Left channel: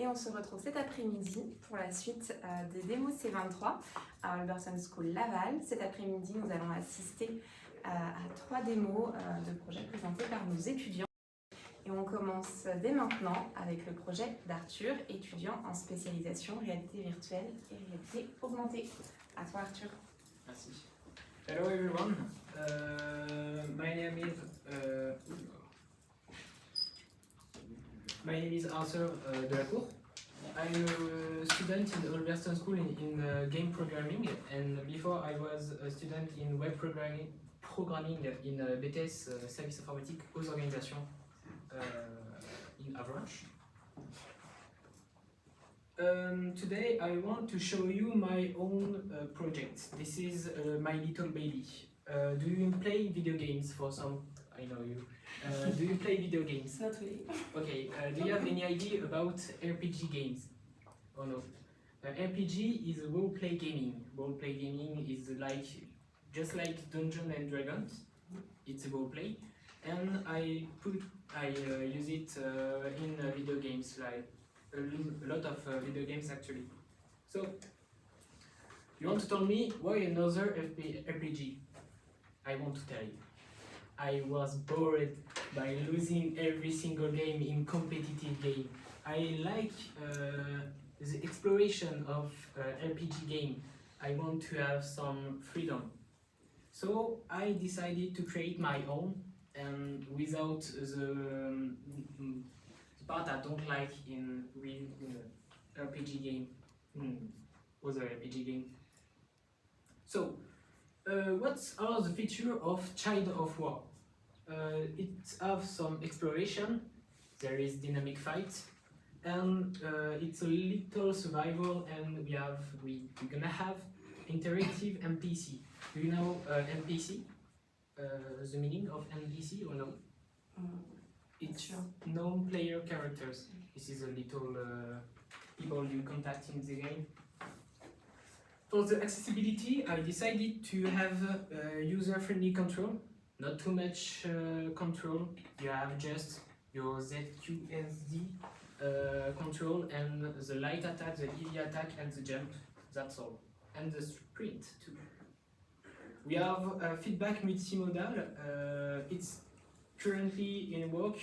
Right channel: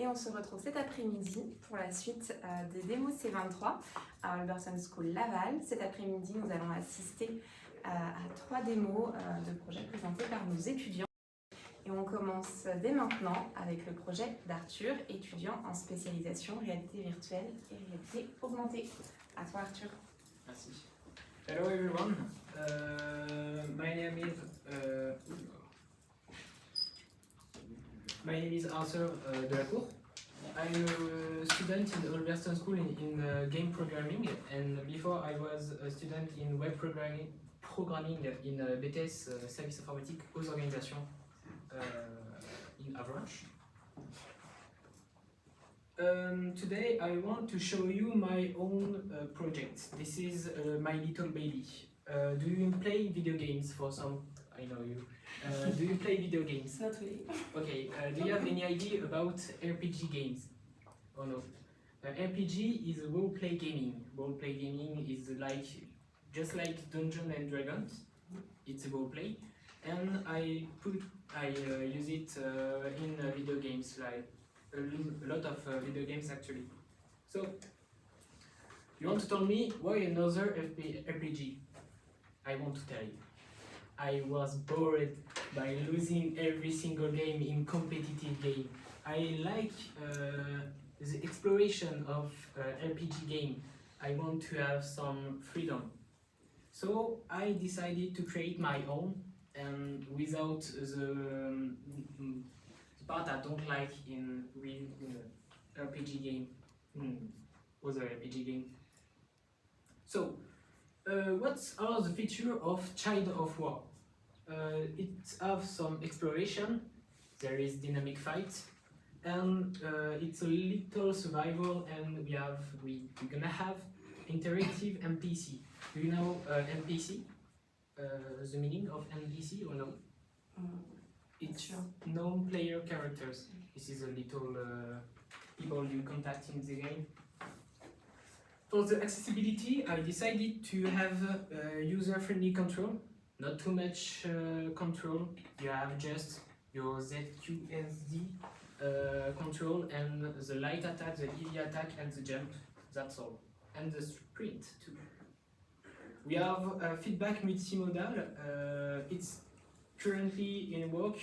Et on se retrouve cet après-midi pour la suite des démos C23 à Alberton School Laval. Cet après-midi, nous allons assister à 3 démos de projets présentés par nos étudiants. Et on commence dès maintenant avec le projet d'Arthur, étudiant en spécialisation réalité virtuelle et réalité augmentée. À toi Arthur. Merci. Hello everyone. My name is Arthur Delacour. I'm a student in Alberton School in game programming, and before I was a student in web programming in BTS Service Informatique aux Organisations in Avranches. Today I want to show you my own project. This is my little baby. Do you play video games for some? I know you. Do you play video games? Not really. Okay, do you have any idea about RPG games? Or no? RPG is a role-play gaming. Role-play gaming is just like Dungeons and Dragons. It's a role-play, and I use it in video games, like a lot of video games actually. So, you want to tell me why another RPG? I want to tell you. I was bored by losing every single game in competitive game. I like the exploration of RPG game. I want to have some freedom. So I decided to create my own, and without the part I don't like in RPG game, other RPG game. So, what are the features of Child of War? It has some exploration, there is dynamic fight, and it's a little survival, and we're gonna have interactive NPC. Do you know NPC? The meaning of NPC or no? It's sure. non-player characters. This is a little people you contact in the game. For the accessibility, I decided to have user-friendly control. Not too much control. You have just your ZQSD control and the light attack, the heavy attack, and the jump. That's all. And the sprint too. We have feedback multimodal. It's currently in work.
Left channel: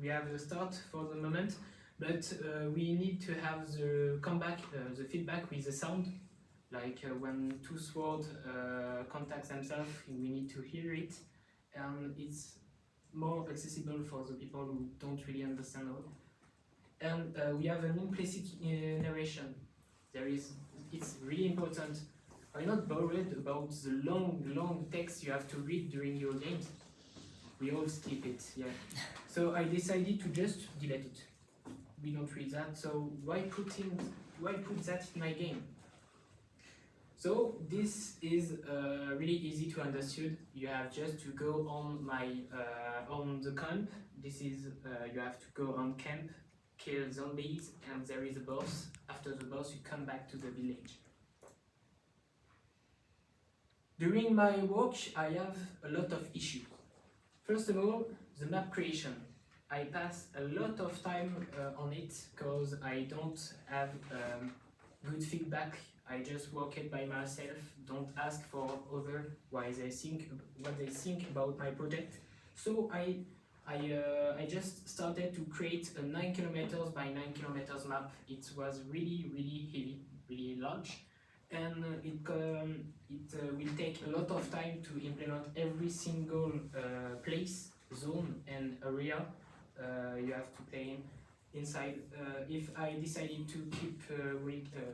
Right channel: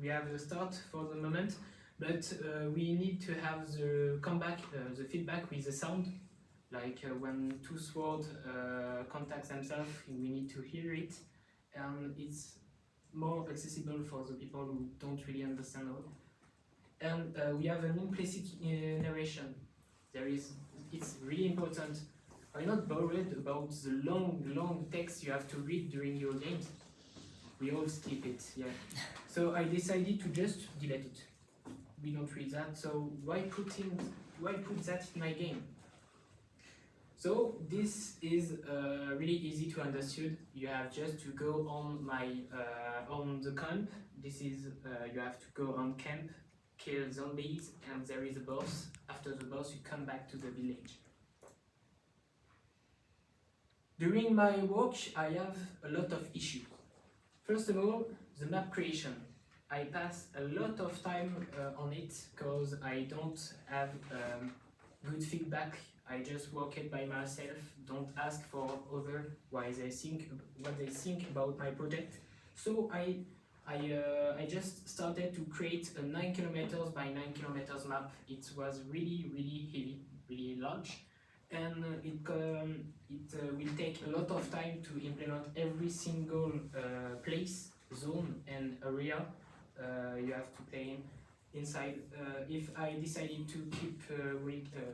We have the start for the moment, but we need to have the comeback, the feedback with the sound. Like when two swords contact themselves, we need to hear it, and it's more accessible for the people who don't really understand it. And we have an implicit narration. It's really important. Are you not worried about the long text you have to read during your games? We all skip it, yeah. So I decided to just delete it. We don't read that, so why put that in my game? So this is really easy to understand. You have just to go on on the camp. This is you have to go on camp, kill zombies, and there is a boss. After the boss, you come back to the village. During my work, I have a lot of issues. First of all, the map creation. I pass a lot of time on it because I don't have good feedback. I just work it by myself, don't ask for others what they think about my project. So I just started to create a 9 kilometers by 9 kilometers map. It was really heavy, really large, and it will take a lot of time to implement every single place, zone, and area you have to play in. Inside, if I decided to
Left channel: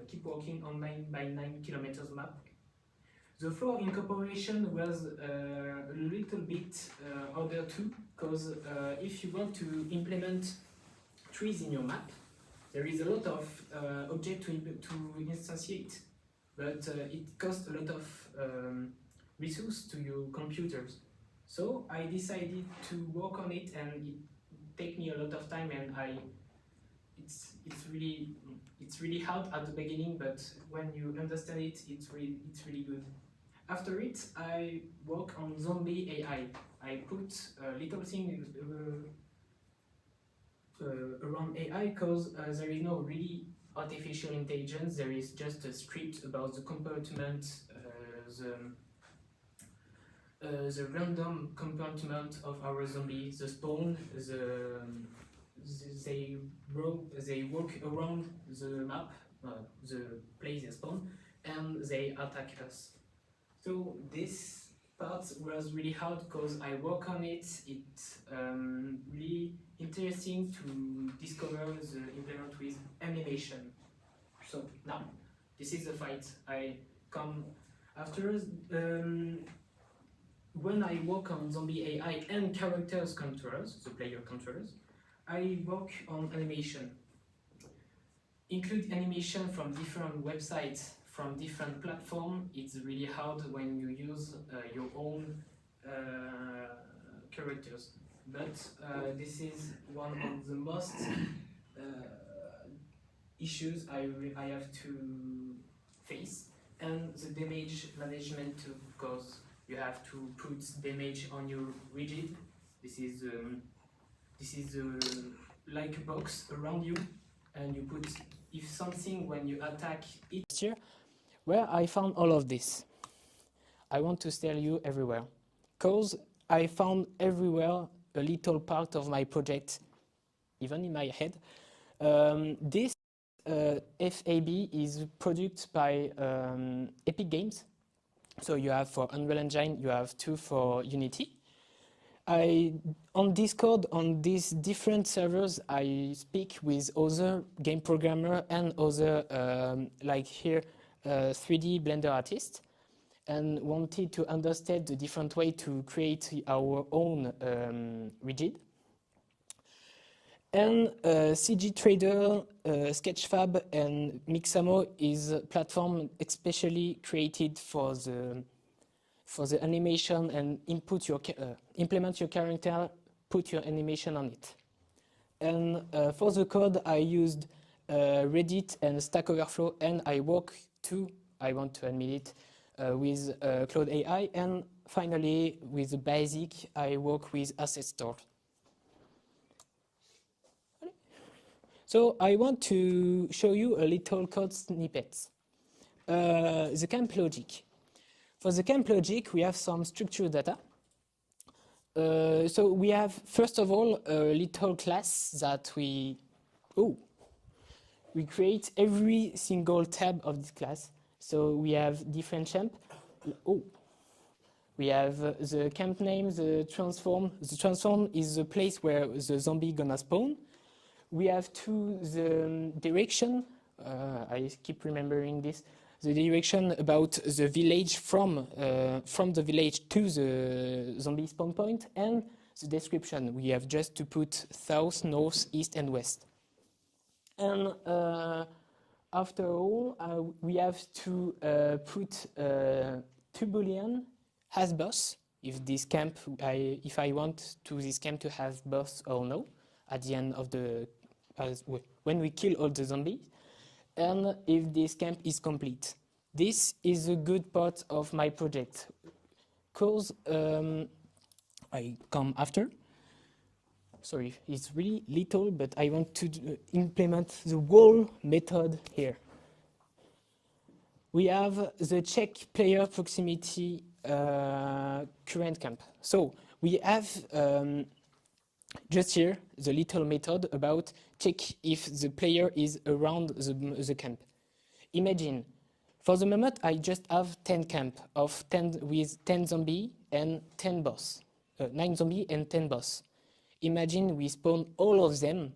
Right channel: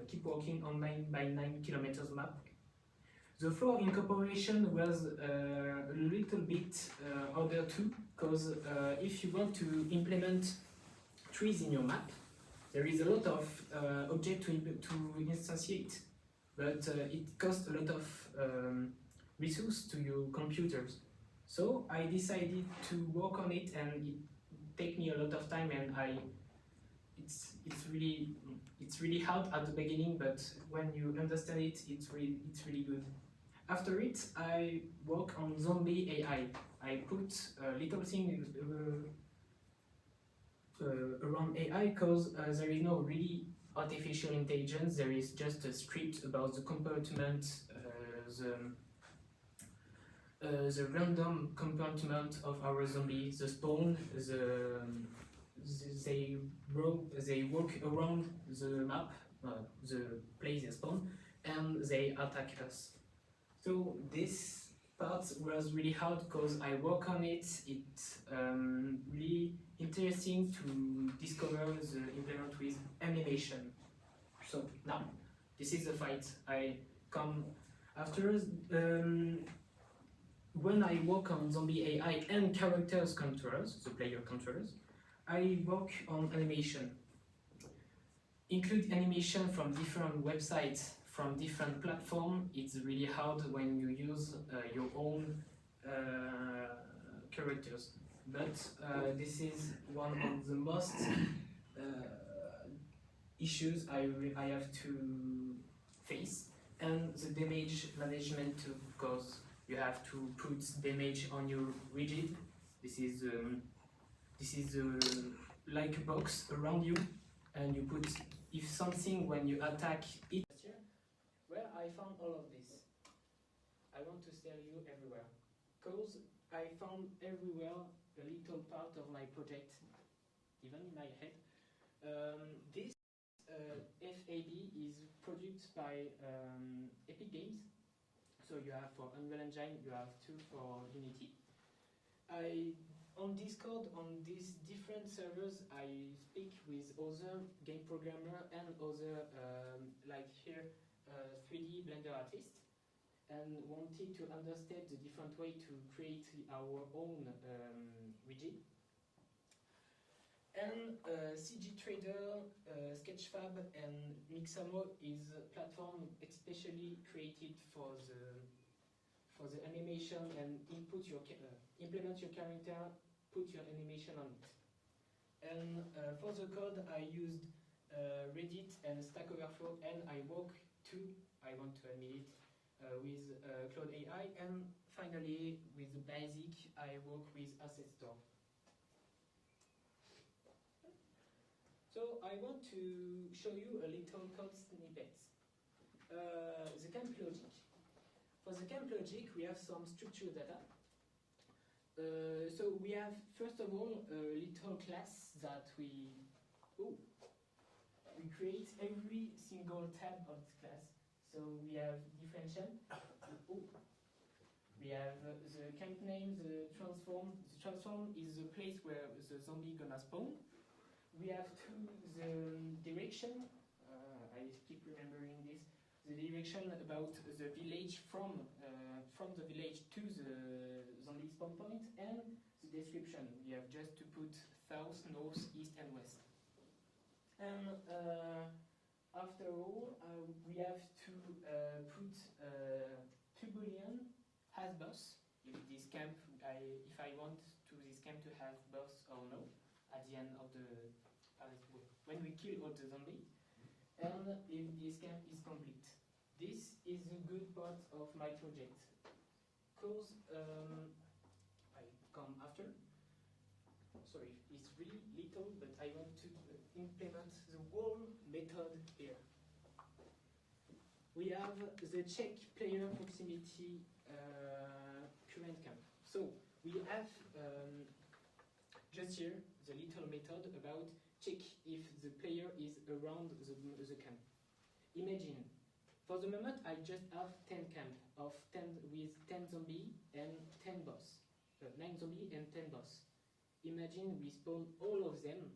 keep working on 9 by 9 kilometers map, the floor incorporation was a little bit harder too, because if you want to implement trees in your map, there is a lot of objects to instantiate, but it costs a lot of resource to your computers. So I decided to work on it, and it take me a lot of time, and it's really hard at the beginning, but when you understand it, it's really good. After it, I work on zombie AI. I put a little thing around AI because there is no really artificial intelligence. There is just a script about the compartment, the random compartment of our zombie, the spawn, they walk around the map, the place they spawn, and they attack us. So this part was really hard because I work on it. It's really interesting to discover the implement with animation. So now, this is the fight. I come after. When I work on zombie AI and characters controllers, the player controllers, I work on animation. Include animation from different websites, from different platforms. It's really hard when you use your own characters. But this is one of the most issues I have to face, and the damage management too, because you have to put damage on your rigid. This is like a box around you, and you put if something when you attack it. Here, where I found all of this, I want to tell you everywhere, cause I found everywhere a little part of my project, even in my head. This FAB is produced by Epic Games. So you have for Unreal Engine, you have two for Unity. On Discord, on these different servers, I speak with other game programmer and other, like here, 3D Blender artists, and wanted to understand the different way to create our own rigid. And CG Trader, Sketchfab, and Mixamo is a platform especially created for the animation and implement your character, put your animation on it. And for the code, I used Reddit and Stack Overflow, and I work too, I want to admit it, with Cloud AI, and finally, with the basic, I work with Asset Store. So I want to show you a little code snippets. The camp logic. For the camp logic, we have some structured data. So we have, first of all, a little class that we create every single tab of this class. So we have different champ. We have the camp name, the transform. The transform is the place where the zombie gonna spawn. We have the direction, I keep remembering this, the direction about the village from the village to the zombie spawn point, and the description. We have just to put south, north, east, and west. And after all, we have to put two boolean has boss, if this camp, if I want to this camp to have boss or no, at the end of the, when we kill all the zombies, and if this camp is complete. This is a good part of my project, because I come after. Sorry, it's really little, but I want to implement the whole method here. We have the check player proximity current camp. So we have just here the little method about check if the player is around the camp. Imagine, for the moment, I just have 10 camp of 10 with 10 zombie and 10 boss, 9 zombie and 10 boss. Imagine we spawn all of them,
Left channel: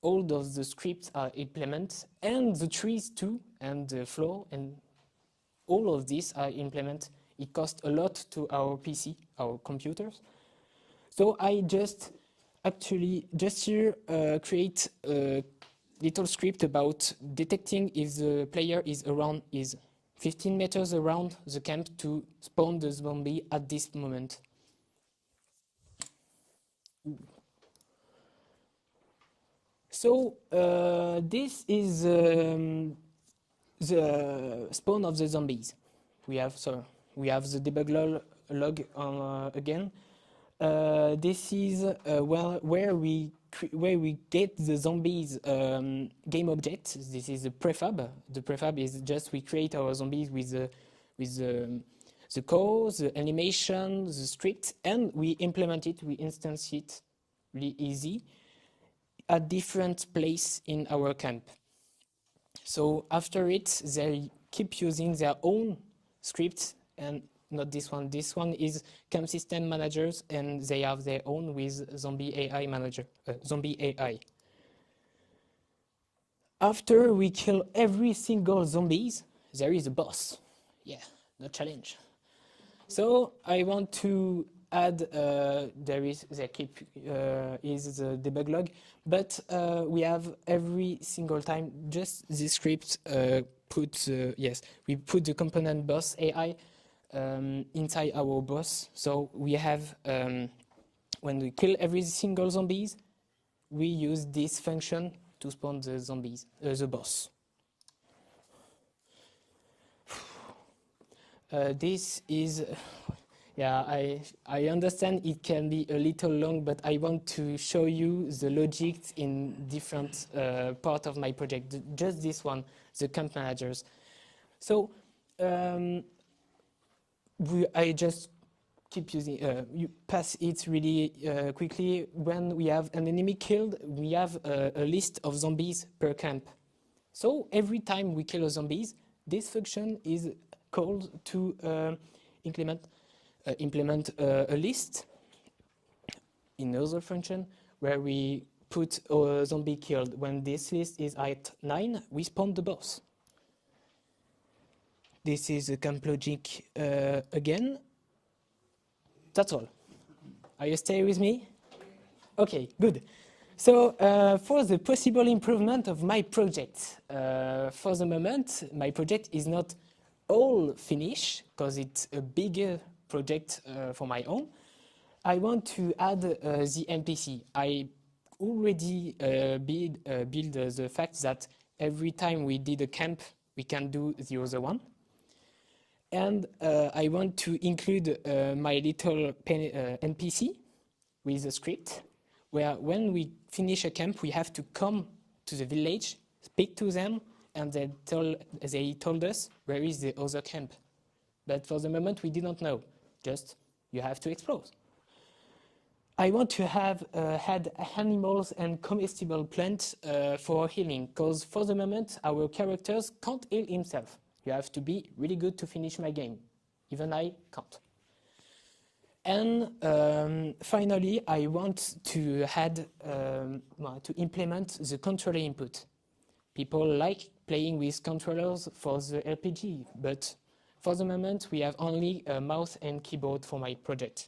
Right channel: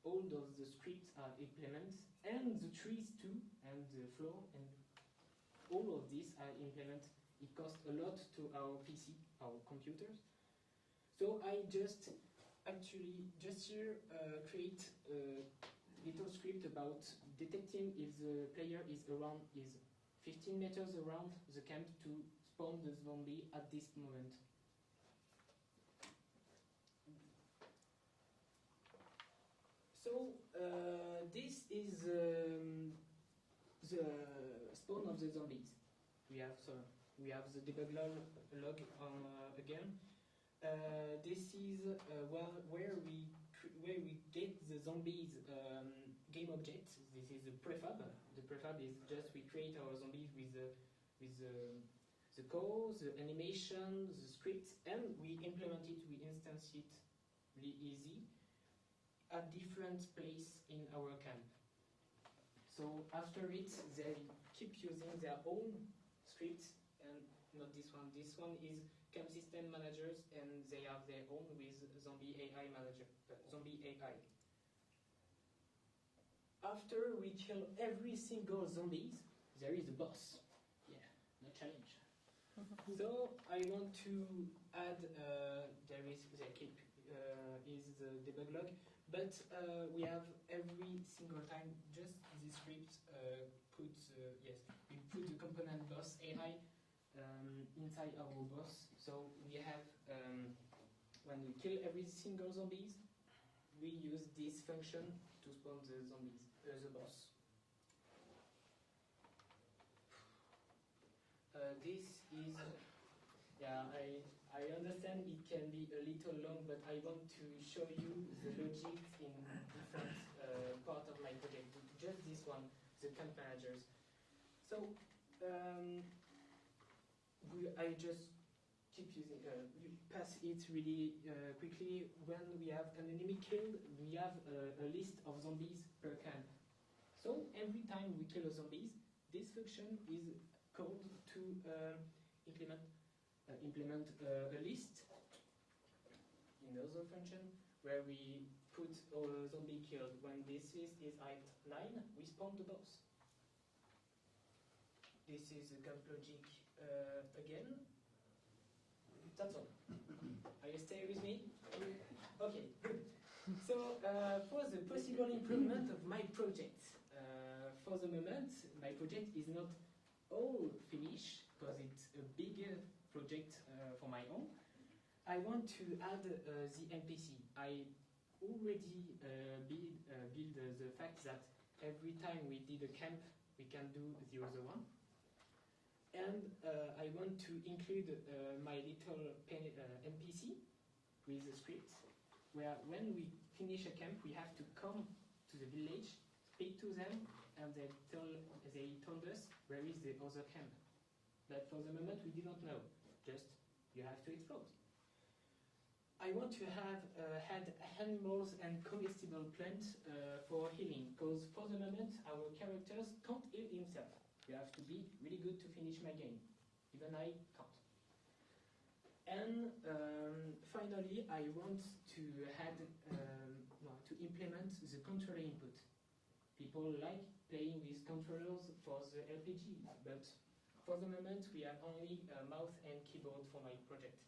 all of the scripts are implemented, and the trees too, and the floor, and all of these are implemented. It costs a lot to our PC, our computers. So I just here create a little script about detecting if the player is 15 meters around the camp to spawn the zombie at this moment. So this is the spawn of the zombies. We have the debug log again. This is where we get the zombies game object. This is a prefab. The prefab is just we create our zombies with the code, the animation, the script, and we implement it. We instance it really easy at different place in our camp. So after it, they keep using their own scripts, and not this one. This one is camp system managers, and they have their own with zombie AI manager, zombie AI. After we kill every single zombies, there is a boss. Yeah, no challenge. So I want to add, is the debug log, but we have every single time just this script we put the component boss AI inside our boss. So we have, when we kill every single zombies, we use this function to spawn the zombies, the boss. This is, I understand it can be a little long, but I want to show you the logic in different part of my project. Just this one, the camp managers. So I just keep using, you pass it really quickly. When we have an enemy killed, we have a list of zombies per camp. So every time we kill a zombies, this function is called to implement a list in another function where we put a zombie killed. When this list is at 9, we spawn the boss. This is a camp logic again. That's all. Are you staying with me? Okay, good. So for the possible improvement of my project, for the moment, my project is not all finished because it's a bigger project for my own. I want to add the NPC. I already build the fact that every time we did a camp, we can do the other one. And I want to include my little NPC with a script where when we finish a camp, we have to come to the village, speak to them, and they told us where is the other camp. But for the moment, we didn't know. Just, you have to explore. I want to have had animals and comestible plants for healing, because for the moment, our characters can't heal himself. You have to be really good to finish my game. Even I can't. And finally, I want to add, to implement the controller input. People like playing with controllers for the RPG, but for the moment, we have only a mouse and keyboard for my project.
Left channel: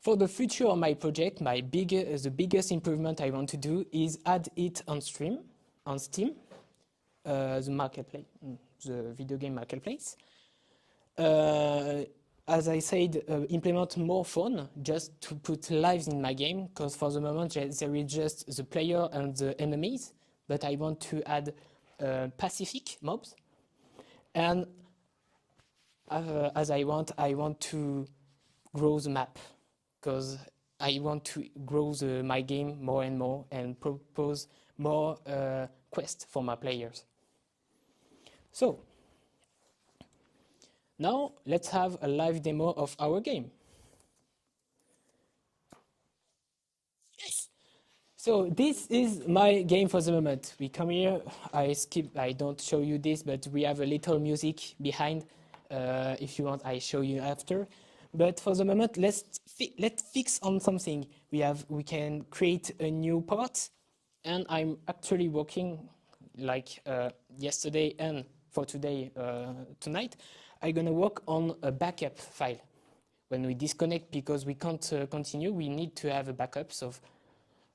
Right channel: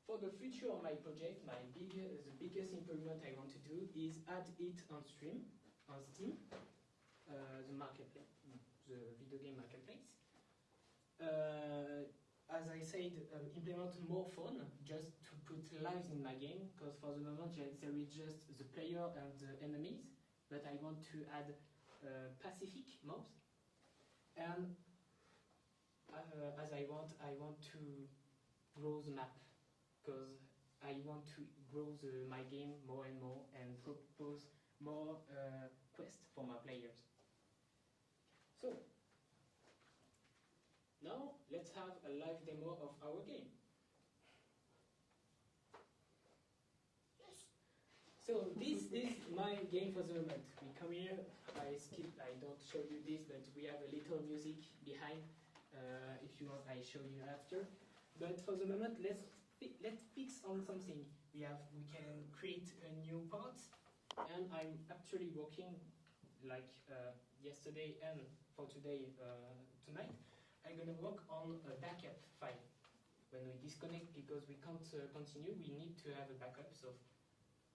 For the future of my project, the biggest improvement I want to do is add it on Steam, the marketplace, the video game marketplace. As I said, implement more fun just to put lives in my game, because for the moment there is just the player and the enemies, but I want to add Pacific mobs. And as I want to grow the map, because I want to grow my game more and more and propose more quests for my players. So, now let's have a live demo of our game. Yes! So this is my game for the moment. We come here, I don't show you this, but we have a little music behind. If you want, I show you after. But for the moment, let's fix on something. We can create a new part, and I'm actually working like yesterday and for today, tonight. I'm gonna work on a backup file. When we disconnect because we can't continue, we need to have a backup, so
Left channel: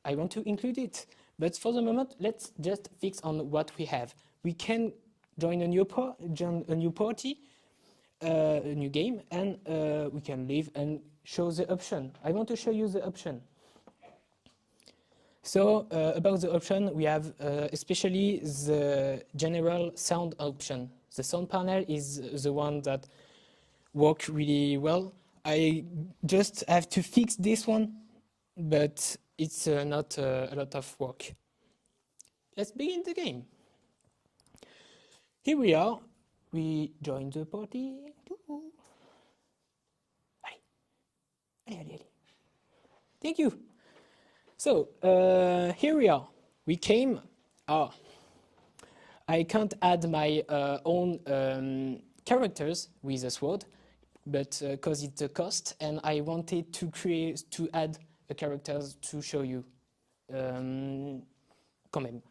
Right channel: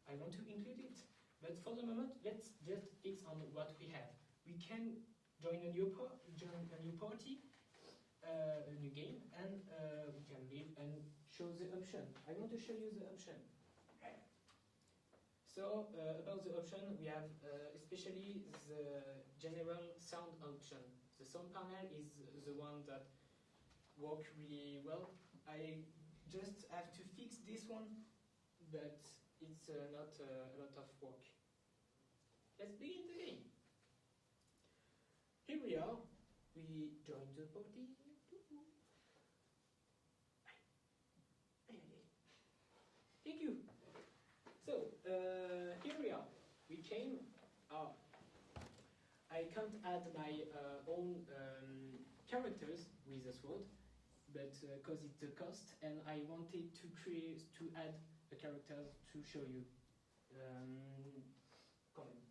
I want to include it. But for the moment, let's just fix on what we have. We can join a new party, a new game, and we can leave and show the option. I want to show you the option. So about the option, we have especially the general sound option. The sound panel is the one that works really well. I just have to fix this one, but it's not a lot of work. Let's begin the game. Here we are. We join the party. Allez, allez, allez. Thank you. So, here we are. We came. I can't add my own characters with a sword, but because it's a cost, and I wanted to add a characters to show you. Quand même.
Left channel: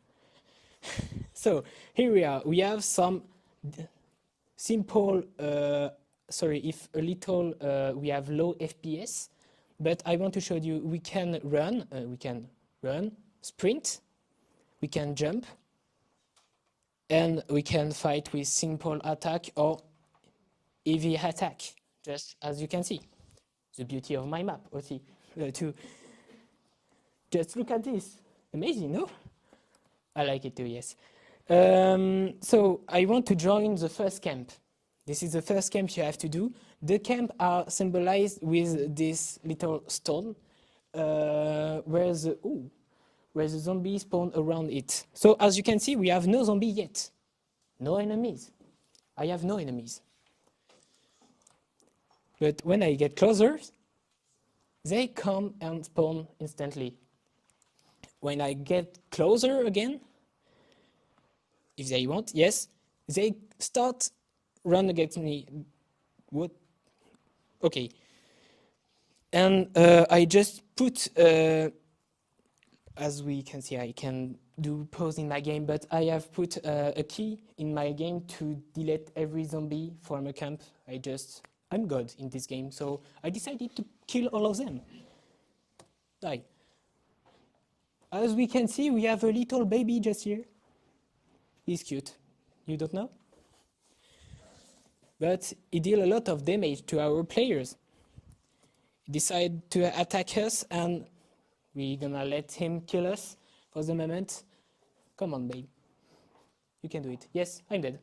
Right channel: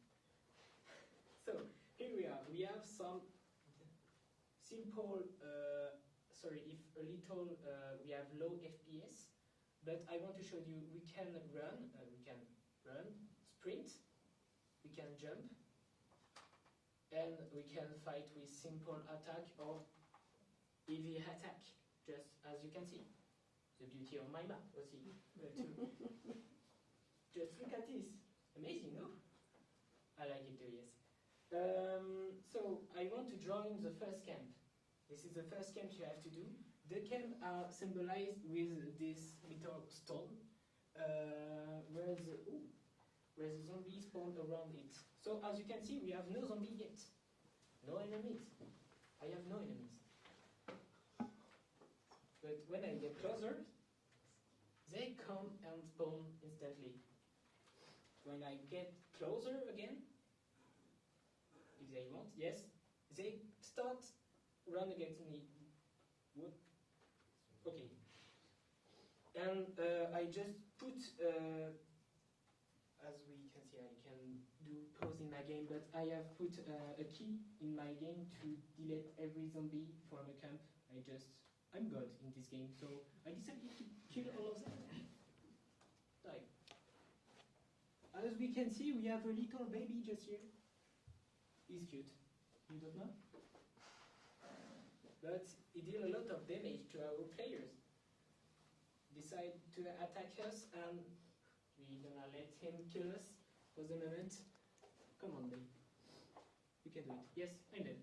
So here we are. We have some simple. Sorry, if a little. We have low FPS, but I want to show you. We can run. Sprint. We can jump. And we can fight with simple attack or heavy attack, just as you can see. The beauty of my map, aussi. Just look at this. Amazing, no? I like it too, yes. So I want to join the first camp. This is the first camp you have to do. The camp are symbolized with this little stone where the zombies spawn around it. So as you can see, we have no zombie yet. No enemies. I have no enemies. But when I get closer, they come and spawn instantly. When I get closer again, if they want, yes, they start run against me. What? Okay. And I just put, as we can see, I can do pause in my game, but I have put a key in my game to delete every zombie from a camp. I'm God in this game, so I decided to kill all of them. Die. As we can see, we have a little baby just here. He's cute. You don't know? But he deals a lot of damage to our players. He decided to attack us, and we're gonna let him kill us for the moment. Come on, babe. You can do it. Yes, I'm dead.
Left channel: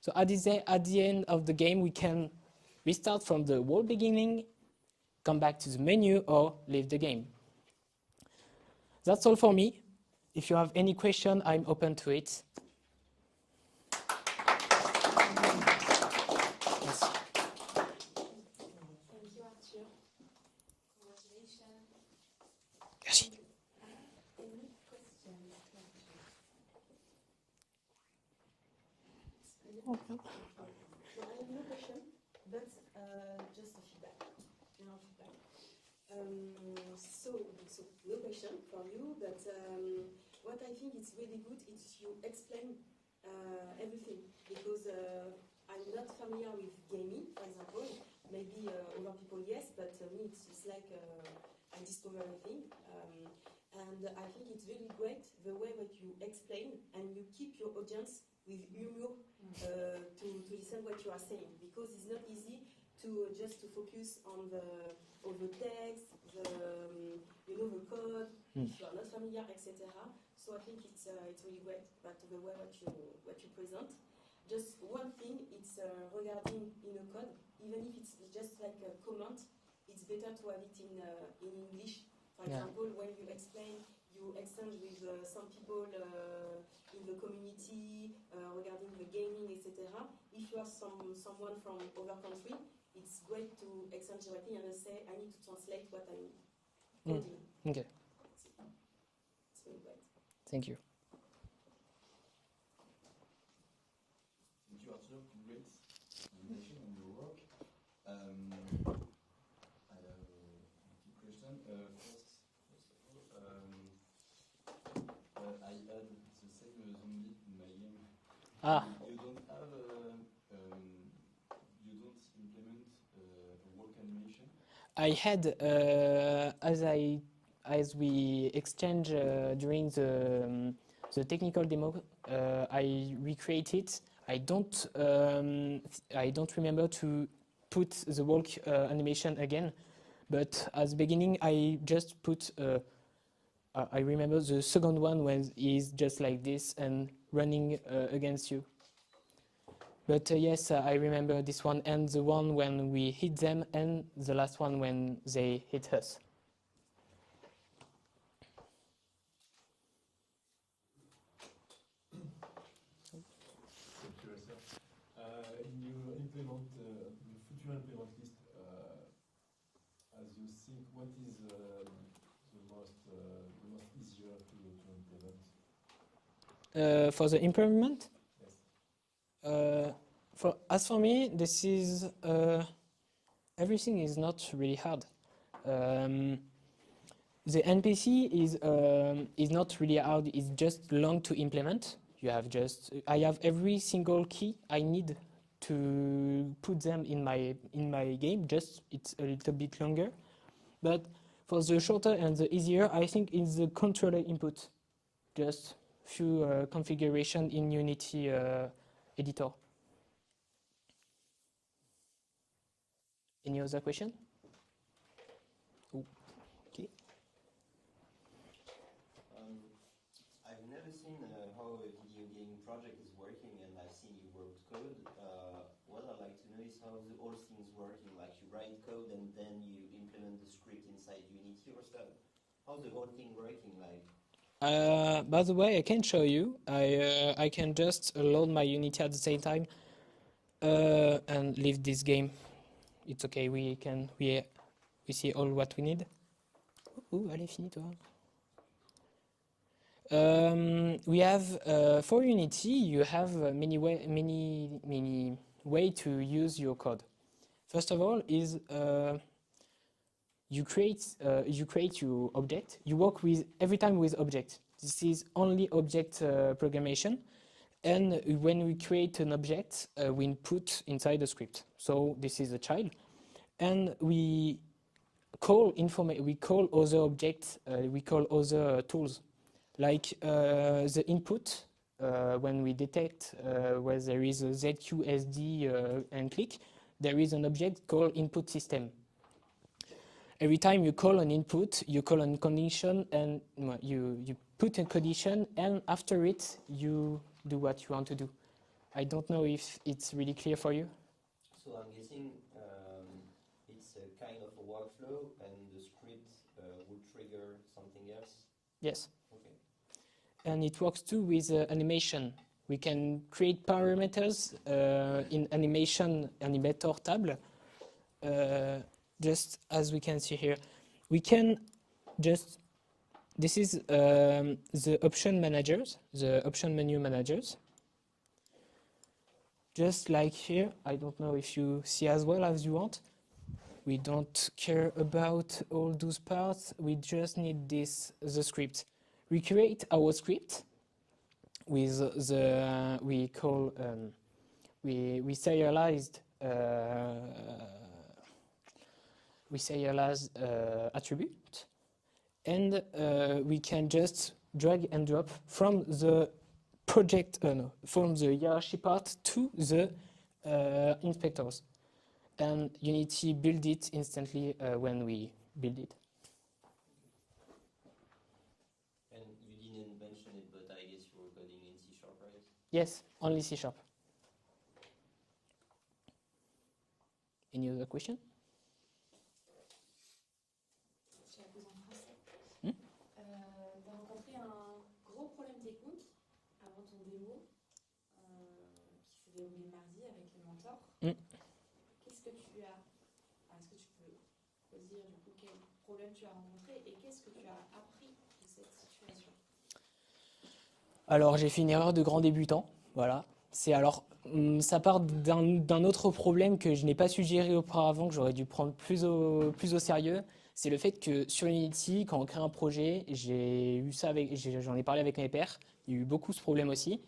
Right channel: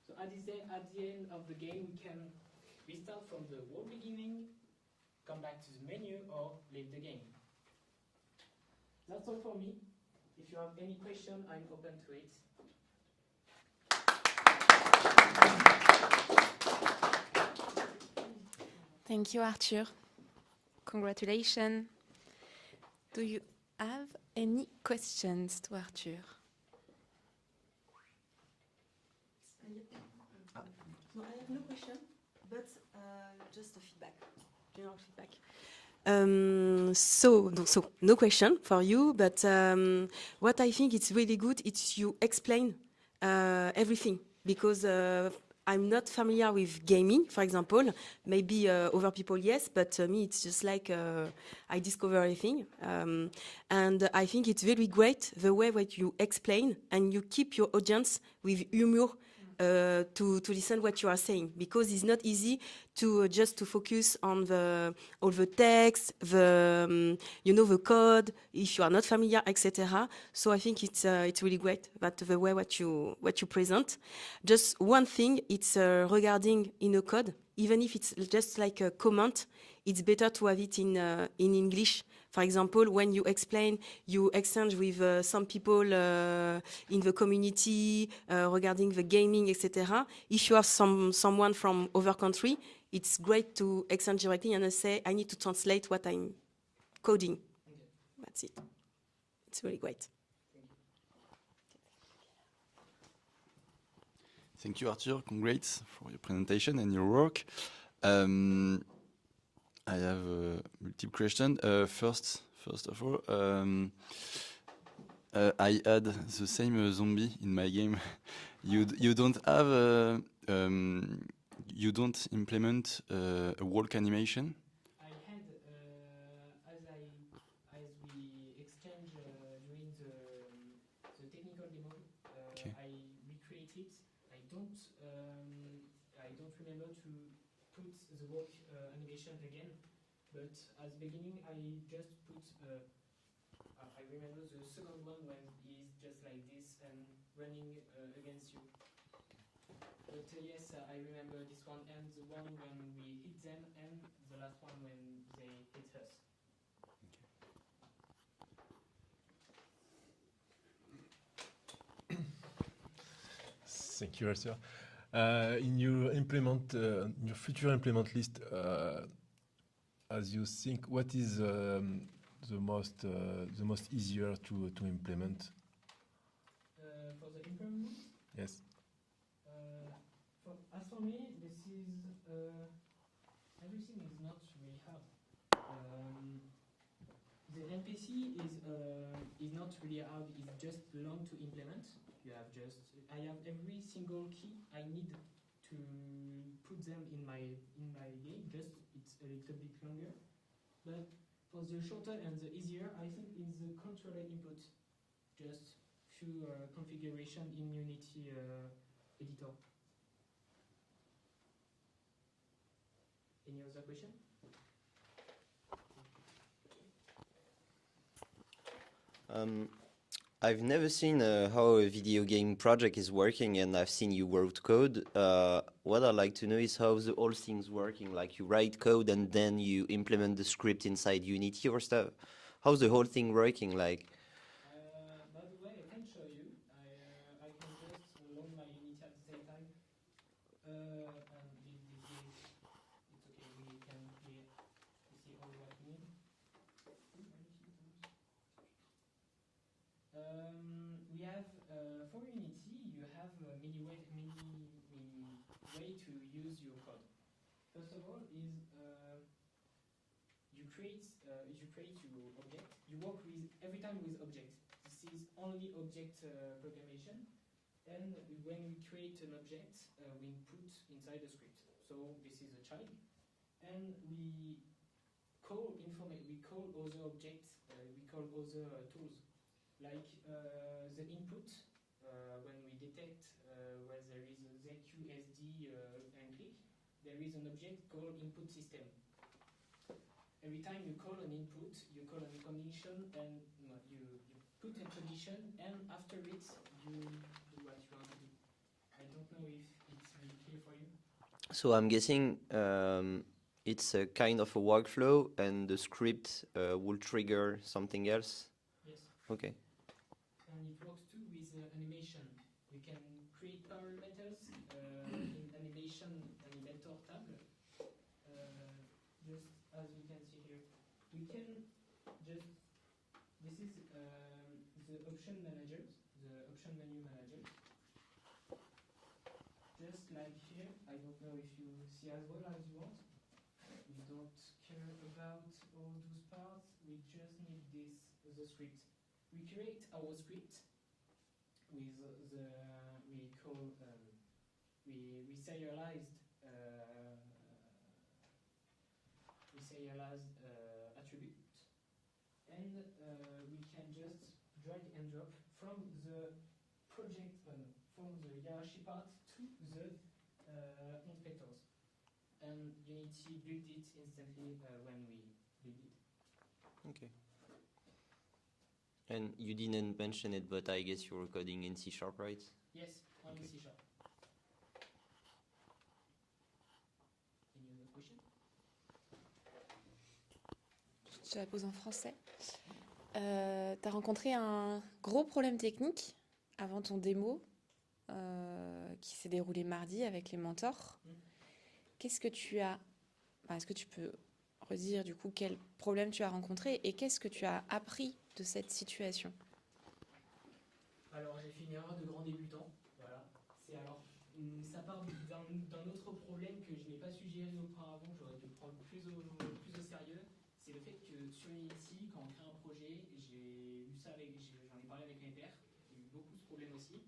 So at the end of the game, we can restart from the whole beginning, come back to the menu, or leave the game. That's all for me. If you have any question, I'm open to it. Yes. Thank you, Arthur. Congratulations. Do you have any questions to Arthur? No, I have no question, but just a feedback, general feedback. So no question for you, but what I think it's really good is you explain everything, because I'm not familiar with gaming, for example. Maybe other people, yes, but me, it's just like I discover everything. And I think it's very great the way that you explain and you keep your audience with humor to listen what you are saying, because it's not easy to just to focus on all the text, the code, if you are not familiar, etc. So I think it's really great that the way what you present. Just one thing, it's regarding in a code, even if it's just like a comment, it's better to have it in English. For example, when you explain, you exchange with some people in the community regarding the gaming, etc. If you have someone from other country, it's great to exchange directly and say, I need to translate what I'm coding. Okay. That's it. It's really great. Thank you. Thank you, Arthur. Congrats for your presentation and your work. I have multiple questions. First of all, I had the same zombie in my game. You don't have, you don't implement a walk animation? I had, as we exchange during the technical demo, I recreated. I don't remember to put the walk animation again, but at the beginning I just put. I remember the second one when he's just like this and running against you. But yes, I remember this one and the one when we hit them, and the last one when they hit us. curious. In your future implement list, as you think, what is the most easier to implement? For the improvement, Yes. as for me, this is everything is not really hard. The NPC is not really hard. It's just long to implement. I have every single key I need to put them in my game. Just it's a little bit longer, but for the shorter and the easier, I think it's the controller input. Just few configuration in Unity editor. Any other question? Okay. I've never seen how a video game project is working, and I've seen you wrote code. What I'd like to know is how the whole thing's working. Like you write code and then you implement the script inside Unity or stuff. How's the whole thing working? Like, By the way, I can show you. I can just load my Unity at the same time and leave this game. It's okay. We see all what we need. Allez, finis toi. We have for Unity, you have many way to use your code. First of all, is you create your object. You work with every time with object. This is only object programmation, and when we create an object, we input inside the script. So this is a child, and we call other objects. We call other tools. Like the input, when we detect where there is a ZQSD and click, there is an object called input system. Every time you call an input, you call a condition, and you put a condition, and after it, you do what you want to do. I don't know if it's really clear for you. so I'm guessing it's a kind of a workflow, and the script will trigger something else. Yes. Okay. And it works too with animation. We can create parameters in animation animator tab. Just as we can see here, we can just, this is the option managers, the option menu managers. Just like here, I don't know if you see as well as you want. We don't care about all those parts. We just need the script. We create our script with we serialized attribute, and we can just drag and drop from the project from the hierarchy part to the inspectors, and Unity build it instantly when we build it. Okay. And you didn't mention it, but I guess you're coding in C#, right? Yes, only C#. Any other question? Je la pose en français. Tu as rencontré un gros problème technique avant ton démo qui s'est déroulé mardi avec les mentors. Qu'est-ce que tu as... Est-ce que tu peux redire du coup quel problème tu as rencontré et qu'est-ce que tu as appris de cette situation? Alors j'ai fait une erreur de grand débutant, voilà. Ça part d'un autre problème que je n'ai pas su gérer auparavant, que j'aurais dû prendre plus au sérieux. C'est le fait que sur Unity, quand on crée un projet, j'en ai parlé avec mes pairs, il y a eu beaucoup ce problème aussi.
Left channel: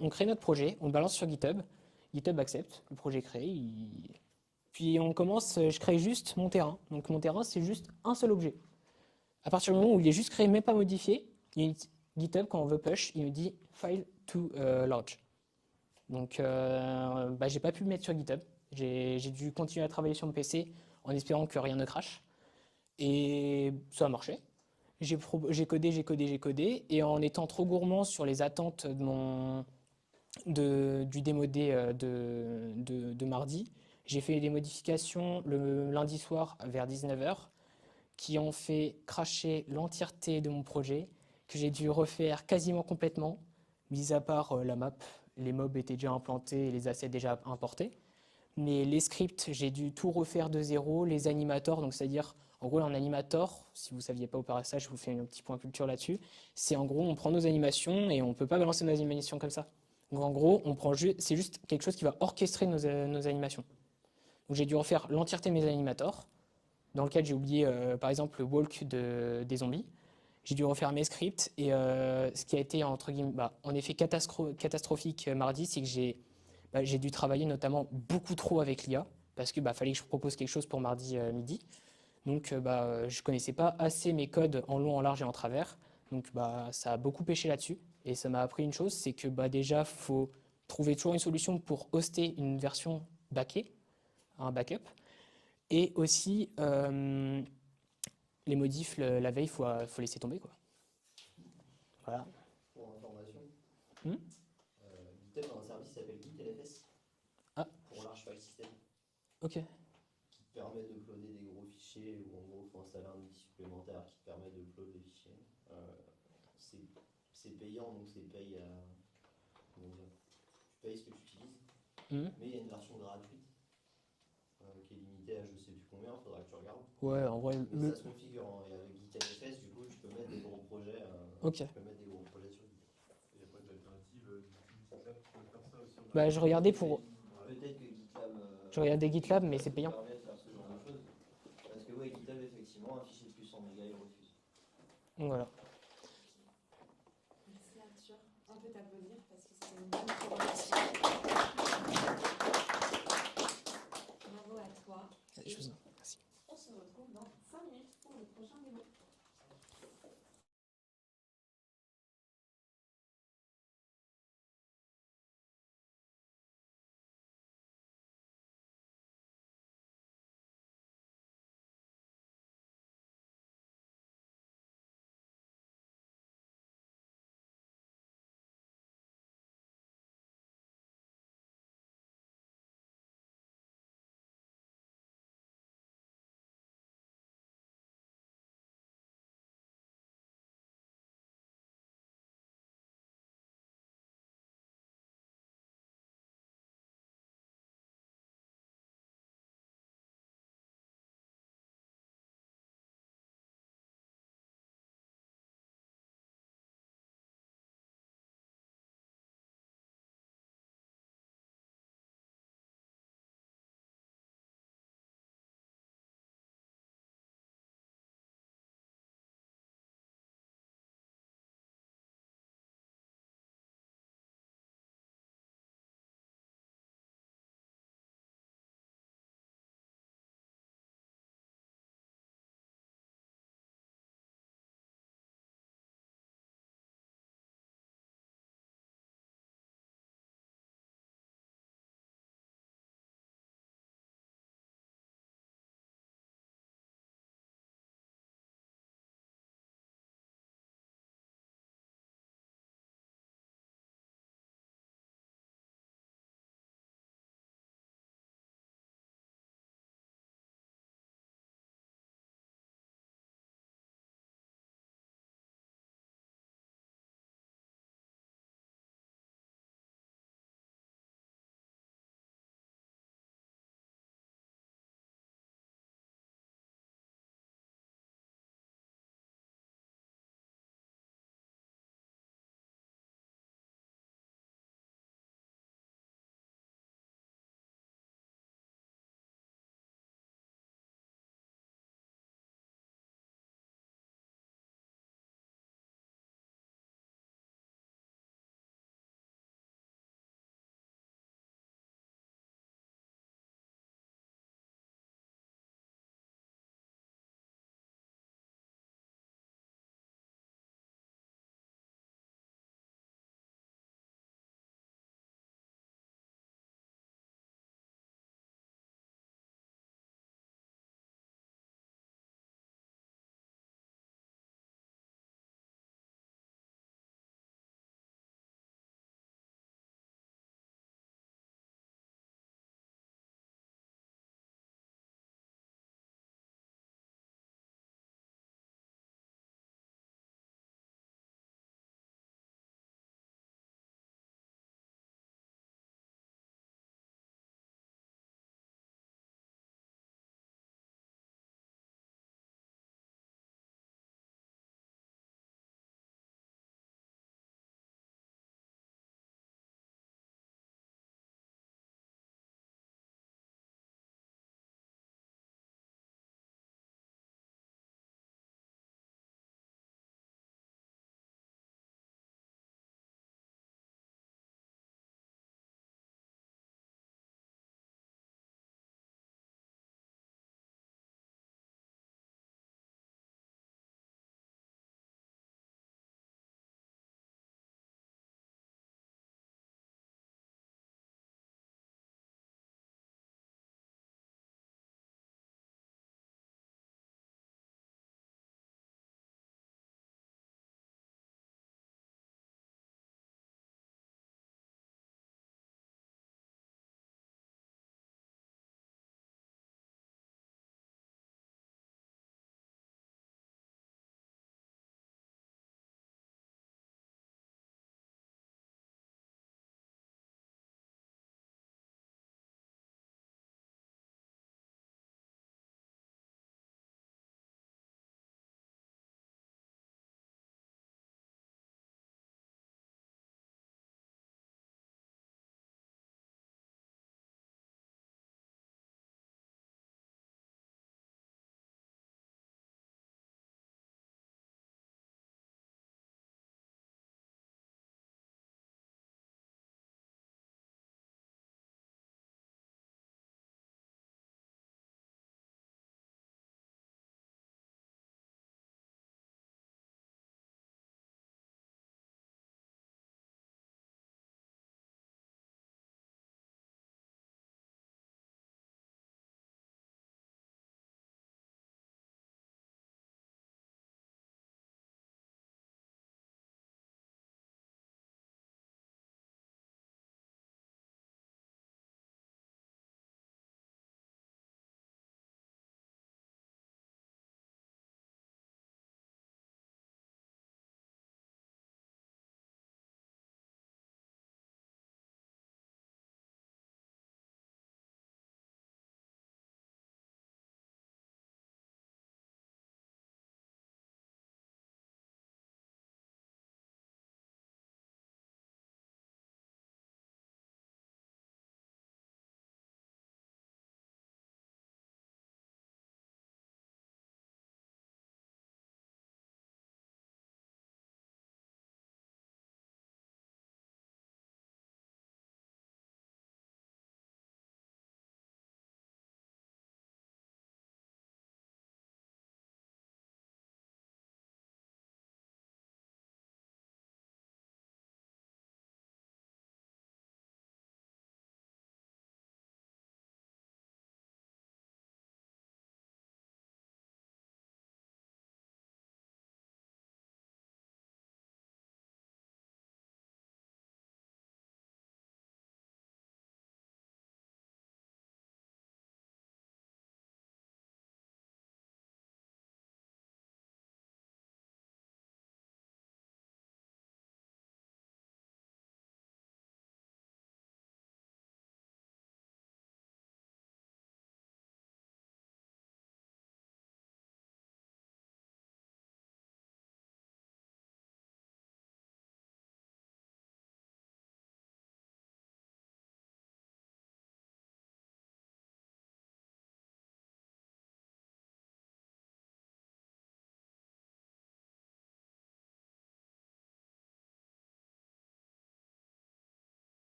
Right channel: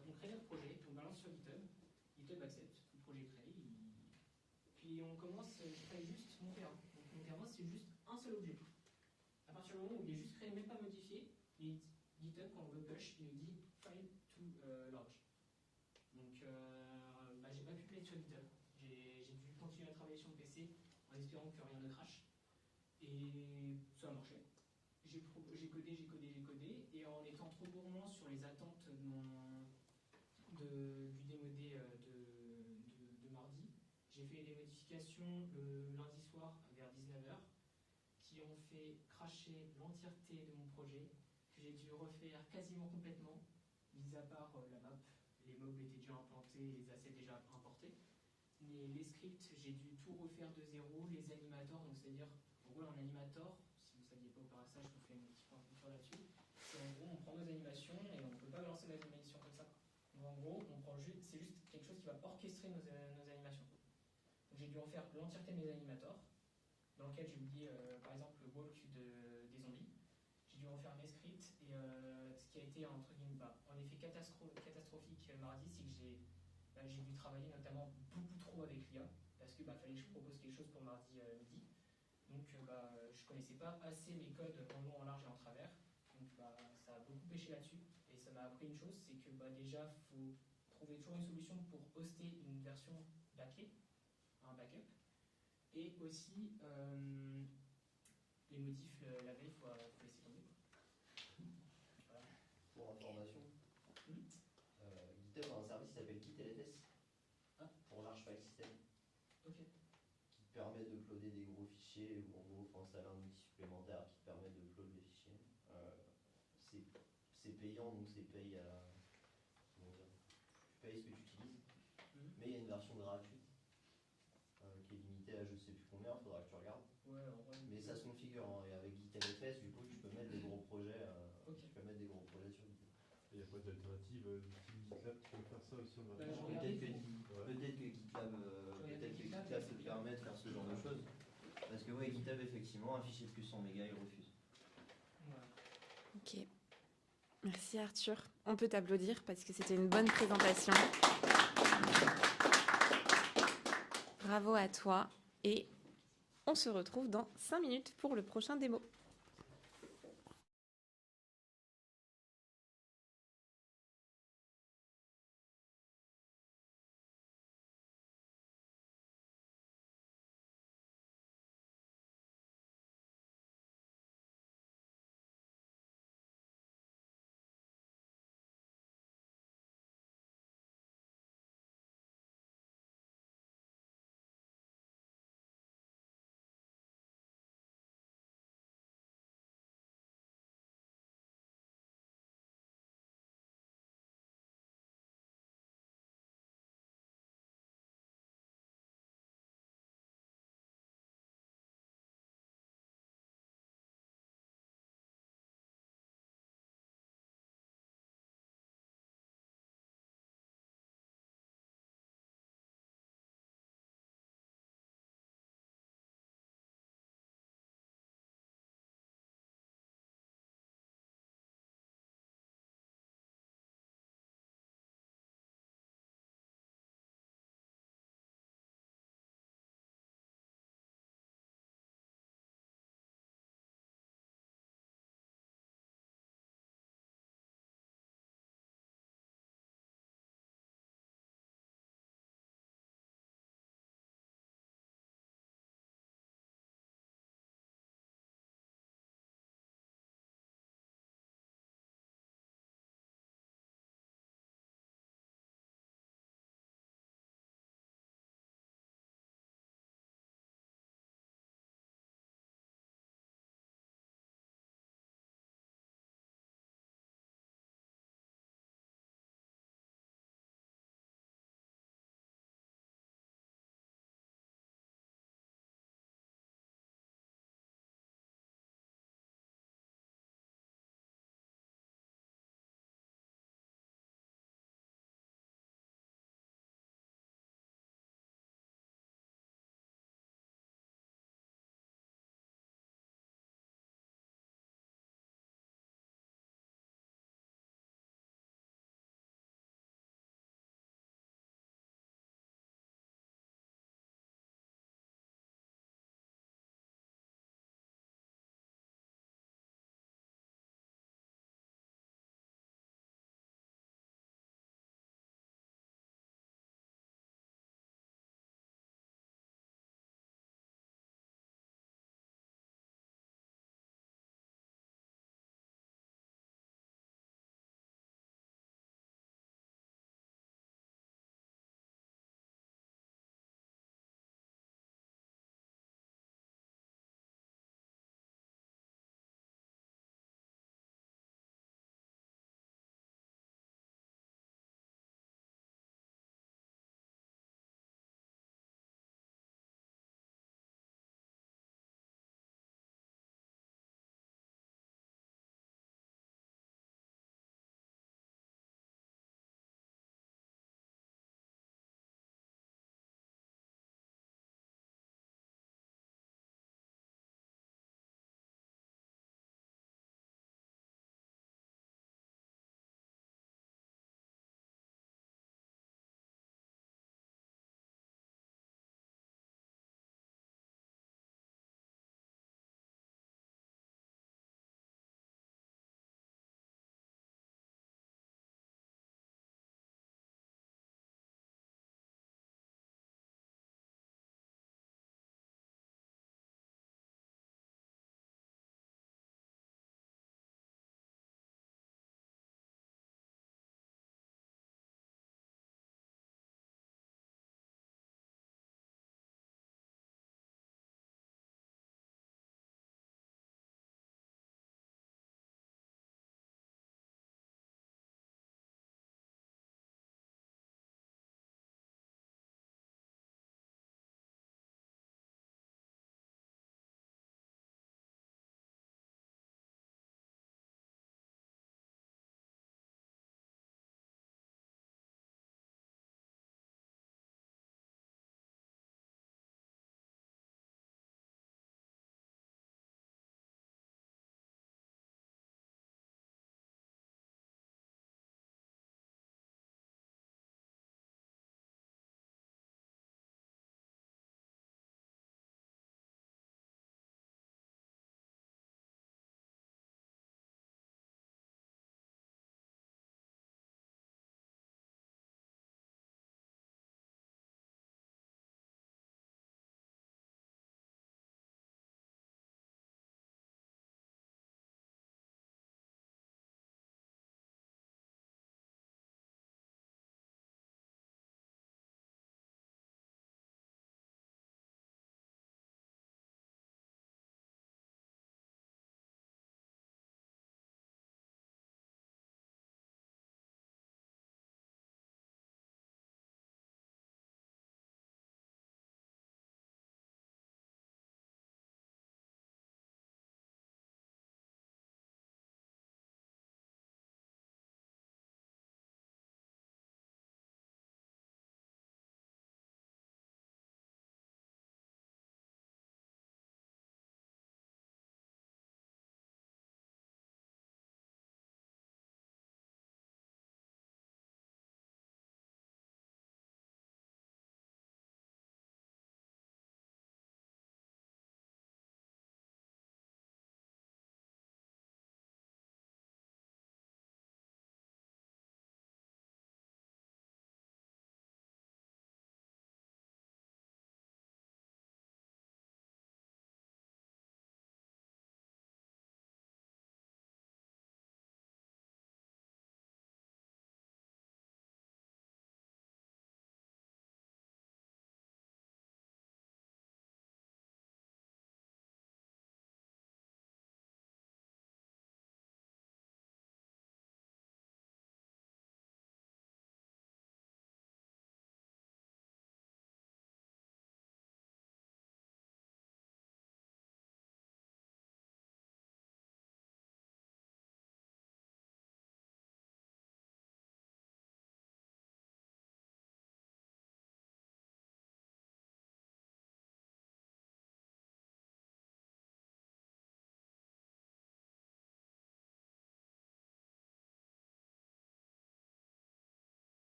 On crée notre projet, on le balance sur GitHub, GitHub accepte, le projet est créé, puis je crée juste mon terrain. Donc mon terrain, c'est juste un seul objet. À partir du moment où il est juste créé, même pas modifié, GitHub, quand on veut push, il me dit file to large. Donc, j'ai pas pu le mettre sur GitHub. J'ai dû continuer à travailler sur mon PC en espérant que rien ne crache. Et ça a marché. J'ai codé, et en étant trop gourmand sur les attentes du démodé de mardi, j'ai fait des modifications le lundi soir vers 19h qui ont fait cracher l'entièreté de mon projet, que j'ai dû refaire quasiment complètement, mis à part la map les mobs étaient déjà implantés et les assets déjà importés. Mais les scripts, j'ai dû tout refaire de zéro, les animators, donc c'est-à-dire, en gros, un animator, si vous ne saviez pas au passage, je vous fais un petit point culture là-dessus, c'est en gros, on prend nos animations et on ne peut pas balancer nos animations comme ça. Donc en gros, c'est juste quelque chose qui va orchestrer nos animations. Donc j'ai dû refaire l'entièreté de mes animators, dans lequel j'ai oublié, par exemple, le walk des zombies. J'ai dû refaire mes scripts et ce qui a été, entre guillemets, en effet catastrophique mardi, c'est que j'ai dû travailler notamment beaucoup trop avec l'IA parce que fallait que je propose quelque chose pour mardi midi. Donc je connaissais pas assez mes codes en long, en large et en travers. Donc ça a beaucoup pêché là-dessus. Et ça m'a appris une chose, c'est que déjà, faut trouver toujours une solution pour hoster une version backée, un backup. Et aussi, les modifs, la veille, faut laisser tomber, quoi. Voilà. Pour information, Hmm GitHub a un service qui s'appelle GitLFS Ah. pour Large File System Ok. qui te permet d'uploader des gros fichiers ou en gros il faut installer un outil supplémentaire qui te permet d'uploader les fichiers. C'est payant donc c'est paye à. Comment dire, tu payes ce que tu utilises, Hmm mais il y a une version gratuite qui est limitée à je sais plus combien, faudra que tu regardes. Ouais, en vrai. Mais ça se configure hein, et avec GitLFS du coup tu peux mettre des gros projets. Ok. Tu peux mettre des gros projets sur GitHub. Il n'y a pas d'alternative GitLab pour faire ça aussi Je regardais pour. Peut-être que GitLab. Je regardais GitLab, mais c'est payant. Permet de faire ce genre de choses. Parce que ouais, GitHub effectivement, un fichier de plus 100 mégas, il refuse. Donc voilà. Ok. Merci Arthur. On peut t'applaudir parce que c'était une bonne présentation. Bravo à toi. Et Merci. on se retrouve dans 5 minutes pour le prochain démo.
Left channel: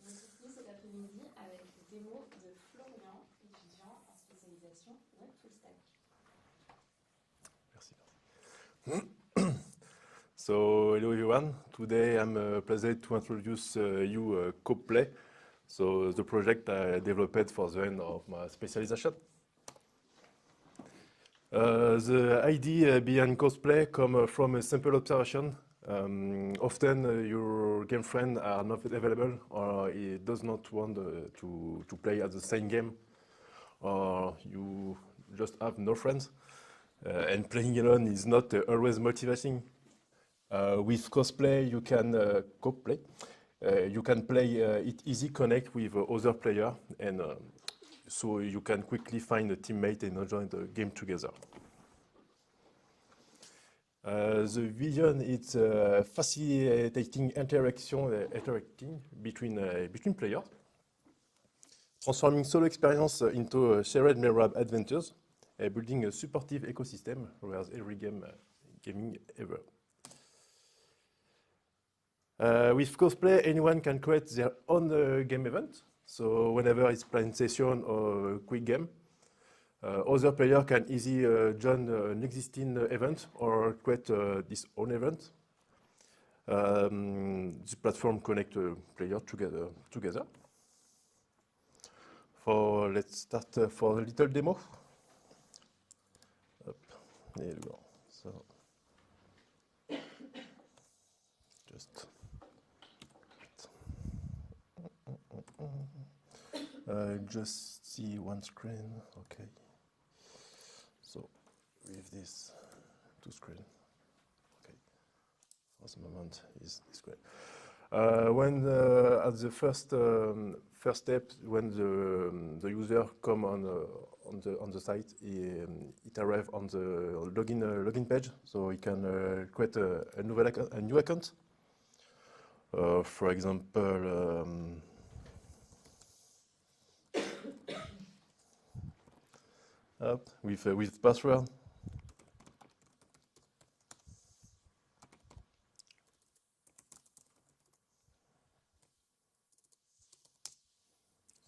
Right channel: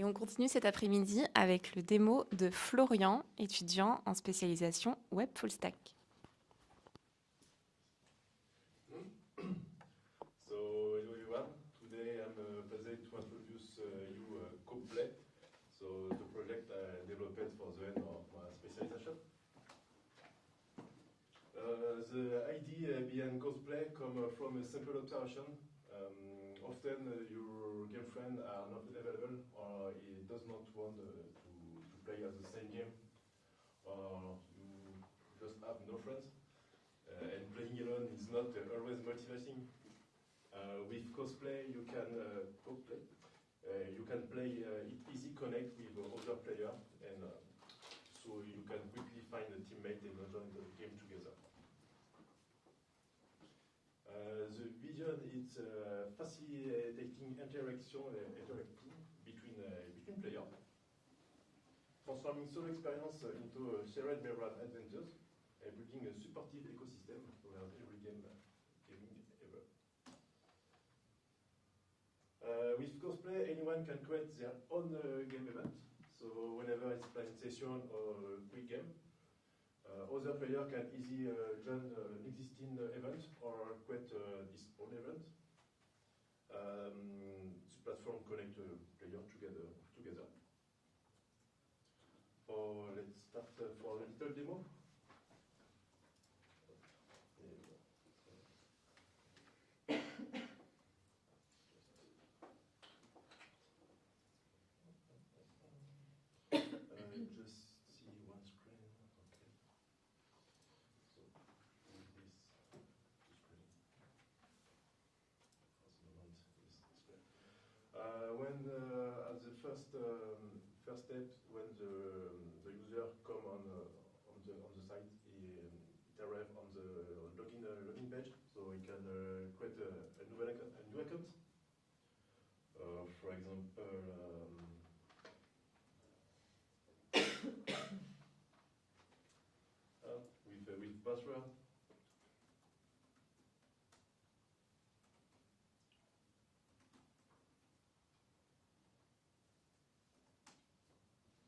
Et on continue cet après-midi avec le démo de Florian, étudiant en spécialisation web full stack. So, hello everyone. Today I'm pleased to introduce you Coplay, so the project I developed for the end of my specialization. The idea behind cosplay comes from a simple observation. Often your game friends are not available or he does not want to play at the same game, or you just have no friends. And playing alone is not always motivating. With cosplay, you can co-play. You can play it easy, connect with other players, and so you can quickly find a teammate and enjoy the game together. The vision is facilitating interacting between players, transforming solo experience into shared memorable adventures, building a supportive ecosystem where every gaming ever. With cosplay, anyone can create their own game event. So whenever it's playing session or a quick game, other players can easily join an existing event or create this own event. The platform connects players together. Let's start for a little demo. There you go. So just see one screen. Okay. So with this two screen. Okay. For the moment is great. When at the first step, when the user come on the site, it arrives on the login page, so he can create a new account. For example, with password.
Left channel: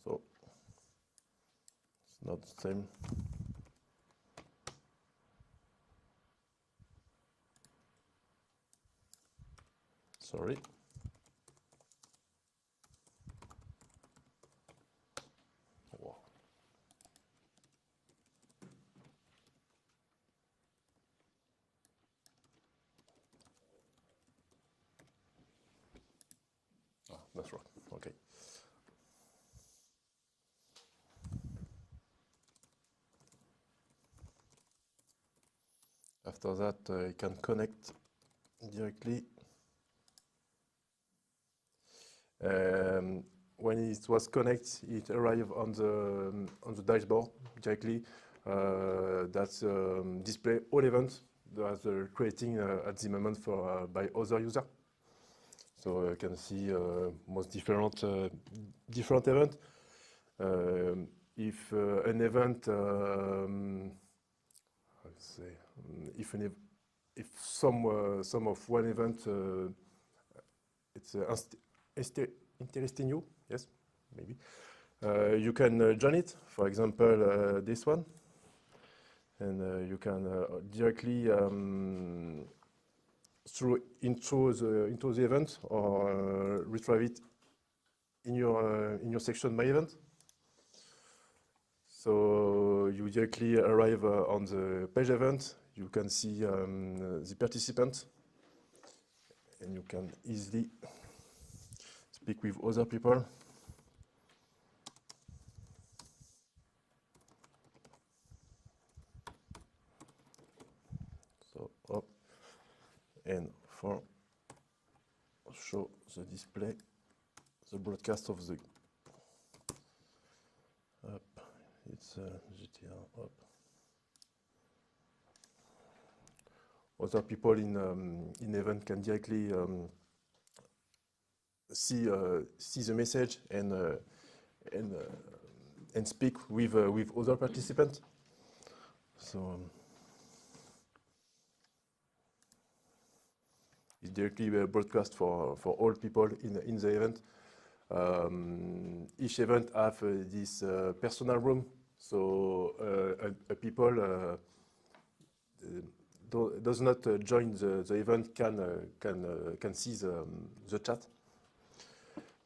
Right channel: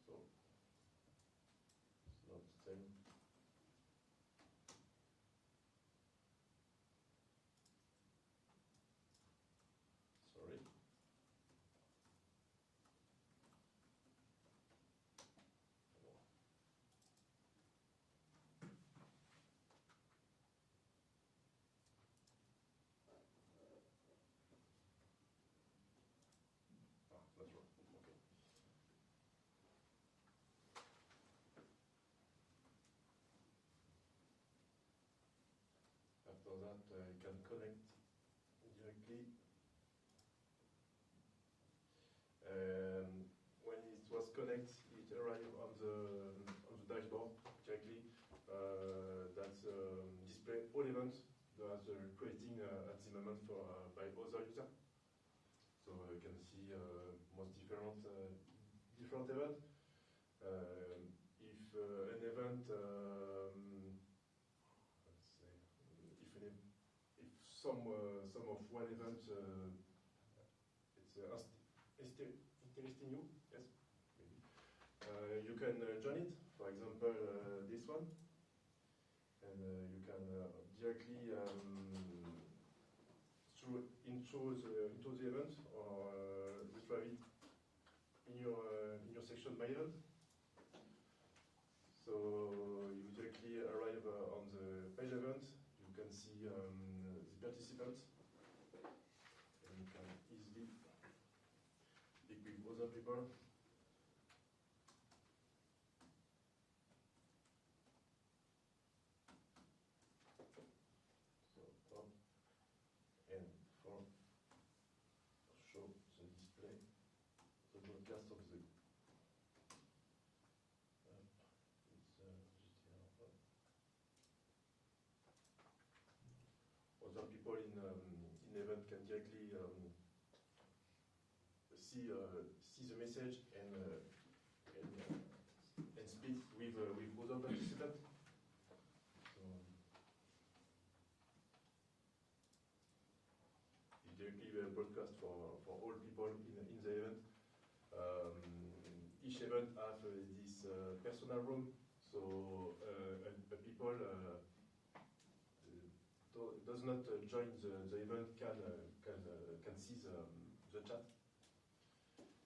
So it's not the same. Sorry. Wow. That's right. Okay. After that, you can connect directly. When it was connected, it arrived on the dashboard directly. That's display all events that are creating at the moment by other users. So you can see most different events. If an event, if some of one event it's interesting you, yes, maybe you can join it. For example, this one, and you can directly into the event or retrieve it in your section My Event. So you directly arrive on the page event. You can see the participants, and you can easily speak with other people. So up and for show the display, the broadcast of the up. It's GTR up. Other people in event can directly see the message and speak with other participants. So it's directly broadcast for all people in the event. Each event have this personal room, so a people does not join the event can see the chat.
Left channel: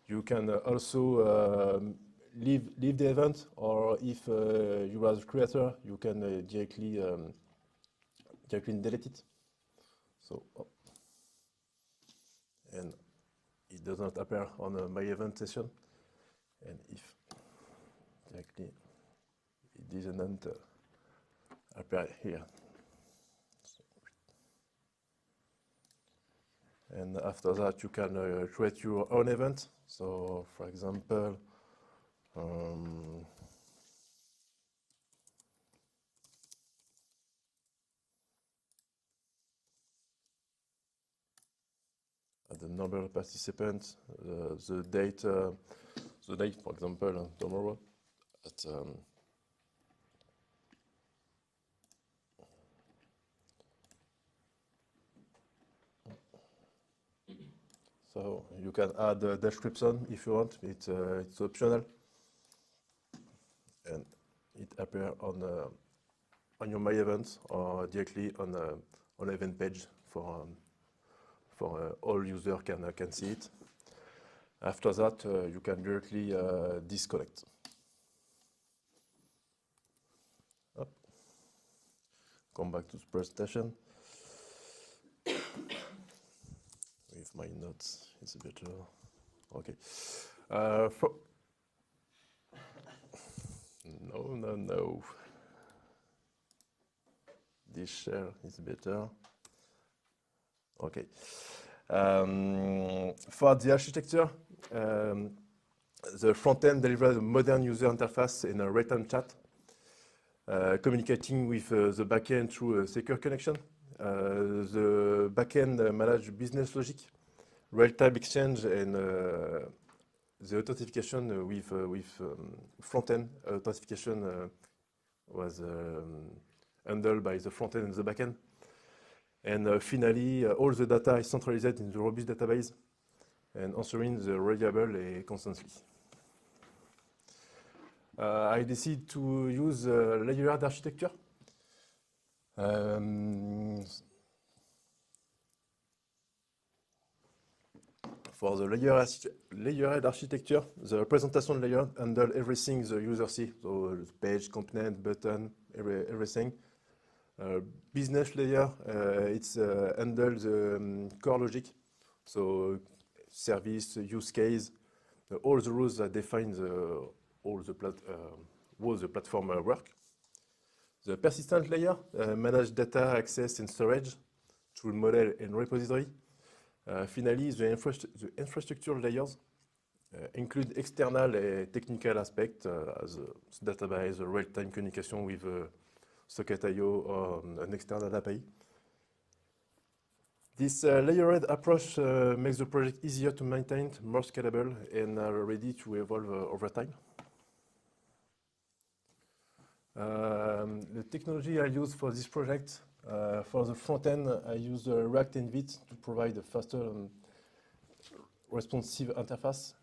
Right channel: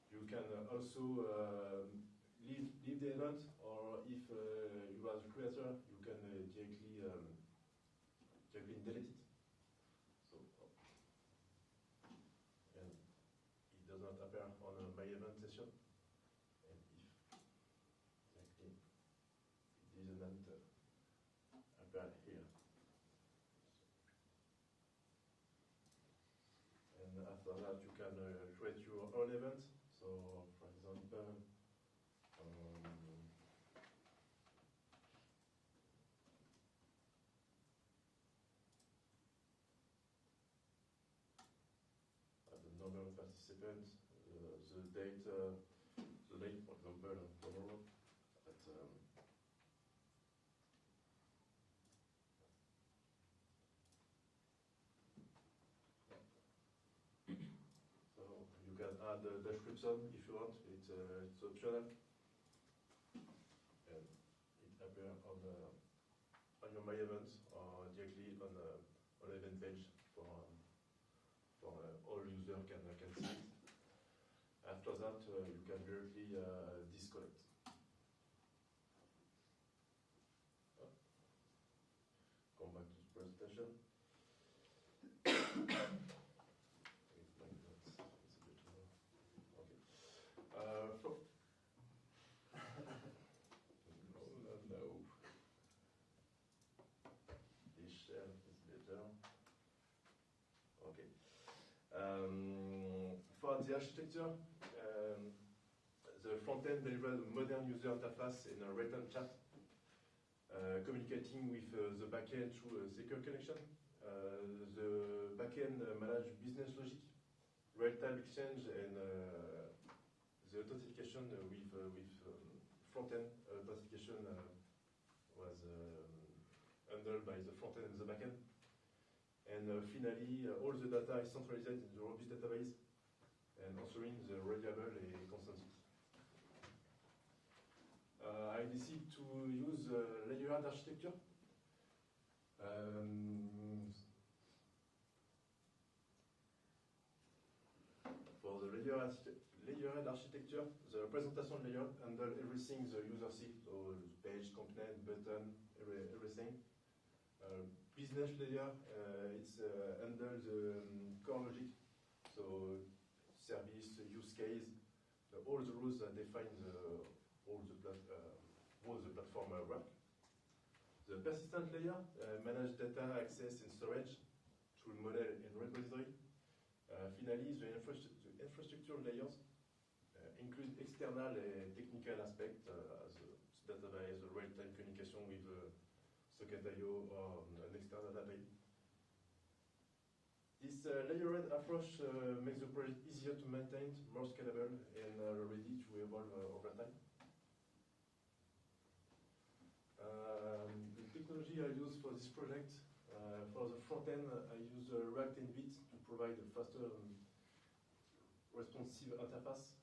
You can also leave the event, or if you are the creator, you can directly delete it. So, and it does not appear on my event session. And if directly it doesn't appear here. And after that, you can create your own event. So, for example, the number of participants, the date, for example, tomorrow at so you can add a description if you want. It's optional, and it appears on your My Events or directly on event page for all users can see it. After that, you can directly disconnect. Up. Come back to the presentation. With my notes, it's a bit okay. No. This share is better. Okay. For the architecture, the front end delivers a modern user interface in a real-time chat, communicating with the backend through a secure connection. The backend manages business logic, real-time exchange, and the authentication with front-end authentication was handled by the front-end and the backend. And finally, all the data is centralized in the robust database and answering the reliable constantly. I decided to use layered architecture. For the layered architecture, the representation layer handles everything the user sees, so the page, component, button, everything. Business layer, it's handles the core logic, so service, use case, all the rules that define how the platform work. The persistent layer manages data access and storage through model and repository. Finally, the infrastructure layers include external technical aspects as database, real-time communication with Socket.io or an external API. This layered approach makes the project easier to maintain, more scalable, and ready to evolve over time. The technology I use for this project, for the front end, I use React and Vite to provide a faster and responsive interface.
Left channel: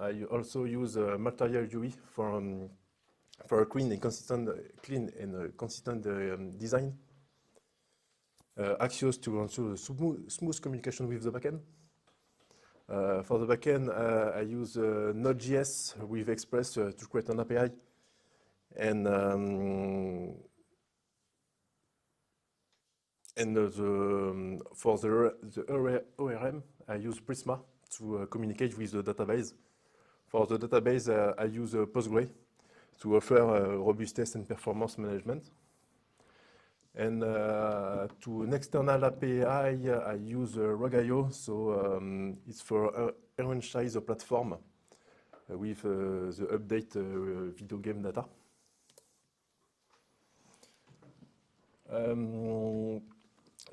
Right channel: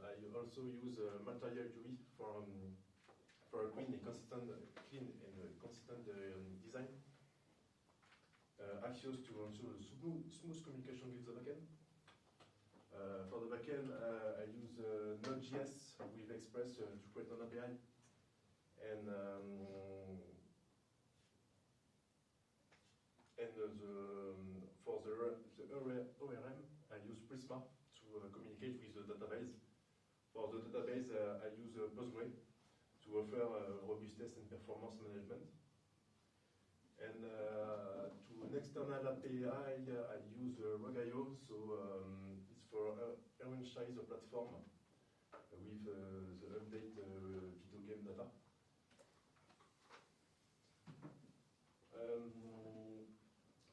I also use Material UI for a clean and consistent design. Axios to ensure smooth communication with the backend. For the backend, I use Node.js with Express to create an API. And for the ORM, I use Prisma to communicate with the database. For the database, I use Postgre to offer robustness and performance management. And to an external API, I use Rog.io, so it's for enrich the platform with the update video game data.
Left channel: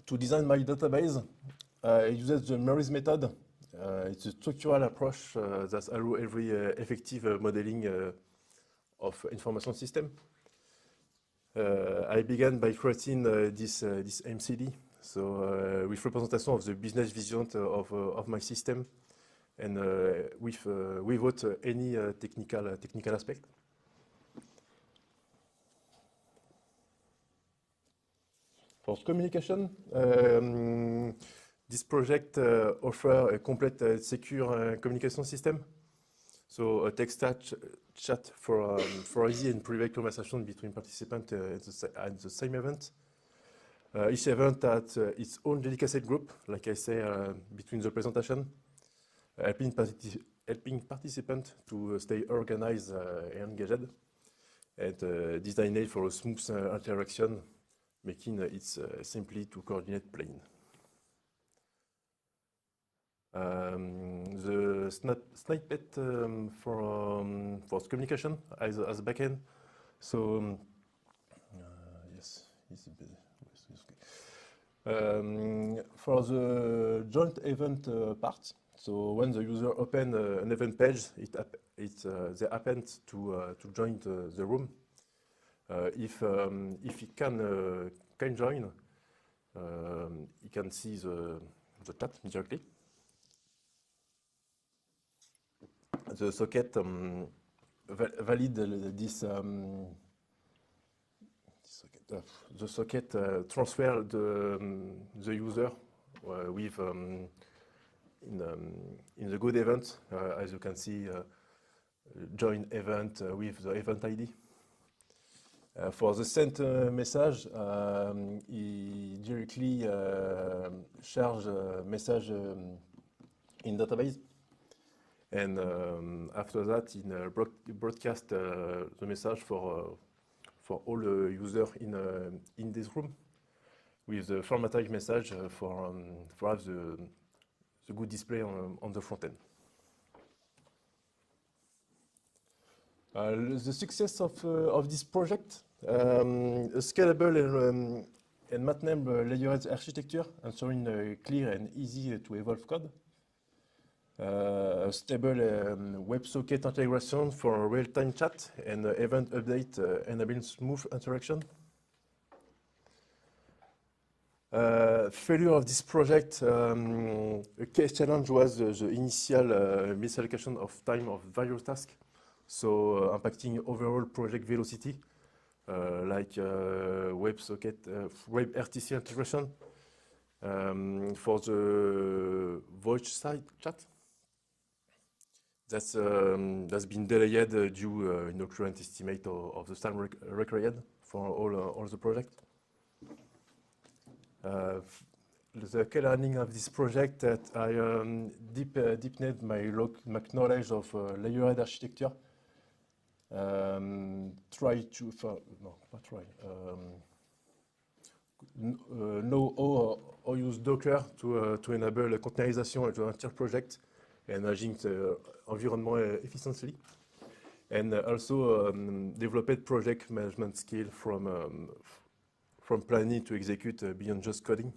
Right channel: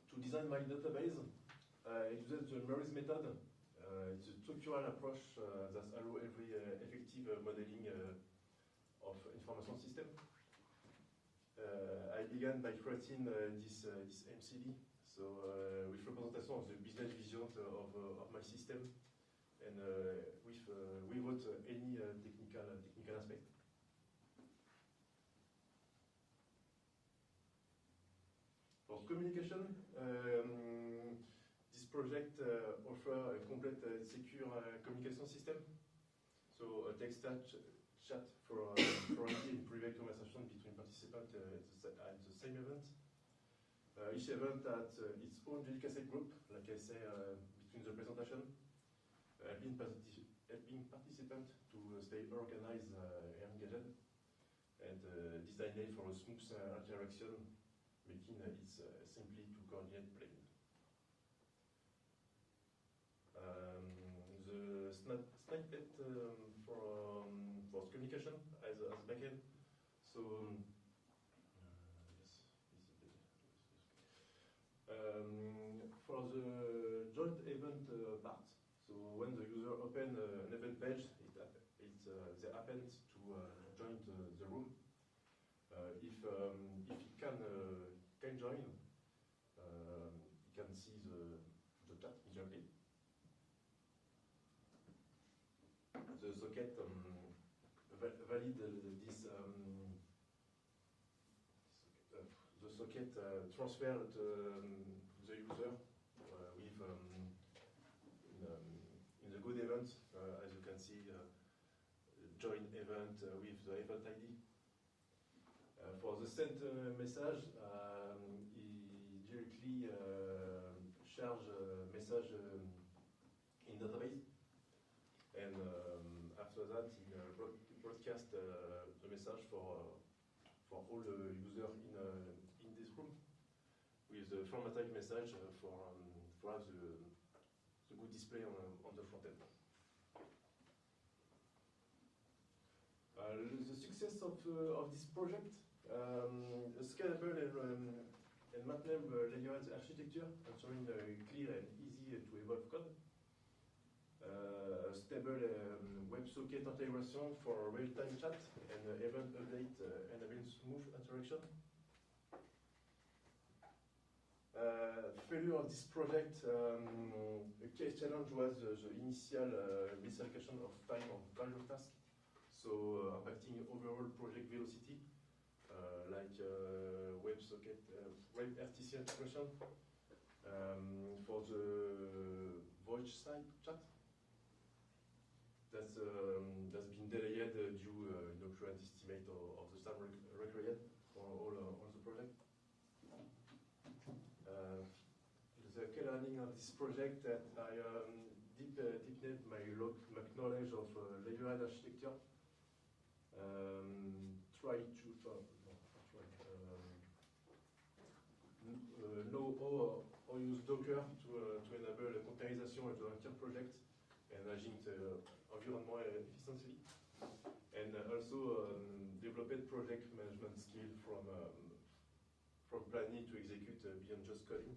To design my database, I use the Maurice method. It's a structural approach that allows every effective modeling of information system. I began by creating this MCD, so with representation of the business vision of my system, and without any technical aspect. For communication, this project offers a complete secure communication system. So a text chat for easy and private conversation between participants at the same event. Each event has its own dedicated group, like I say, between the presentation, helping participants to stay organized and engaged, and designed for a smooth interaction, making it simply to coordinate playing. The snippet for communication as backend. So yes, it's a bit. For the joint event part, so when the user opens an event page, they happen to join the room. If he can join, he can see the chat directly. The socket valid this. The socket transfer the user with in the good event, as you can see, join event with the event ID. For the sent message, he directly shares message in database, and after that, he broadcast the message for all the users in this room, with the formatted message for have the good display on the front end. The success of this project, a scalable and maintainable layered architecture, ensuring clear and easy to evolve code. A stable WebSocket integration for real-time chat and event update enabling smooth interaction. Failure of this project, a key challenge was the initial misallocation of time of various tasks, so impacting overall project velocity, like WebSocket, WebRTC integration. For the voice side chat, that's been delayed due no current estimate of the time required for all the project. The key learning of this project that I deepened my knowledge of layered architecture. Know how use Docker to enable containerization of the entire project and managing the environment efficiently, and also developed project management skill from planning to execute beyond just coding.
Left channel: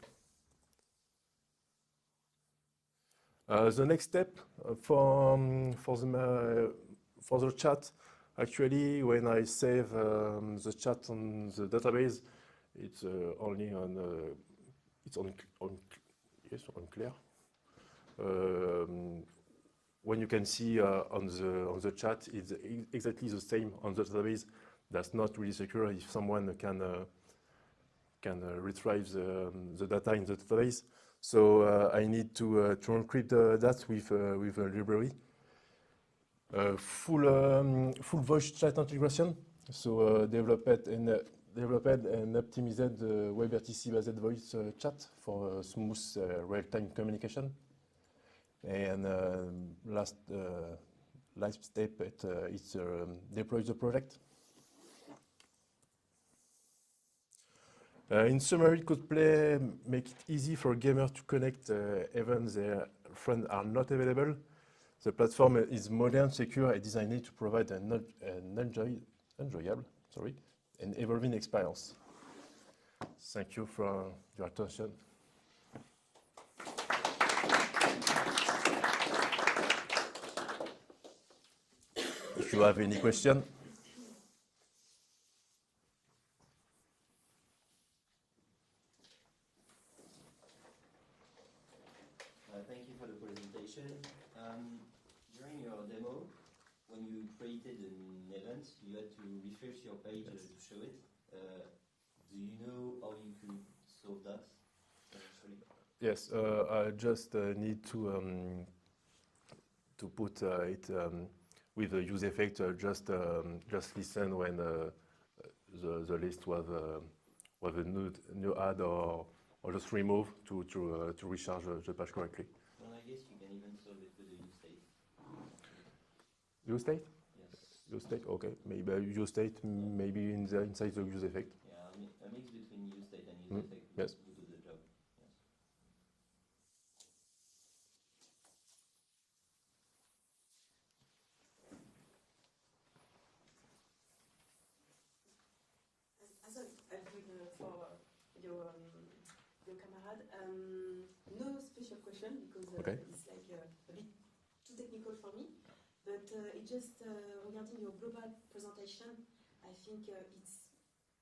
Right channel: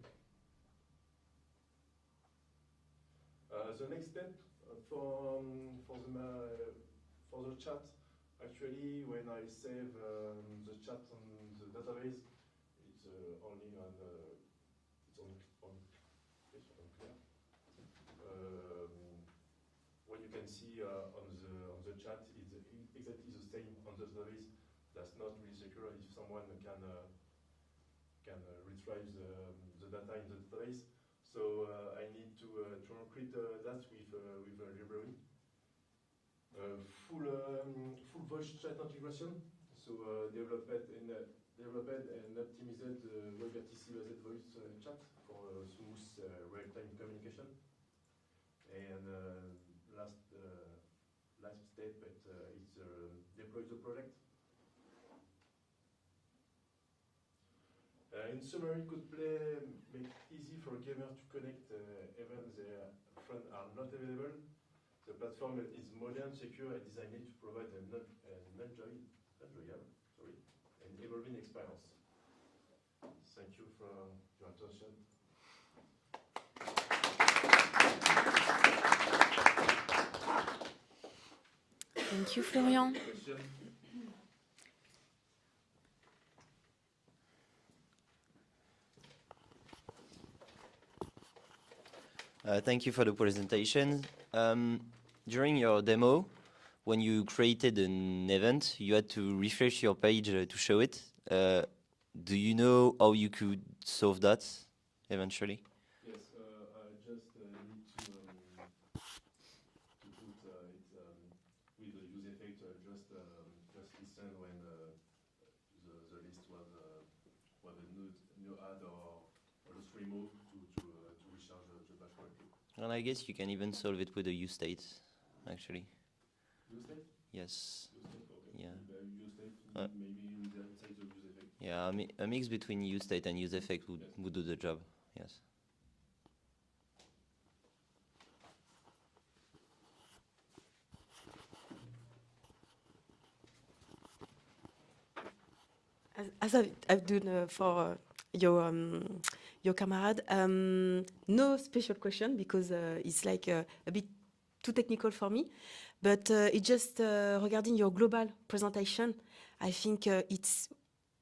The next step for the chat, actually, when I save the chat on the database, it's only on clear. When you can see on the chat, it's exactly the same on the database. That's not really secure if someone can retrieve the data in the database. So I need to encrypt that with a library. Full voice chat integration. So developed and optimized WebRTC-based voice chat for smooth real-time communication. And last step, it's deploy the project. In summary, Codeplay make it easy for gamers to connect even their friends are not available. The platform is modern, secure, and designed to provide an enjoyable and evolving experience. Thank you for your attention. Thank you, If you have Florian. any question. Thank you for the presentation. During your demo, when you created an event, you had to refresh your page to show it. Do you know how you could solve that eventually? Yes, I just need to put it with the use effect. Just listen when the list was a new add or just remove to recharge the page correctly. And I guess you can even solve it with a use state, actually. Use state? Yes. Use state, okay. Yeah. Maybe use state, maybe inside the use effect. Yeah, a mix between use state and use effect would, Yes. would do the job. Yes. As I've done for your camarade, no special question because it's like a bit too technical for me. But it's just regarding your global presentation, I think it's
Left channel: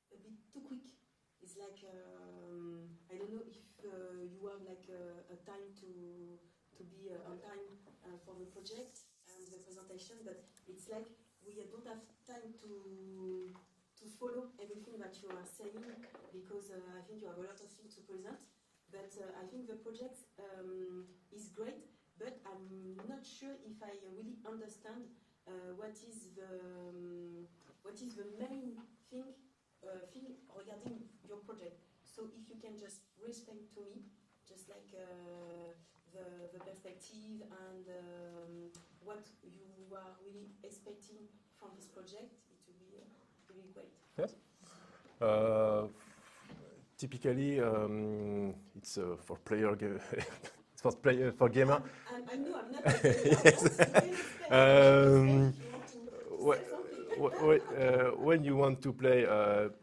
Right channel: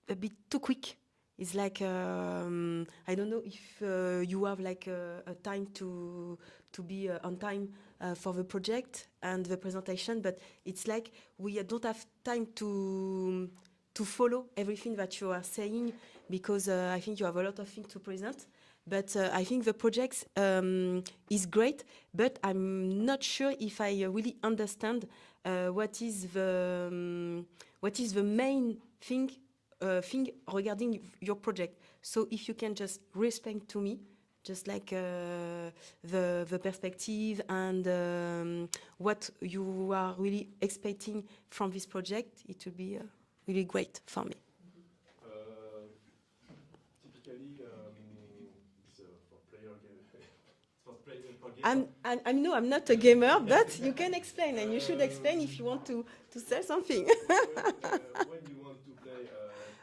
a bit too quick. It's like I don't know if you have like a time to be on time for the project and the presentation, but it's like we don't have time to follow everything that you are saying because I think you have a lot of things to present. But I think the project is great, but I'm not sure if I really understand what is the main thing regarding your project. So if you can just explain to me, just like the perspective and what you are really expecting from this project, it would be really great for me. Typically, it's for player. It's for gamer. I know I'm not a gamer, but you can explain. And you should explain if you want to say something. When you want to play,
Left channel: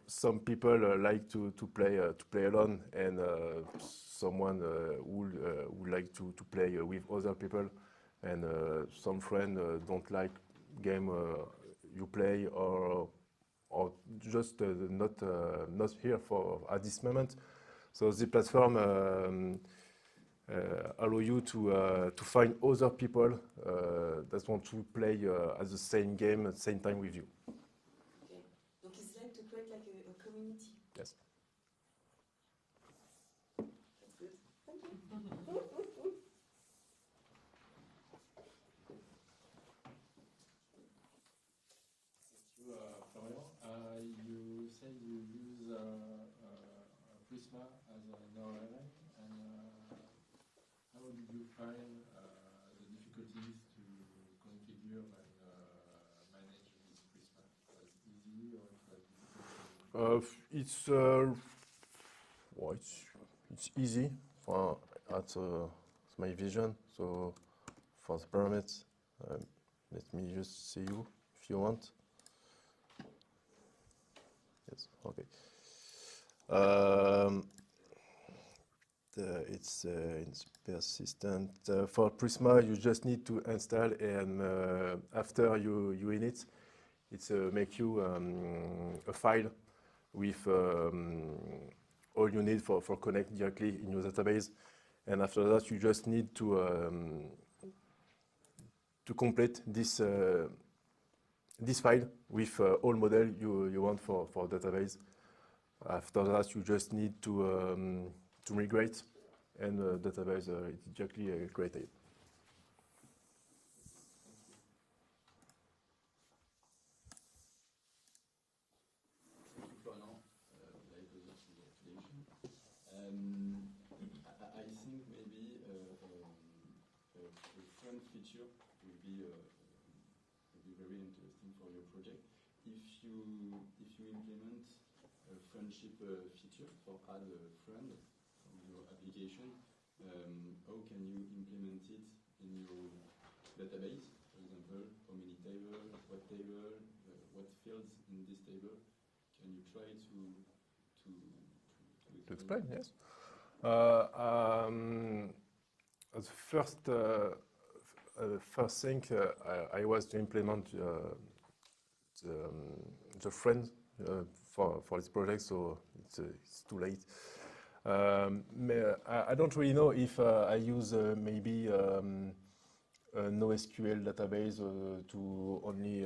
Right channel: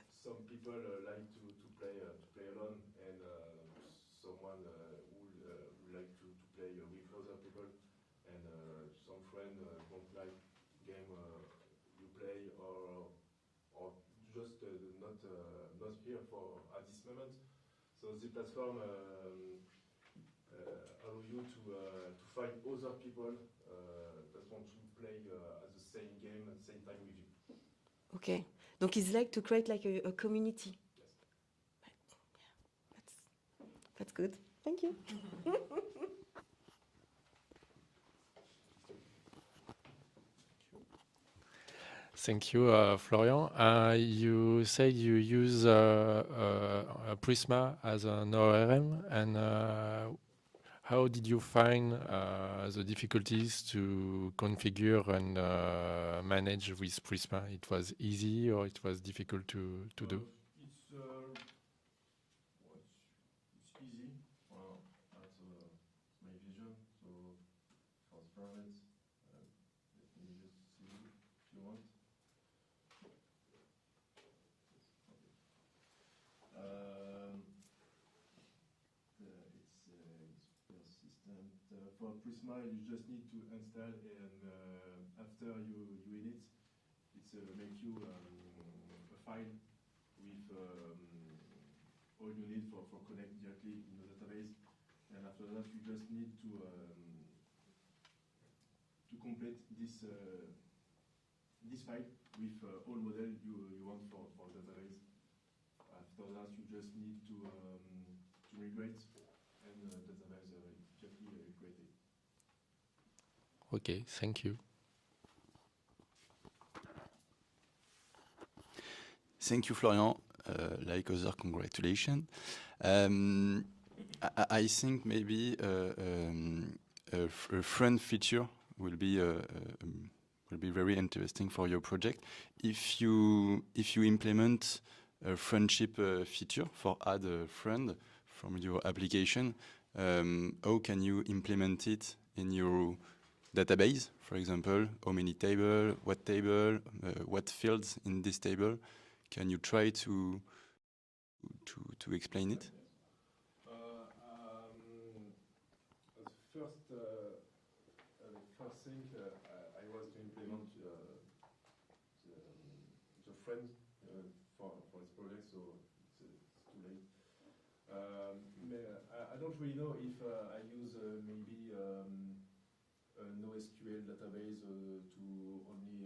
some people like to play alone, and someone would like to play with other people, and some friends don't like game you play or just not here for at this moment. So the platform allow you to find other people that want to play at the same game at the same time with you. Okay. Donc it's like to create like a community. Yes. That's good. Thank you. Thank you, Florian. You said you use Prisma as an ORM, and how did you find the difficulties to configure and manage with Prisma? It was easy or it was difficult to do? It's easy at my vision. So for the parameters, let me just see you if you want. Yes, okay. It's persistent. For Prisma, you just need to install, and after you in it, it's make you a file with all you need for connect directly in your database. And after that, you just need to complete this file with all model you want for database. After that, you just need to migrate, and database is directly created. Okay, thank you. Thank you, Florian. Like other, congratulations. I think maybe a friend feature will be very interesting for your project. If you implement a friendship feature for add a friend from your application, how can you implement it in your database? For example, how many table, what fields in this table? Can you try to explain it? Yes. First thing I was to implement the friend for this project, so it's too late. I don't really know if I use maybe NoSQL database to only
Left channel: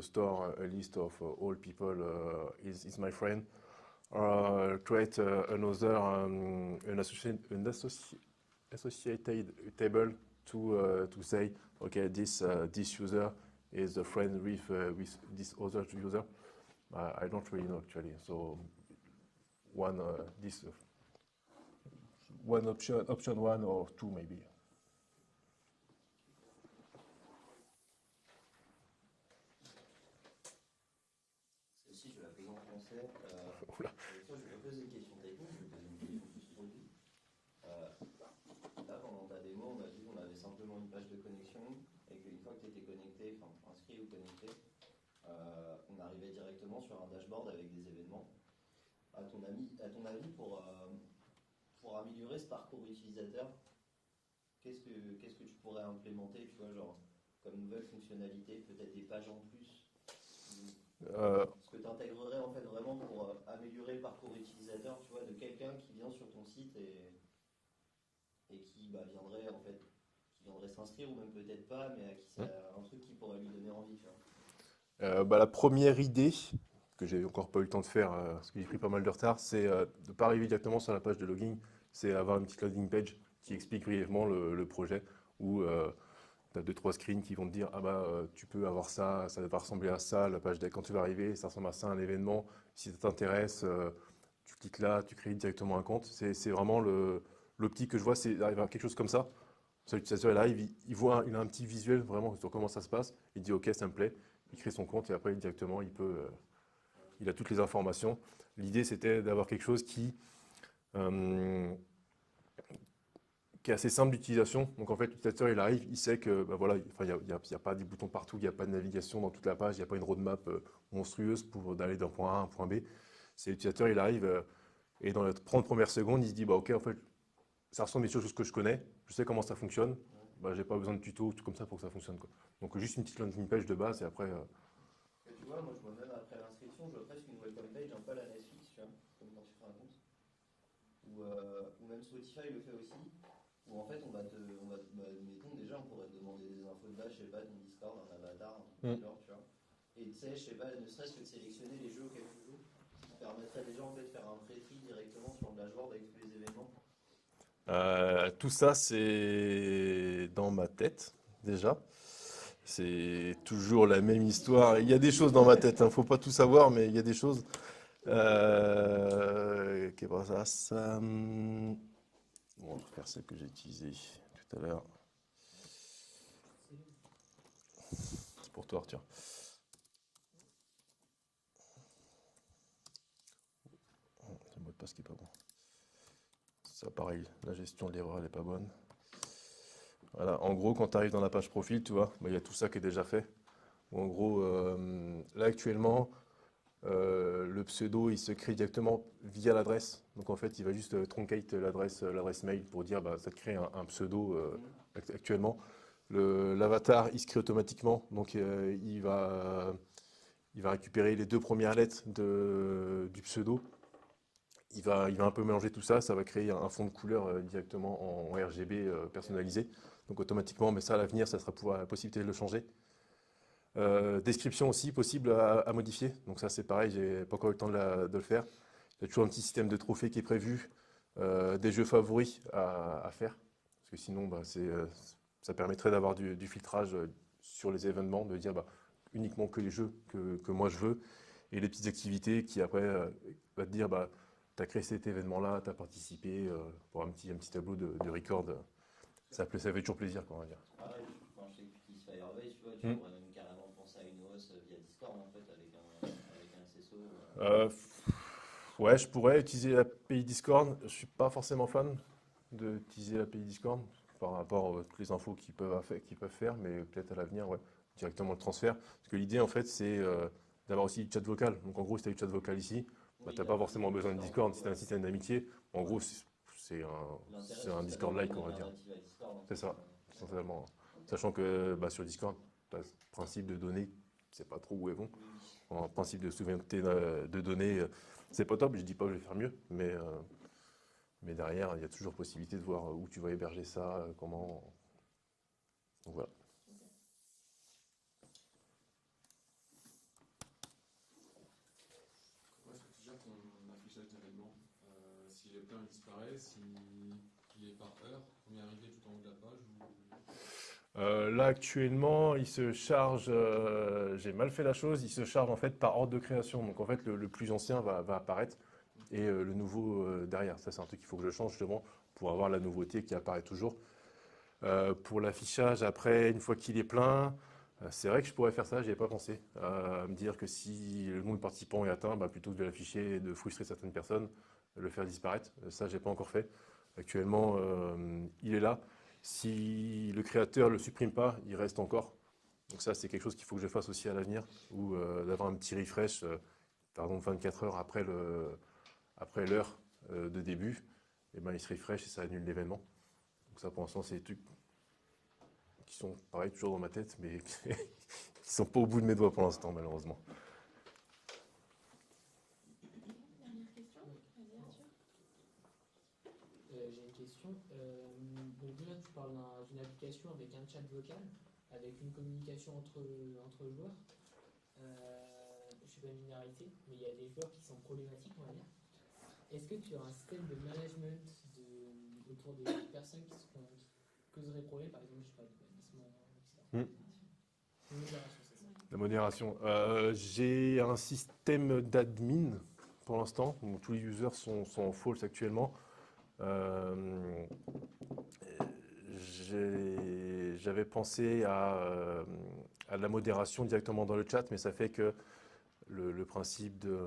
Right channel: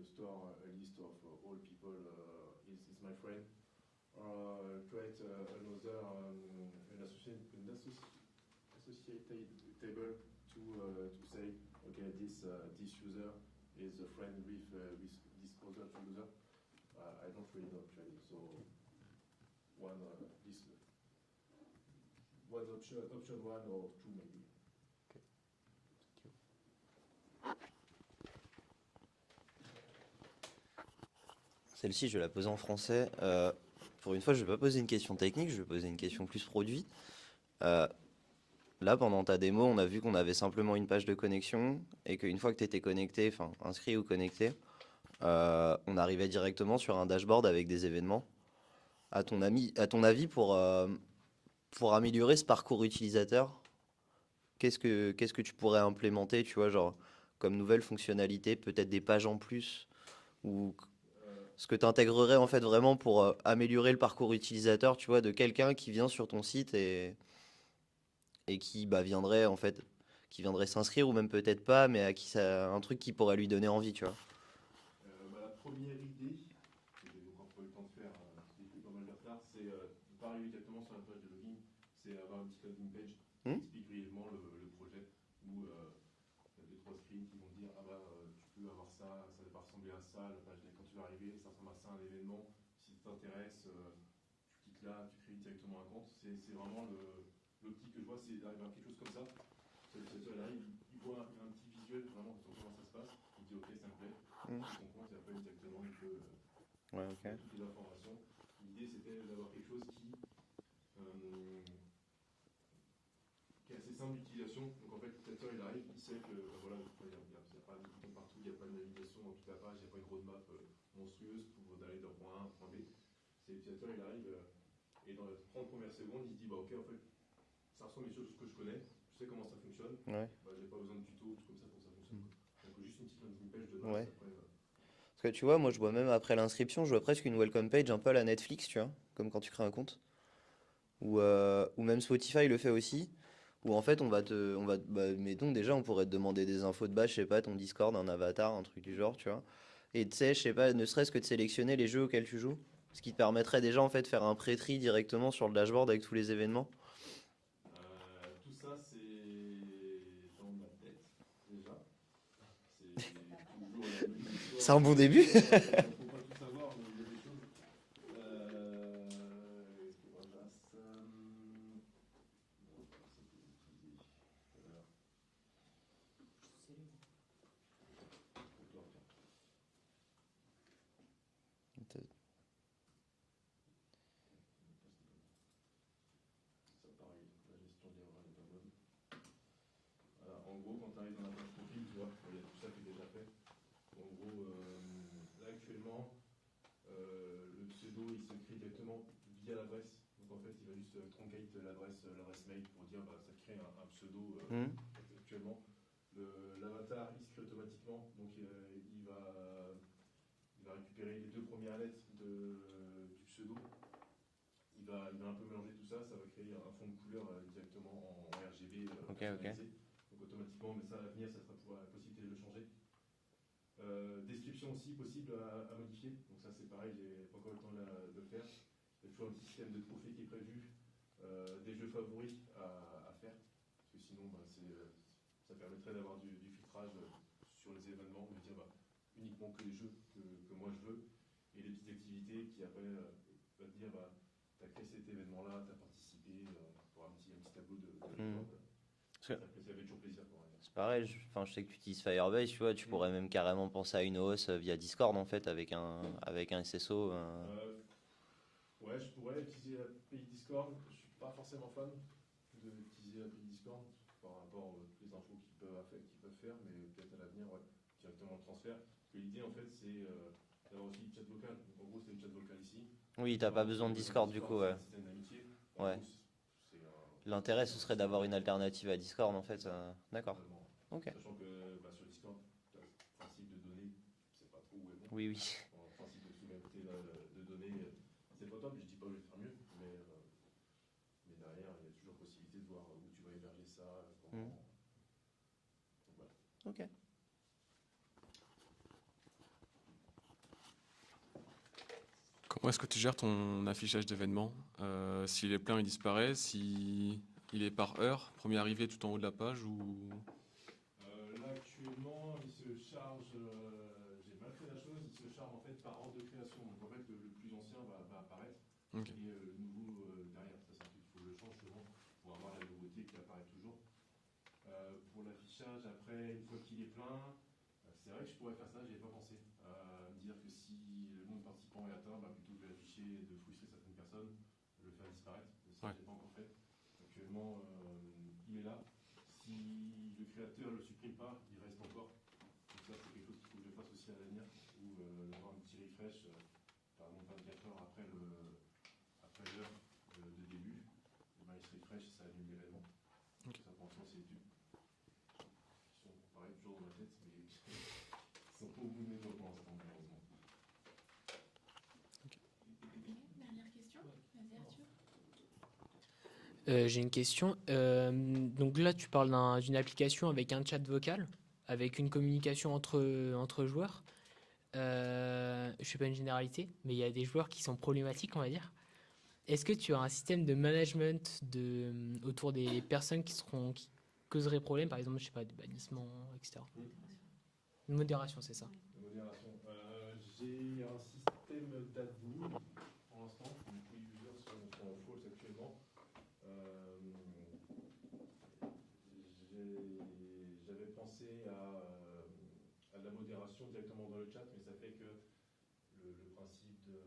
store a list of all people is my friend. Create another associated table to say, okay, this user is a friend with this other user. I don't really know actually. So one option one or two maybe. Celle-ci, je vais la poser en français. Pour une fois, je ne vais pas poser une question technique, je vais poser une question plus produit. Là, pendant ta démo, on a vu qu'on avait simplement une page de connexion et qu'une fois que tu étais connecté, enfin inscrit ou connecté, on arrivait directement sur un dashboard avec des événements. À ton avis, pour améliorer ce parcours utilisateur, qu'est-ce que tu pourrais implémenter, tu vois, genre comme nouvelle fonctionnalité, peut-être des pages en plus ou ce que tu intégrerais en fait vraiment pour améliorer le parcours utilisateur, tu vois, de quelqu'un qui vient sur ton site et qui viendrait en fait, qui viendrait s'inscrire ou même peut-être pas, mais à qui ça un truc qui pourrait lui donner envie, tu vois. La première idée que j'ai encore pas eu le temps de faire parce que j'ai pris pas mal de retard, c'est de ne pas arriver directement sur la page de login, c'est avoir une petite landing page qui explique brièvement le projet où tu as 2-3 screens qui vont te dire tu peux avoir ça, ça va ressembler à ça, la page quand tu vas arriver, ça ressemble à ça, un événement, si ça t'intéresse, tu cliques là, tu crées directement un compte. C'est vraiment l'optique que je vois, c'est d'arriver à quelque chose comme ça. L'utilisateur il arrive, il a un petit visuel vraiment sur comment ça se passe, il dit ok ça me plaît, il crée son compte et après directement il peut, il a toutes les informations. L'idée c'était d'avoir quelque chose qui est assez simple d'utilisation. Donc en fait, l'utilisateur il arrive, il sait que voilà, il n'y a pas des boutons partout, il n'y a pas de navigation dans toute la page, il n'y a pas une roadmap monstrueuse pour d'aller d'un point A à un point B. C'est l'utilisateur il arrive et dans les 30 premières secondes, il se dit ok en fait ça ressemble à des choses que je connais, je sais comment ça fonctionne, j'ai pas besoin de tuto, tout comme ça pour que ça fonctionne, quoi. Donc juste une petite landing page de base et après. Parce que tu vois, moi je vois même après l'inscription, je vois presque une welcome page un peu à la Netflix, tu vois, comme quand tu crées un compte. Ou même Spotify le fait aussi. Où en fait mettons déjà on pourrait te demander des infos de base, je sais pas, ton Discord, un avatar, un truc du genre, tu vois. Et tu sais, je sais pas, ne serait-ce que de sélectionner les jeux auxquels tu joues, ce qui te permettrait déjà en fait de faire un pré-tri directement sur le dashboard avec tous les événements. Tout ça c'est dans ma tête déjà. C'est toujours la même histoire. Il y a des choses dans ma tête, faut pas tout savoir, mais il y a des choses. Ça. On va faire celle que j'ai utilisée tout à l'heure. C'est pour toi, Arthur. C'est le mot de passe qui est pas bon. Ça, pareil, la gestion de l'erreur, elle n'est pas bonne. Voilà, en gros, quand tu arrives dans la page profil, tu vois, il y a tout ça qui est déjà fait. En gros, là actuellement, le pseudo, il se crée directement via l'adresse. Donc en fait, il va juste truncate l'adresse mail pour dire ça te crée un pseudo actuellement. L'avatar, il se crée automatiquement. Donc il va récupérer les 2 premières lettres du pseudo. Il va un peu mélanger tout ça. Ça va créer un fond de couleur directement en RGB personnalisé. Donc automatiquement, mais ça à l'avenir, ça sera la possibilité de le changer. Description aussi possible à modifier. Donc ça c'est pareil, j'ai pas encore eu le temps de le faire. Il y a toujours un petit système de trophées qui est prévu, des jeux favoris à faire. Parce que sinon ça permettrait d'avoir du filtrage sur les événements, de dire uniquement que les jeux que moi je veux. Et les petites activités qui après va te dire tu as créé cet événement-là, tu as participé pour un petit tableau de record. Ça fait toujours plaisir, quoi, on va dire. C'est pareil, je sais que tu utilises Firebase, tu vois, tu pourrais même carrément penser à une hausse via Discord en fait avec un SSO. Ouais, je pourrais utiliser l'API Discord. Je suis pas forcément fan d'utiliser l'API Discord par rapport à toutes les infos qu'ils peuvent faire, mais peut-être à l'avenir, ouais, directement le transfert. Parce que l'idée en fait, c'est d'avoir aussi du chat vocal. Donc en gros, si tu as du chat vocal ici, oui, tu n'as pas forcément besoin de Discord, c'est un système d'amitié. En gros, l'intérêt, ce serait d'avoir une alternative à Discord, en fait. C'est ça, d'accord. Okay. Sachant que sur Discord, tu as le principe de données, c'est pas trop où elles vont. Oui. En principe de souveraineté de données, c'est pas top, je dis pas que je vais faire mieux, mais Mais derrière, il y a toujours possibilité de voir où tu vas héberger ça, comment. Donc voilà. Ok. Comment est-ce que tu gères ton affichage d'événements? S'il est plein, il disparaît. Si il est par heure, premier arrivé tout en haut de la page ou... Là actuellement, il se charge, j'ai mal fait la chose, il se charge en fait par ordre de création. Donc en fait, le plus ancien va apparaître Ok. et le nouveau derrière. Ça, c'est un truc qu'il faut que je change justement pour avoir la nouveauté qui apparaît toujours. Pour l'affichage, après, une fois qu'il est plein, c'est vrai que je pourrais faire ça, j'y avais pas pensé. Me dire que si le nombre de participants est atteint, bah, plutôt que de l'afficher et de frustrer certaines personnes, le faire disparaître. Ça, j'ai pas encore fait. Actuellement, il est là. Si le créateur ne le supprime pas, il reste encore. Donc ça, c'est quelque chose qu'il faut que je fasse aussi à l'avenir, ou d'avoir un petit refresh, par exemple 24 heures après l'heure de début, et ben, il se refresh et ça annule l'événement. Donc ça, pour l'instant, c'est des trucs qui sont, pareil, toujours dans ma tête, mais qui ne sont pas au bout de mes doigts pour l'instant, malheureusement. Dernière question. Vas-y, Arthur. J'ai une question. Donc là, tu parles d'une application avec un chat vocal, avec une communication entre joueurs. Je ne fais pas une généralité, mais il y a des joueurs qui sont problématiques, on va dire. Est-ce que tu as un système de management autour des personnes qui causeraient problème, par exemple, je sais pas, de bannissement, etc. Une modération, c'est ça. La modération. J'ai un système d'admin pour l'instant, où tous les users sont en false actuellement. J'avais pensé à la modération directement dans le chat, mais ça fait que le principe de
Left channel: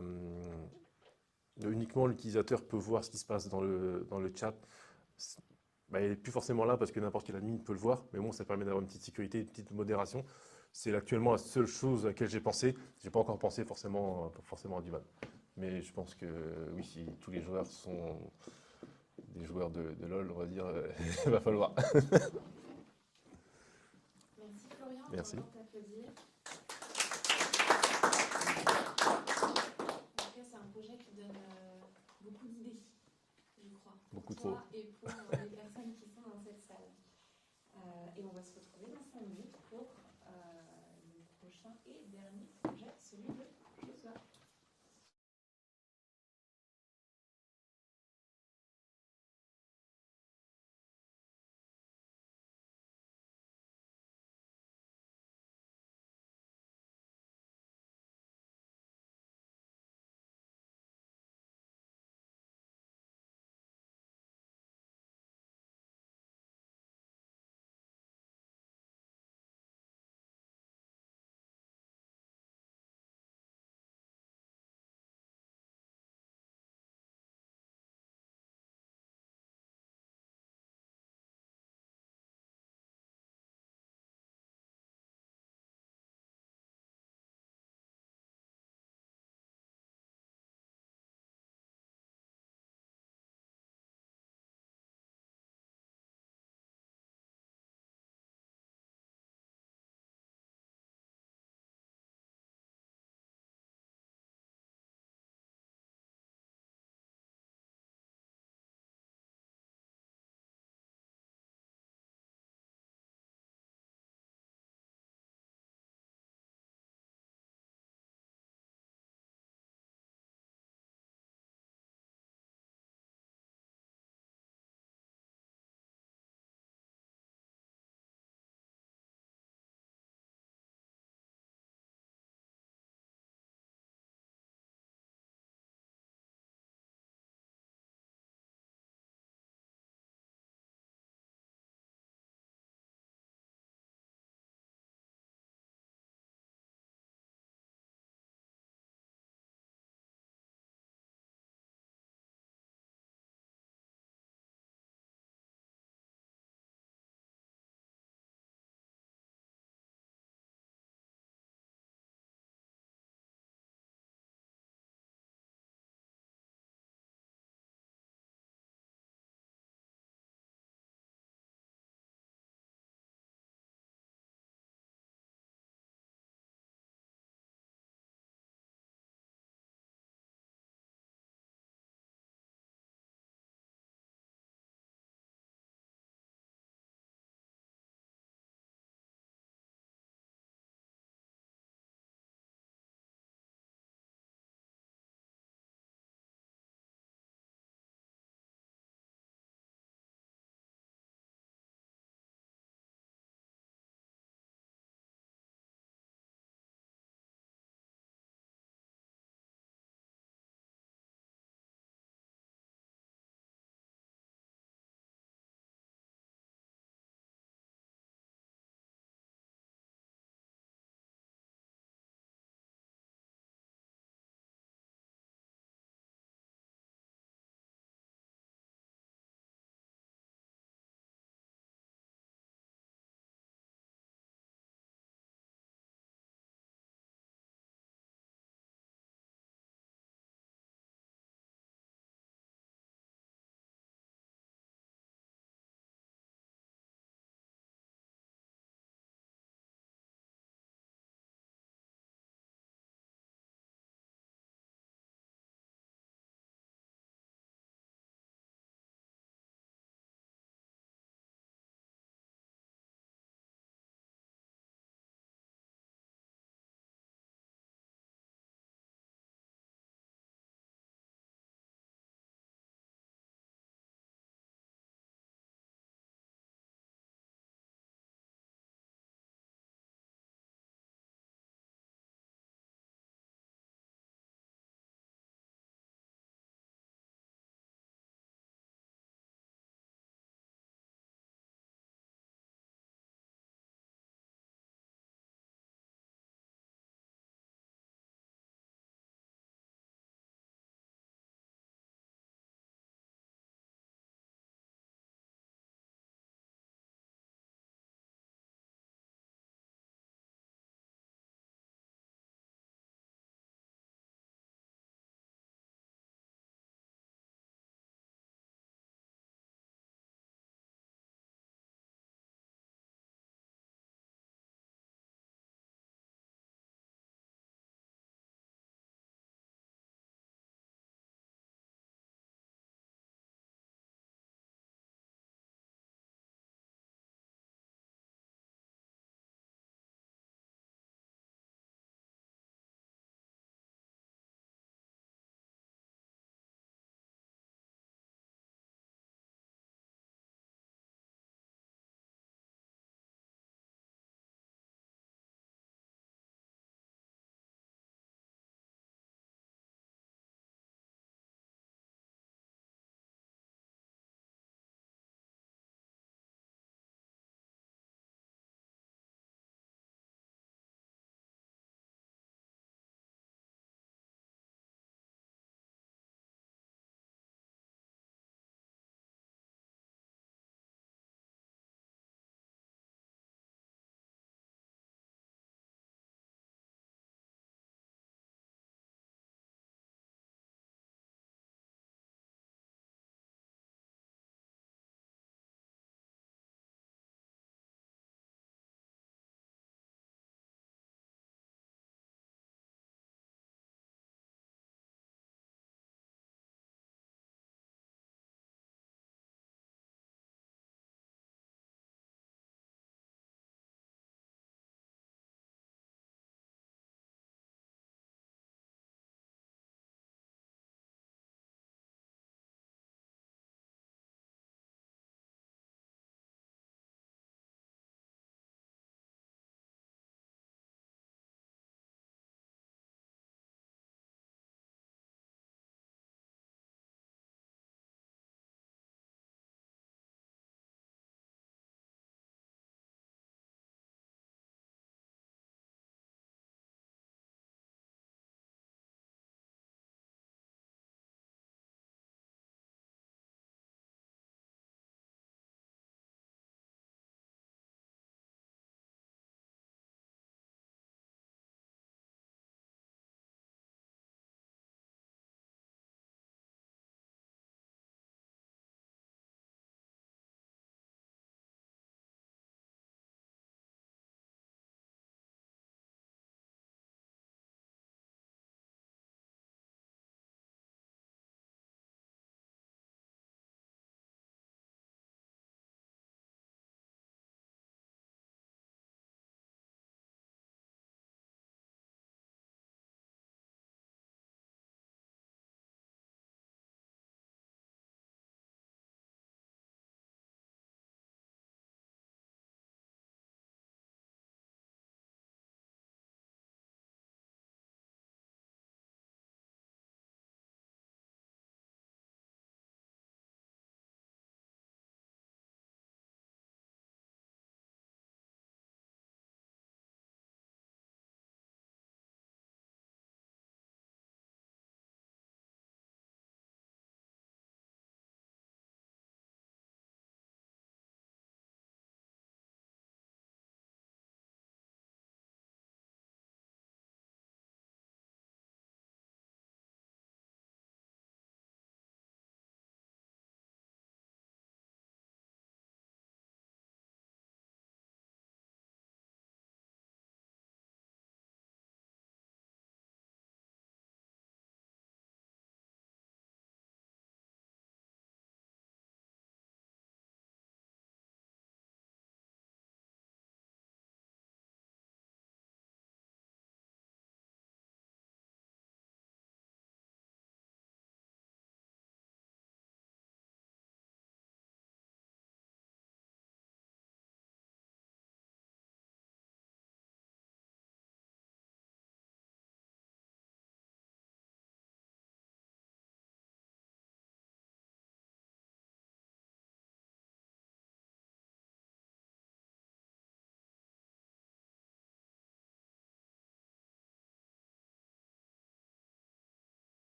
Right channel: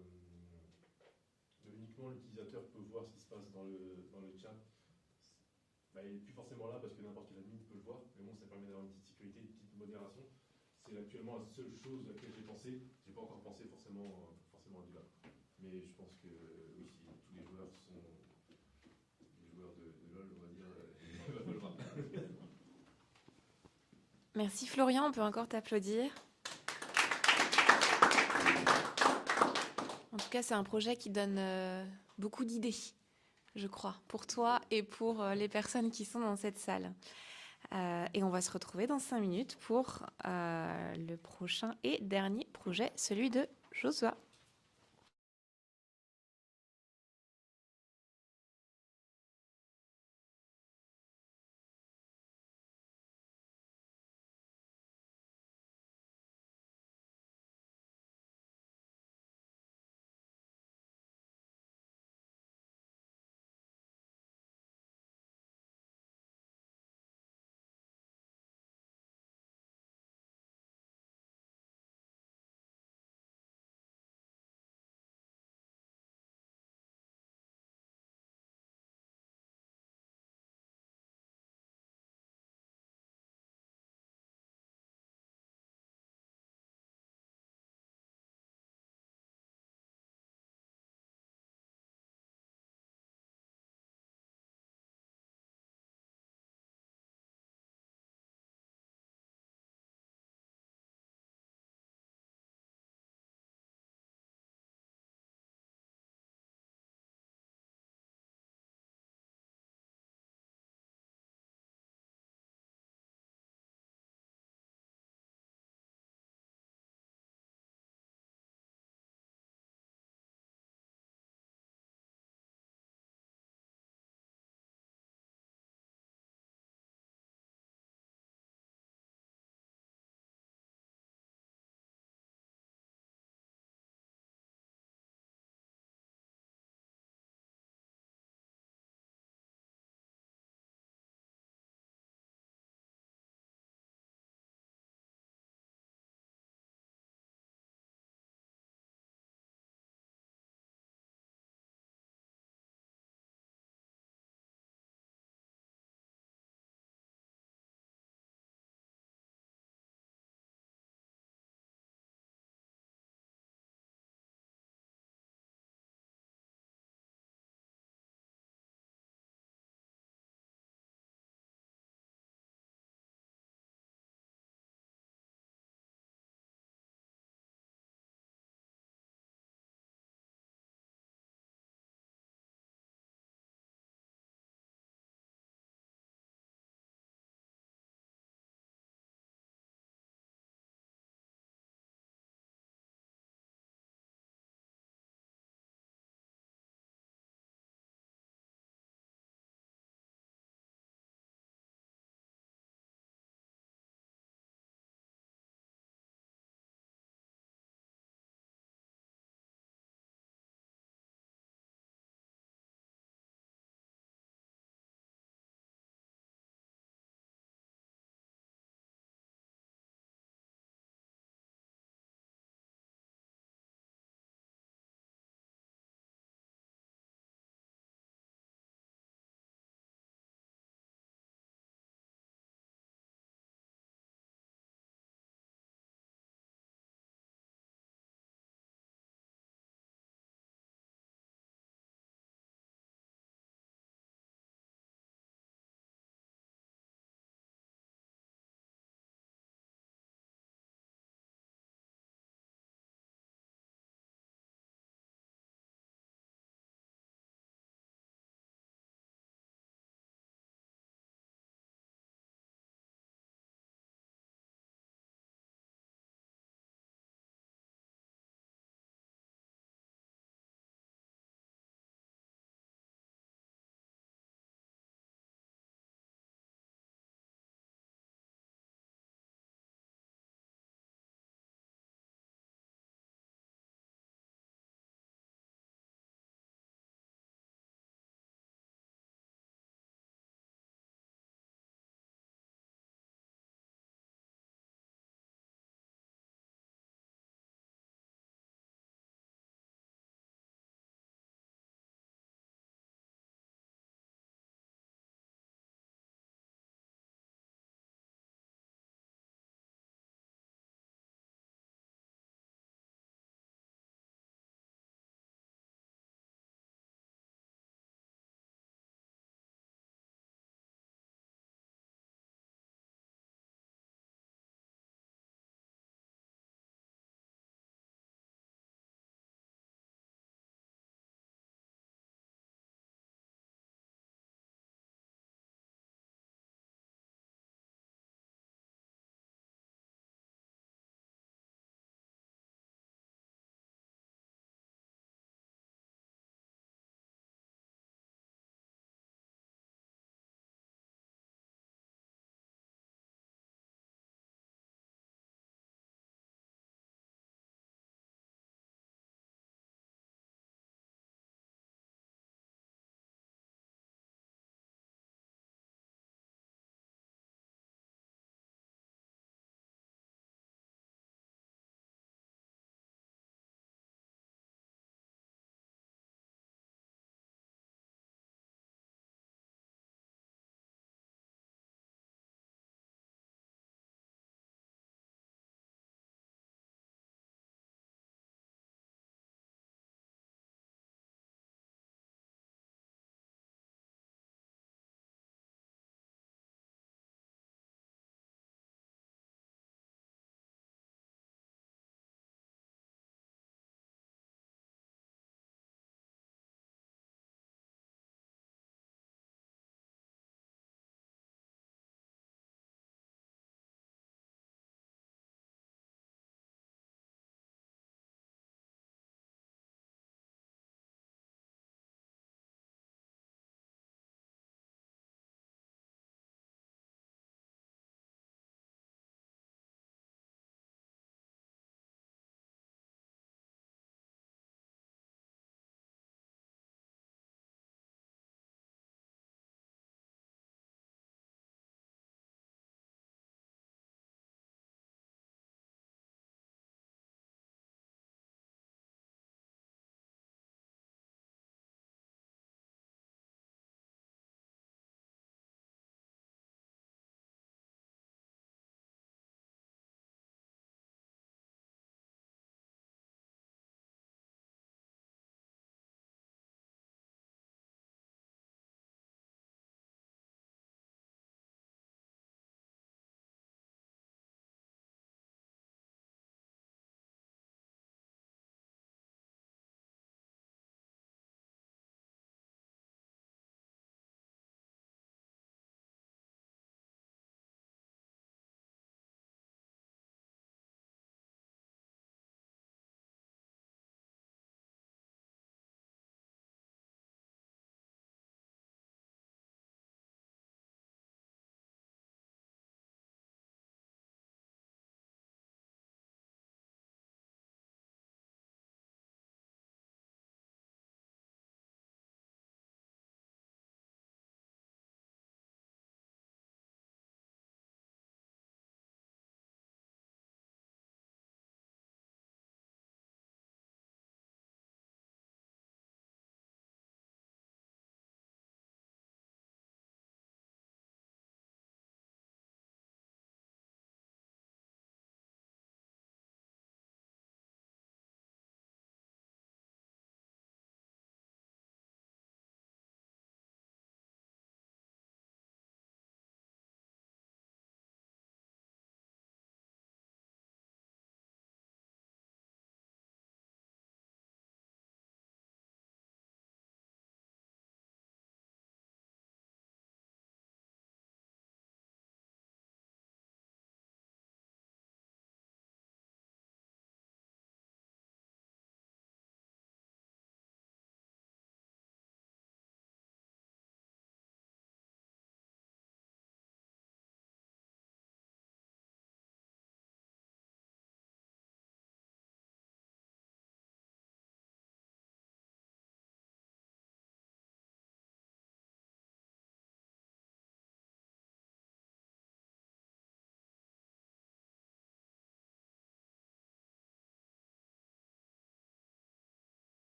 uniquement l'utilisateur peut voir ce qui se passe dans le chat, bah, il n'est plus forcément là parce que n'importe quel admin peut le voir, mais bon, ça permet d'avoir une petite sécurité, une petite modération. C'est actuellement la seule chose à laquelle j'ai pensé. J'ai pas encore pensé forcément à du mal. Mais je pense que oui, si tous les joueurs sont des joueurs de LoL, on va dire, il va falloir. Merci Florian, on peut Merci. encore t'applaudir. En tout cas, c'est un projet qui donne beaucoup d'idées, je crois, pour Beaucoup toi trop. et pour les personnes qui sont dans cette salle. Et on va se retrouver dans 5 minutes pour le prochain et dernier projet, celui de Joshua.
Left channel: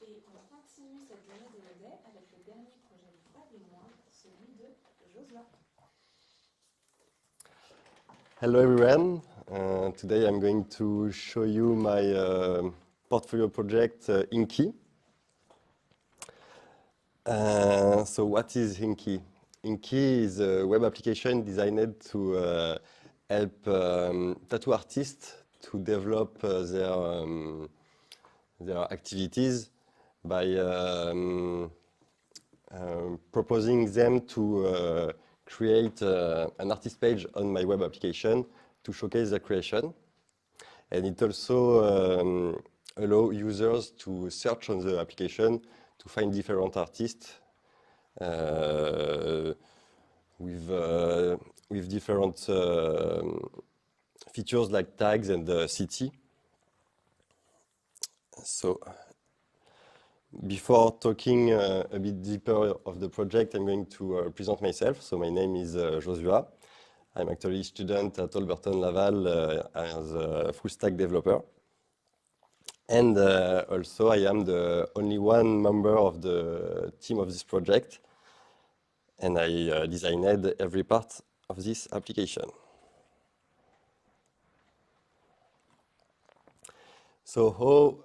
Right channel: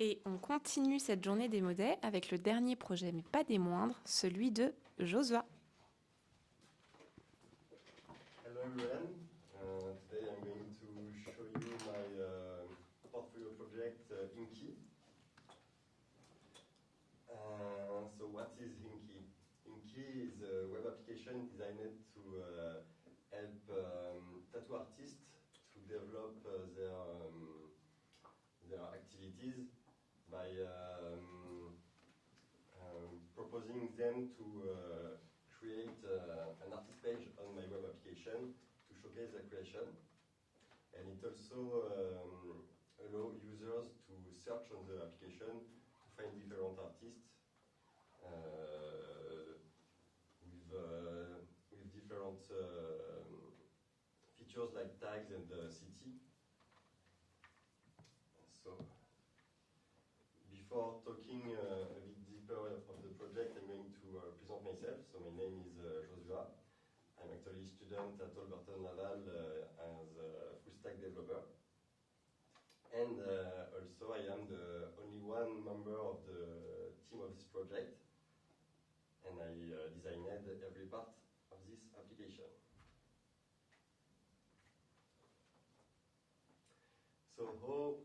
Et on continue cette journée des modèles avec le dernier projet, mais pas des moindres, celui de Josua. Hello everyone. Today I'm going to show you my portfolio project Inky. So what is Inky? Inky is a web application designed to help tattoo artists to develop their activities by proposing them to create an artist page on my web application to showcase their creation. And it also allows users to search on the application to find different artists with different features like tags and city. So before talking a bit deeper of the project, I'm going to present myself. So my name is Josua. I'm actually a student at Alberton Laval as a full stack developer. And also I am the only one member of the team of this project. And I designed every part of this application. So how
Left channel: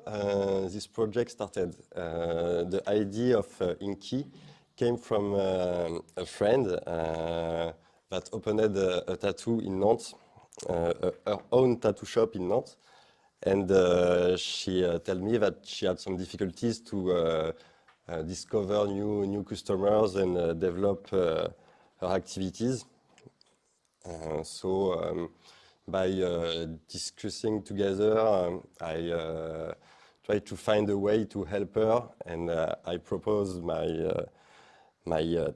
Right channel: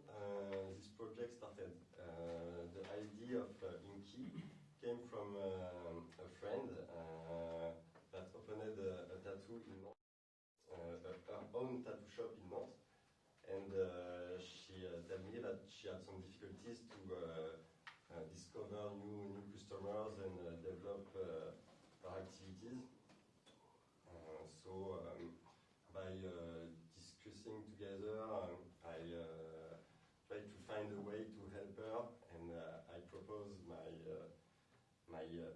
this project started? The idea of Inky came from a friend that opened a tattoo in Nantes, her own tattoo shop in Nantes. And she told me that she had some difficulties to discover new customers and develop her activities. By discussing together, I tried to find a way to help her, and I proposed my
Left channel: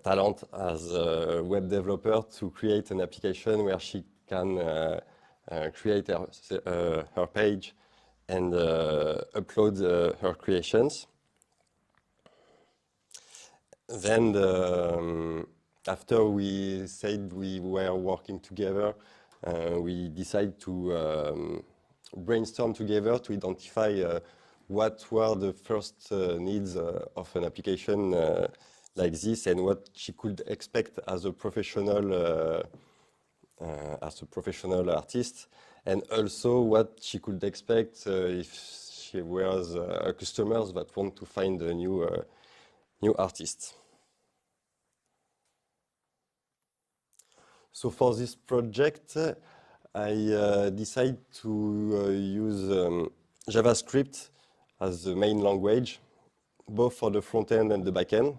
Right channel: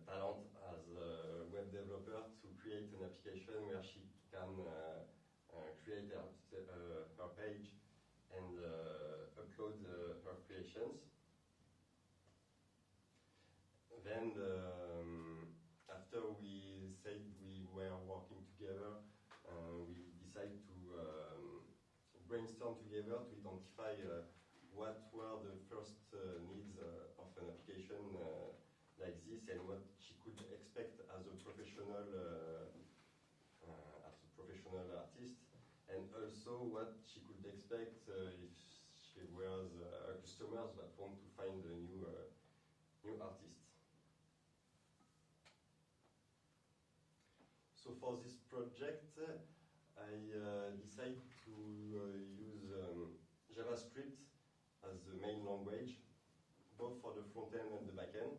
talent as a web developer to create an application where she can create her page and upload her creations. Then, after we said we were working together, we decided to brainstorm together to identify what were the first needs of an application like this, and what she could expect as a professional artist, and also what she could expect if she was customers that want to find a new artist. So for this project, I decided to use JavaScript as the main language, both for the front end and the back end.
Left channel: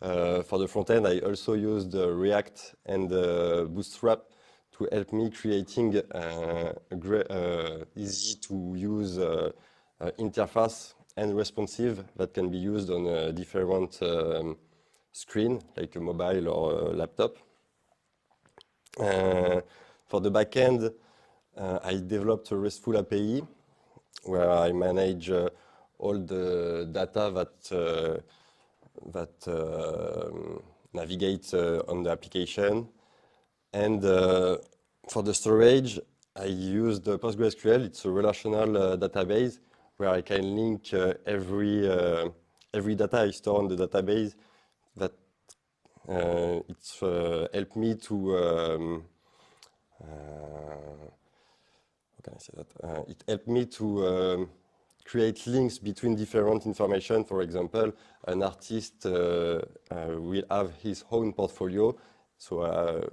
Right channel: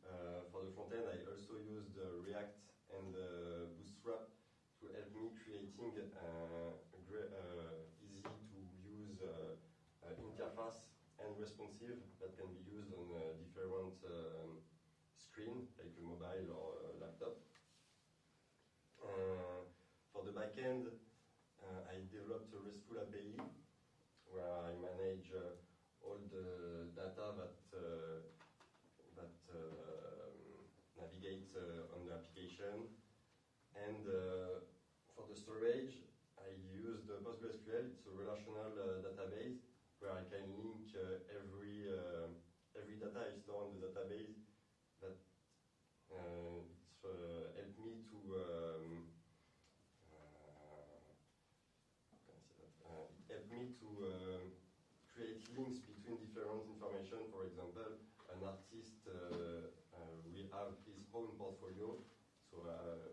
For the front end, I also used React and Bootstrap to help me creating a easy to use interface and responsive that can be used on a different screen, like a mobile or a laptop. For the backend, I developed a RESTful API where I manage all the data that navigate on the application. And for the storage, I used PostgreSQL. It's a relational database where I can link every data I store on the database. That it's helped me to how can I say that? It helped me to create links between different information. For example, an artist will have his own portfolio. So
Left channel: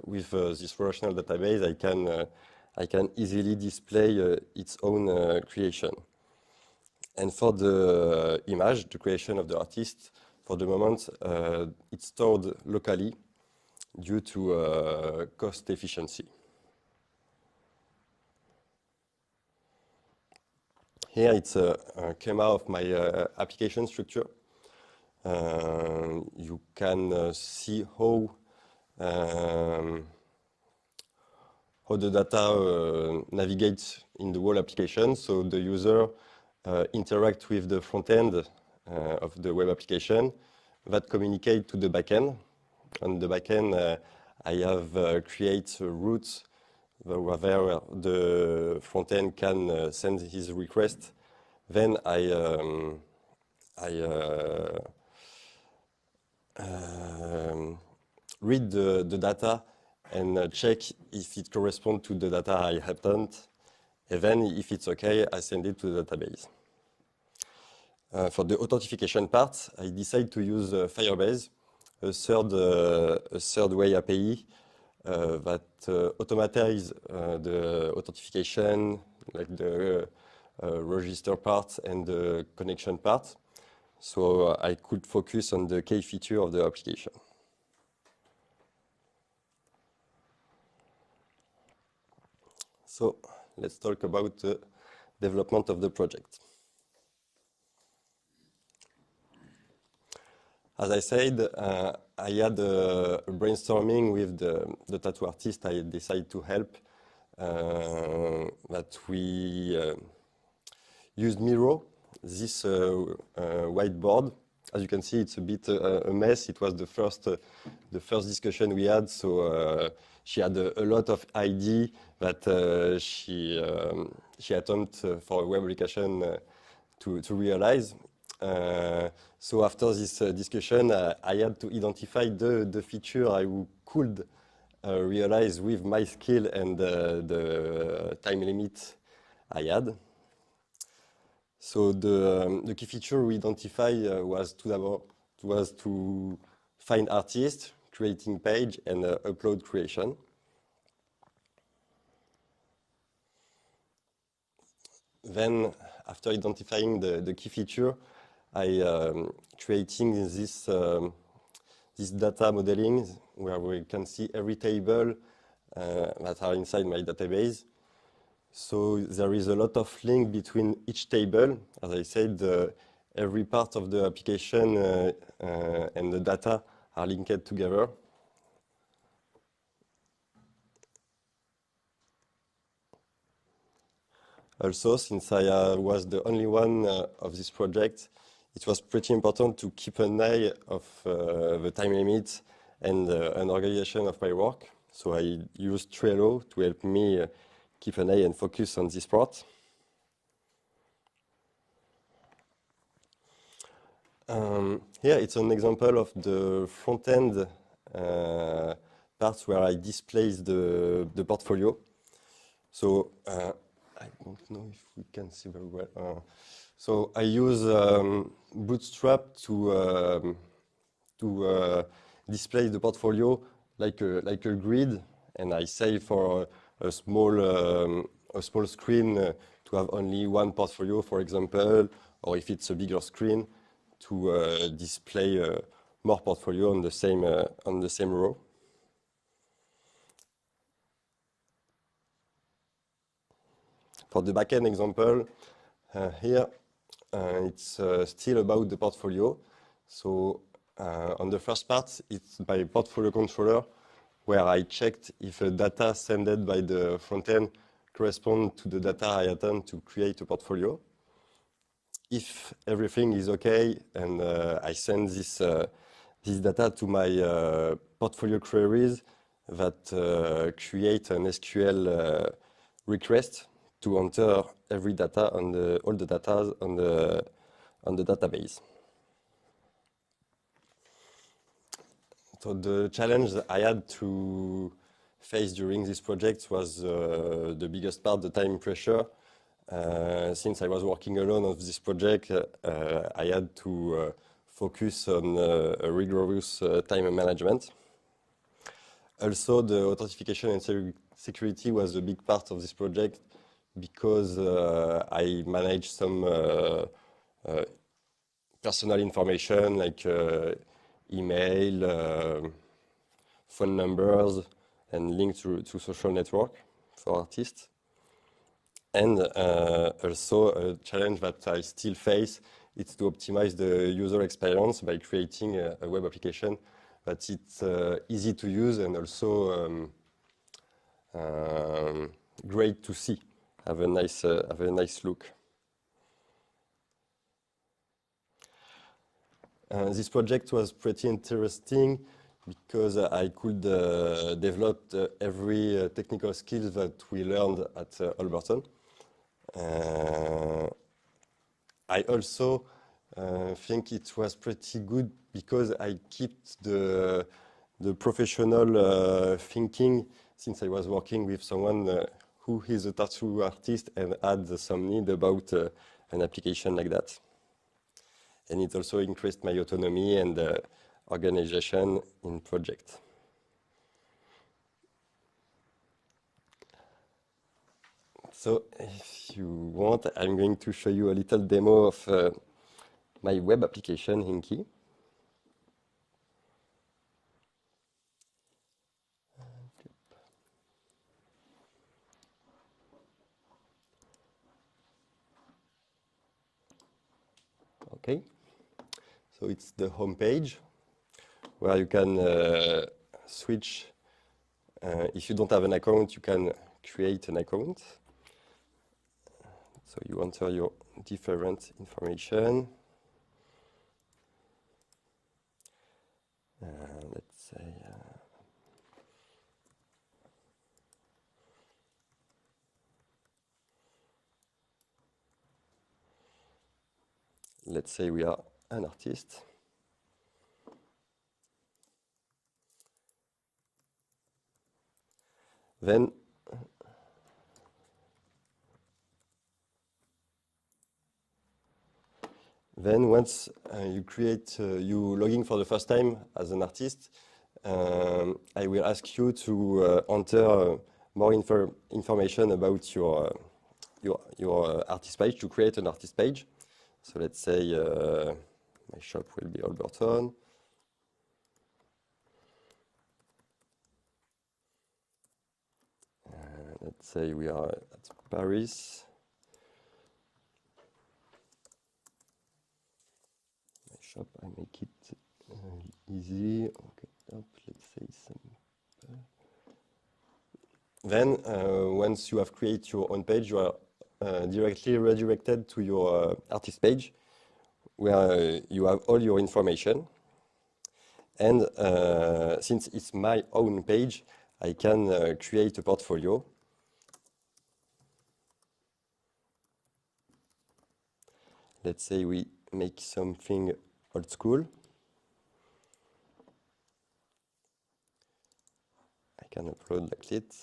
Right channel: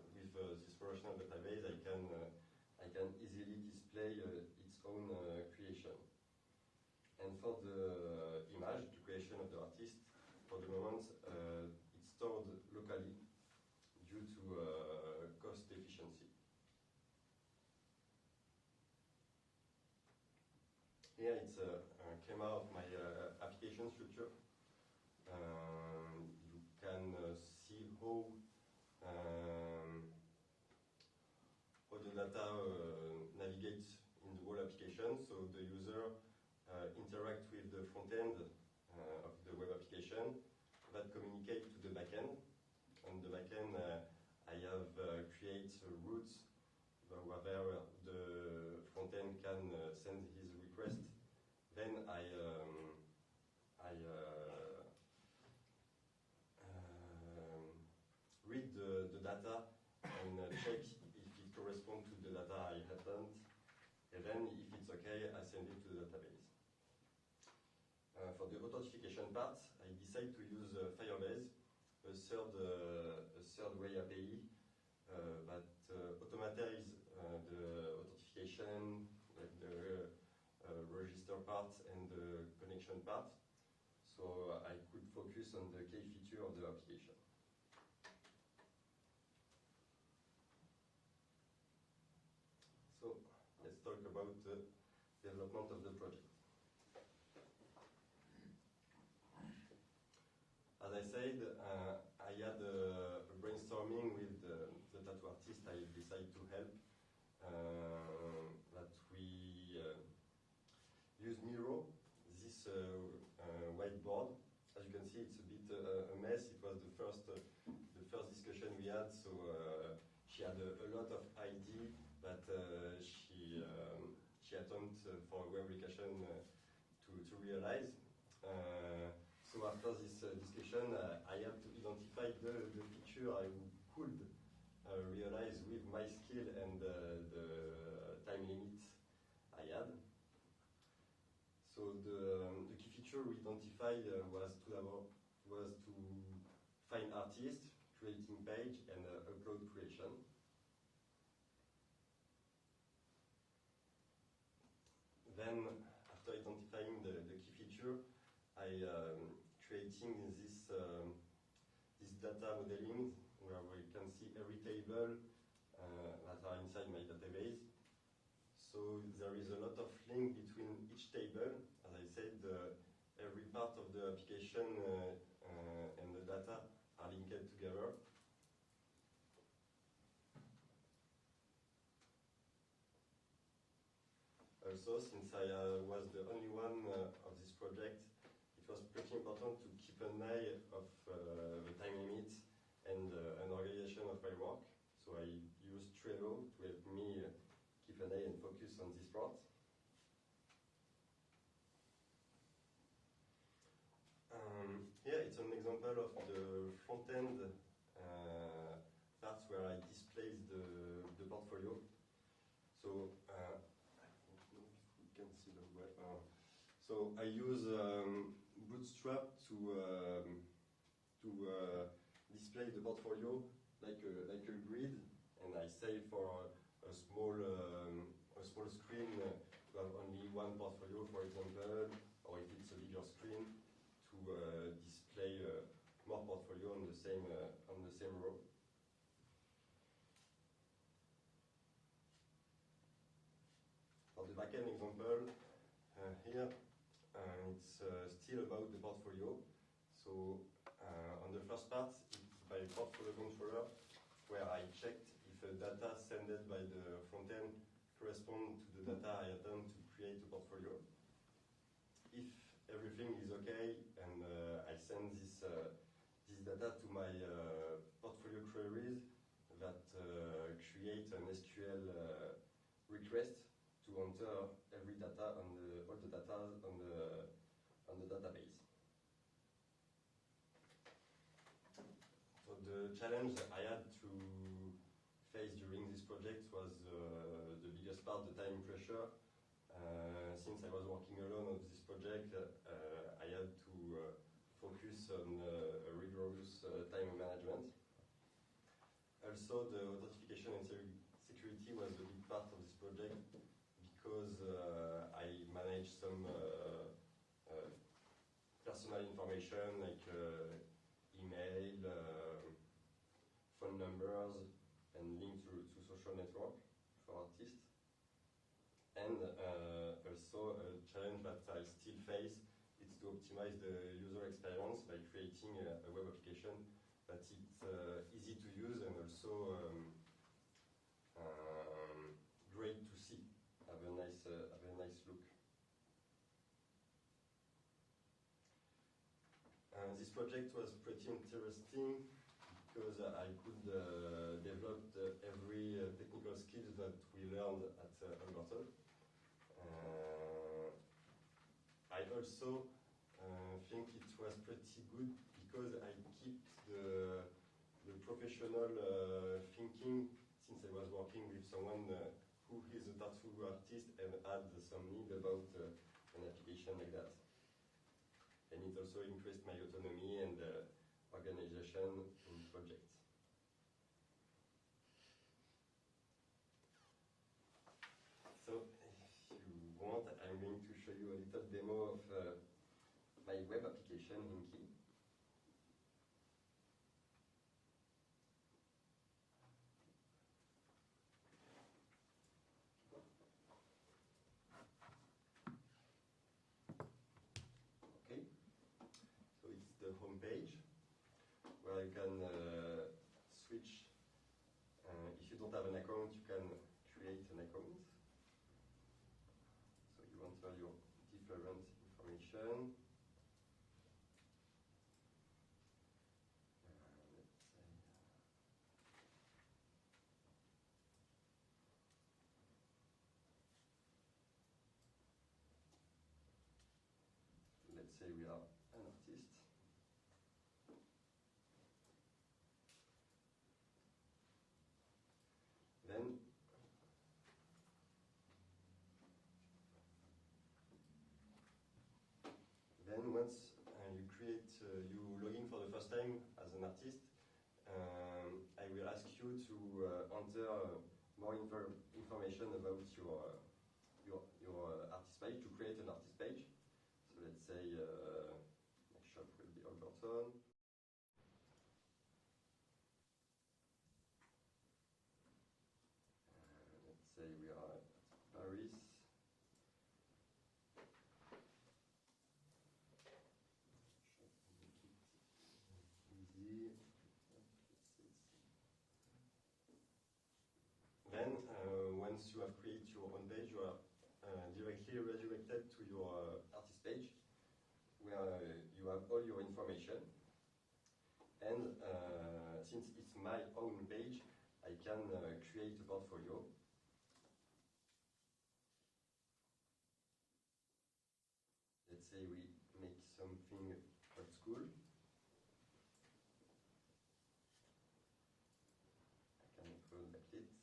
with this relational database, I can easily display its own creation. And for the image, the creation of the artist, for the moment, it's stored locally due to cost efficiency. Here it's a schema of my application structure. You can see how the data navigates in the whole application. So the user interacts with the front end of the web application that communicate to the backend. On the backend, I have create routes where the front end can send his request. Then I I read the data and check if it corresponds to the data I obtained. And then, if it's okay, I send it to the database. For the authentication part, I decide to use Firebase, a third way API that automatize the authentication, like the register part and the connection part. So I could focus on the key feature of the application. So let's talk about the development of the project. As I said, I had a brainstorming with the tattoo artist I decided to help, that we used Miro, this whiteboard. As you can see, it's a bit a mess. It was the first discussion we had, so she had a lot of idea that she attempted for a web application to realize. So after this discussion, I had to identify the feature I could realize with my skill and the time limit I had. So the key feature we identified was to find artists, creating page, and upload creation. Then, after identifying the key feature, I creating this data modeling where we can see every table that are inside my database. So there is a lot of link between each table. As I said, every part of the application and the data are linked together. Also, since I was the only one of this project, it was pretty important to keep an eye of the time limit and an organization of my work. So I used Trello to help me keep an eye and focus on this part. Here it's an example of the front-end parts where I display the portfolio. So I don't know if we can see very well. So I use Bootstrap to display the portfolio like a grid, and I say for a small screen to have only one portfolio, for example, or if it's a bigger screen to display more portfolio on the same row. For the backend example, here it's still about the portfolio. So on the first part, it's by portfolio controller, where I checked if the data sent by the front end correspond to the data I attempt to create a portfolio. If everything is okay, and I send this data to my portfolio queries that create an SQL request to enter every data on all the data on the database. So the challenge that I had to face during this project was the biggest part, the time pressure. Since I was working alone on this project, I had to focus on a rigorous time management. Also, the authentication and security was a big part of this project because I managed some personal information like email, phone numbers, and links to social network for artists. And also a challenge that I still face is to optimize the user experience by creating a web application that it's easy to use and also great to see, have a nice look. This project was pretty interesting because I could develop every technical skills that we learned at Alberton. I also think it was pretty good because I kept the professional thinking, since I was working with someone who is a tattoo artist and had some need about an application like that. And it also increased my autonomy and organization in project. So if you want, I'm going to show you a little demo of my web application, Hinky. Okay, so it's the home page where you can switch. If you don't have an account, you can create an account. So you enter your different information. Let's say we are an artist. Then once you logging for the first time as an artist, I will ask you to enter more information about your artist page, to create an artist page. So let's say my shop will be Alberton. Let's say we are at Paris. My shop, I make it easy. Okay, let's say simple. Then, once you have created your own page, you are directly redirected to your artist page, where you have all your information. And since it's my own page, I can create a portfolio. Let's say we make something old school. I can upload like it,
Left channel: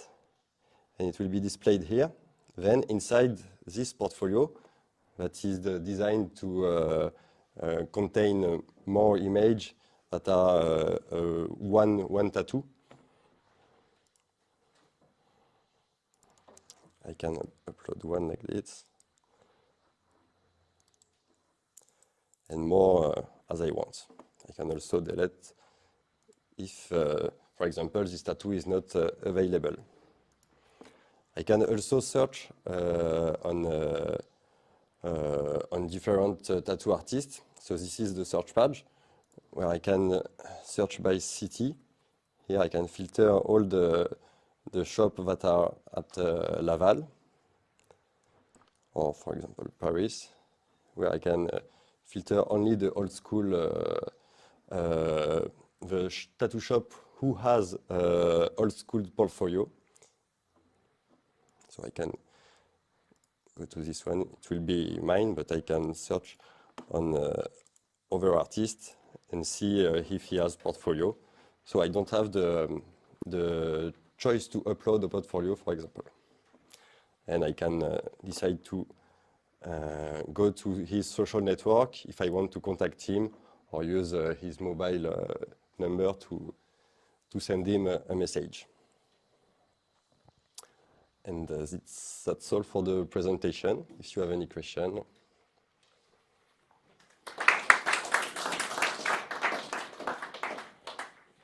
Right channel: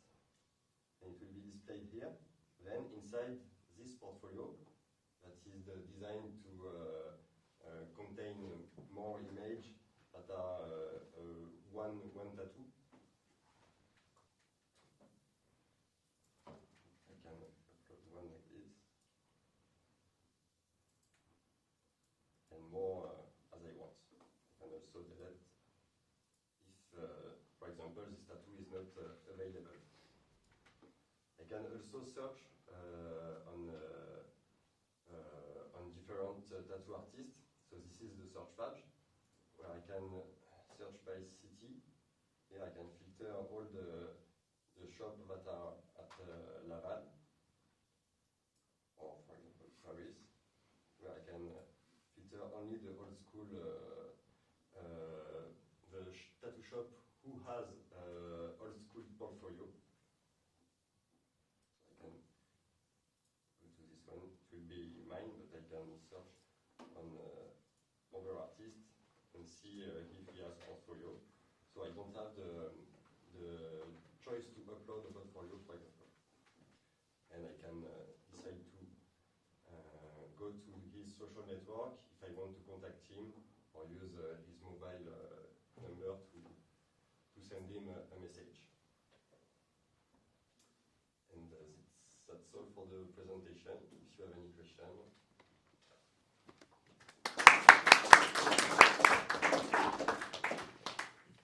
and it will be displayed here. Then inside this portfolio, that is designed to contain more images that are one tattoo. I can upload one like this, and more as I want. I can also delete if, for example, this tattoo is not available. I can also search on different tattoo artists. So this is the search page where I can search by city. Here I can filter all the shops that are at Laval, or for example Paris, where I can filter only the old school, the tattoo shop who has old school portfolio. So I can go to this one, it will be mine, but I can search on other artists and see if he has portfolio. So I don't have the choice to upload a portfolio, for example. And I can decide to go to his social network if I want to contact him, or use his mobile number to send him a message. And that's all for the presentation. If you have any question.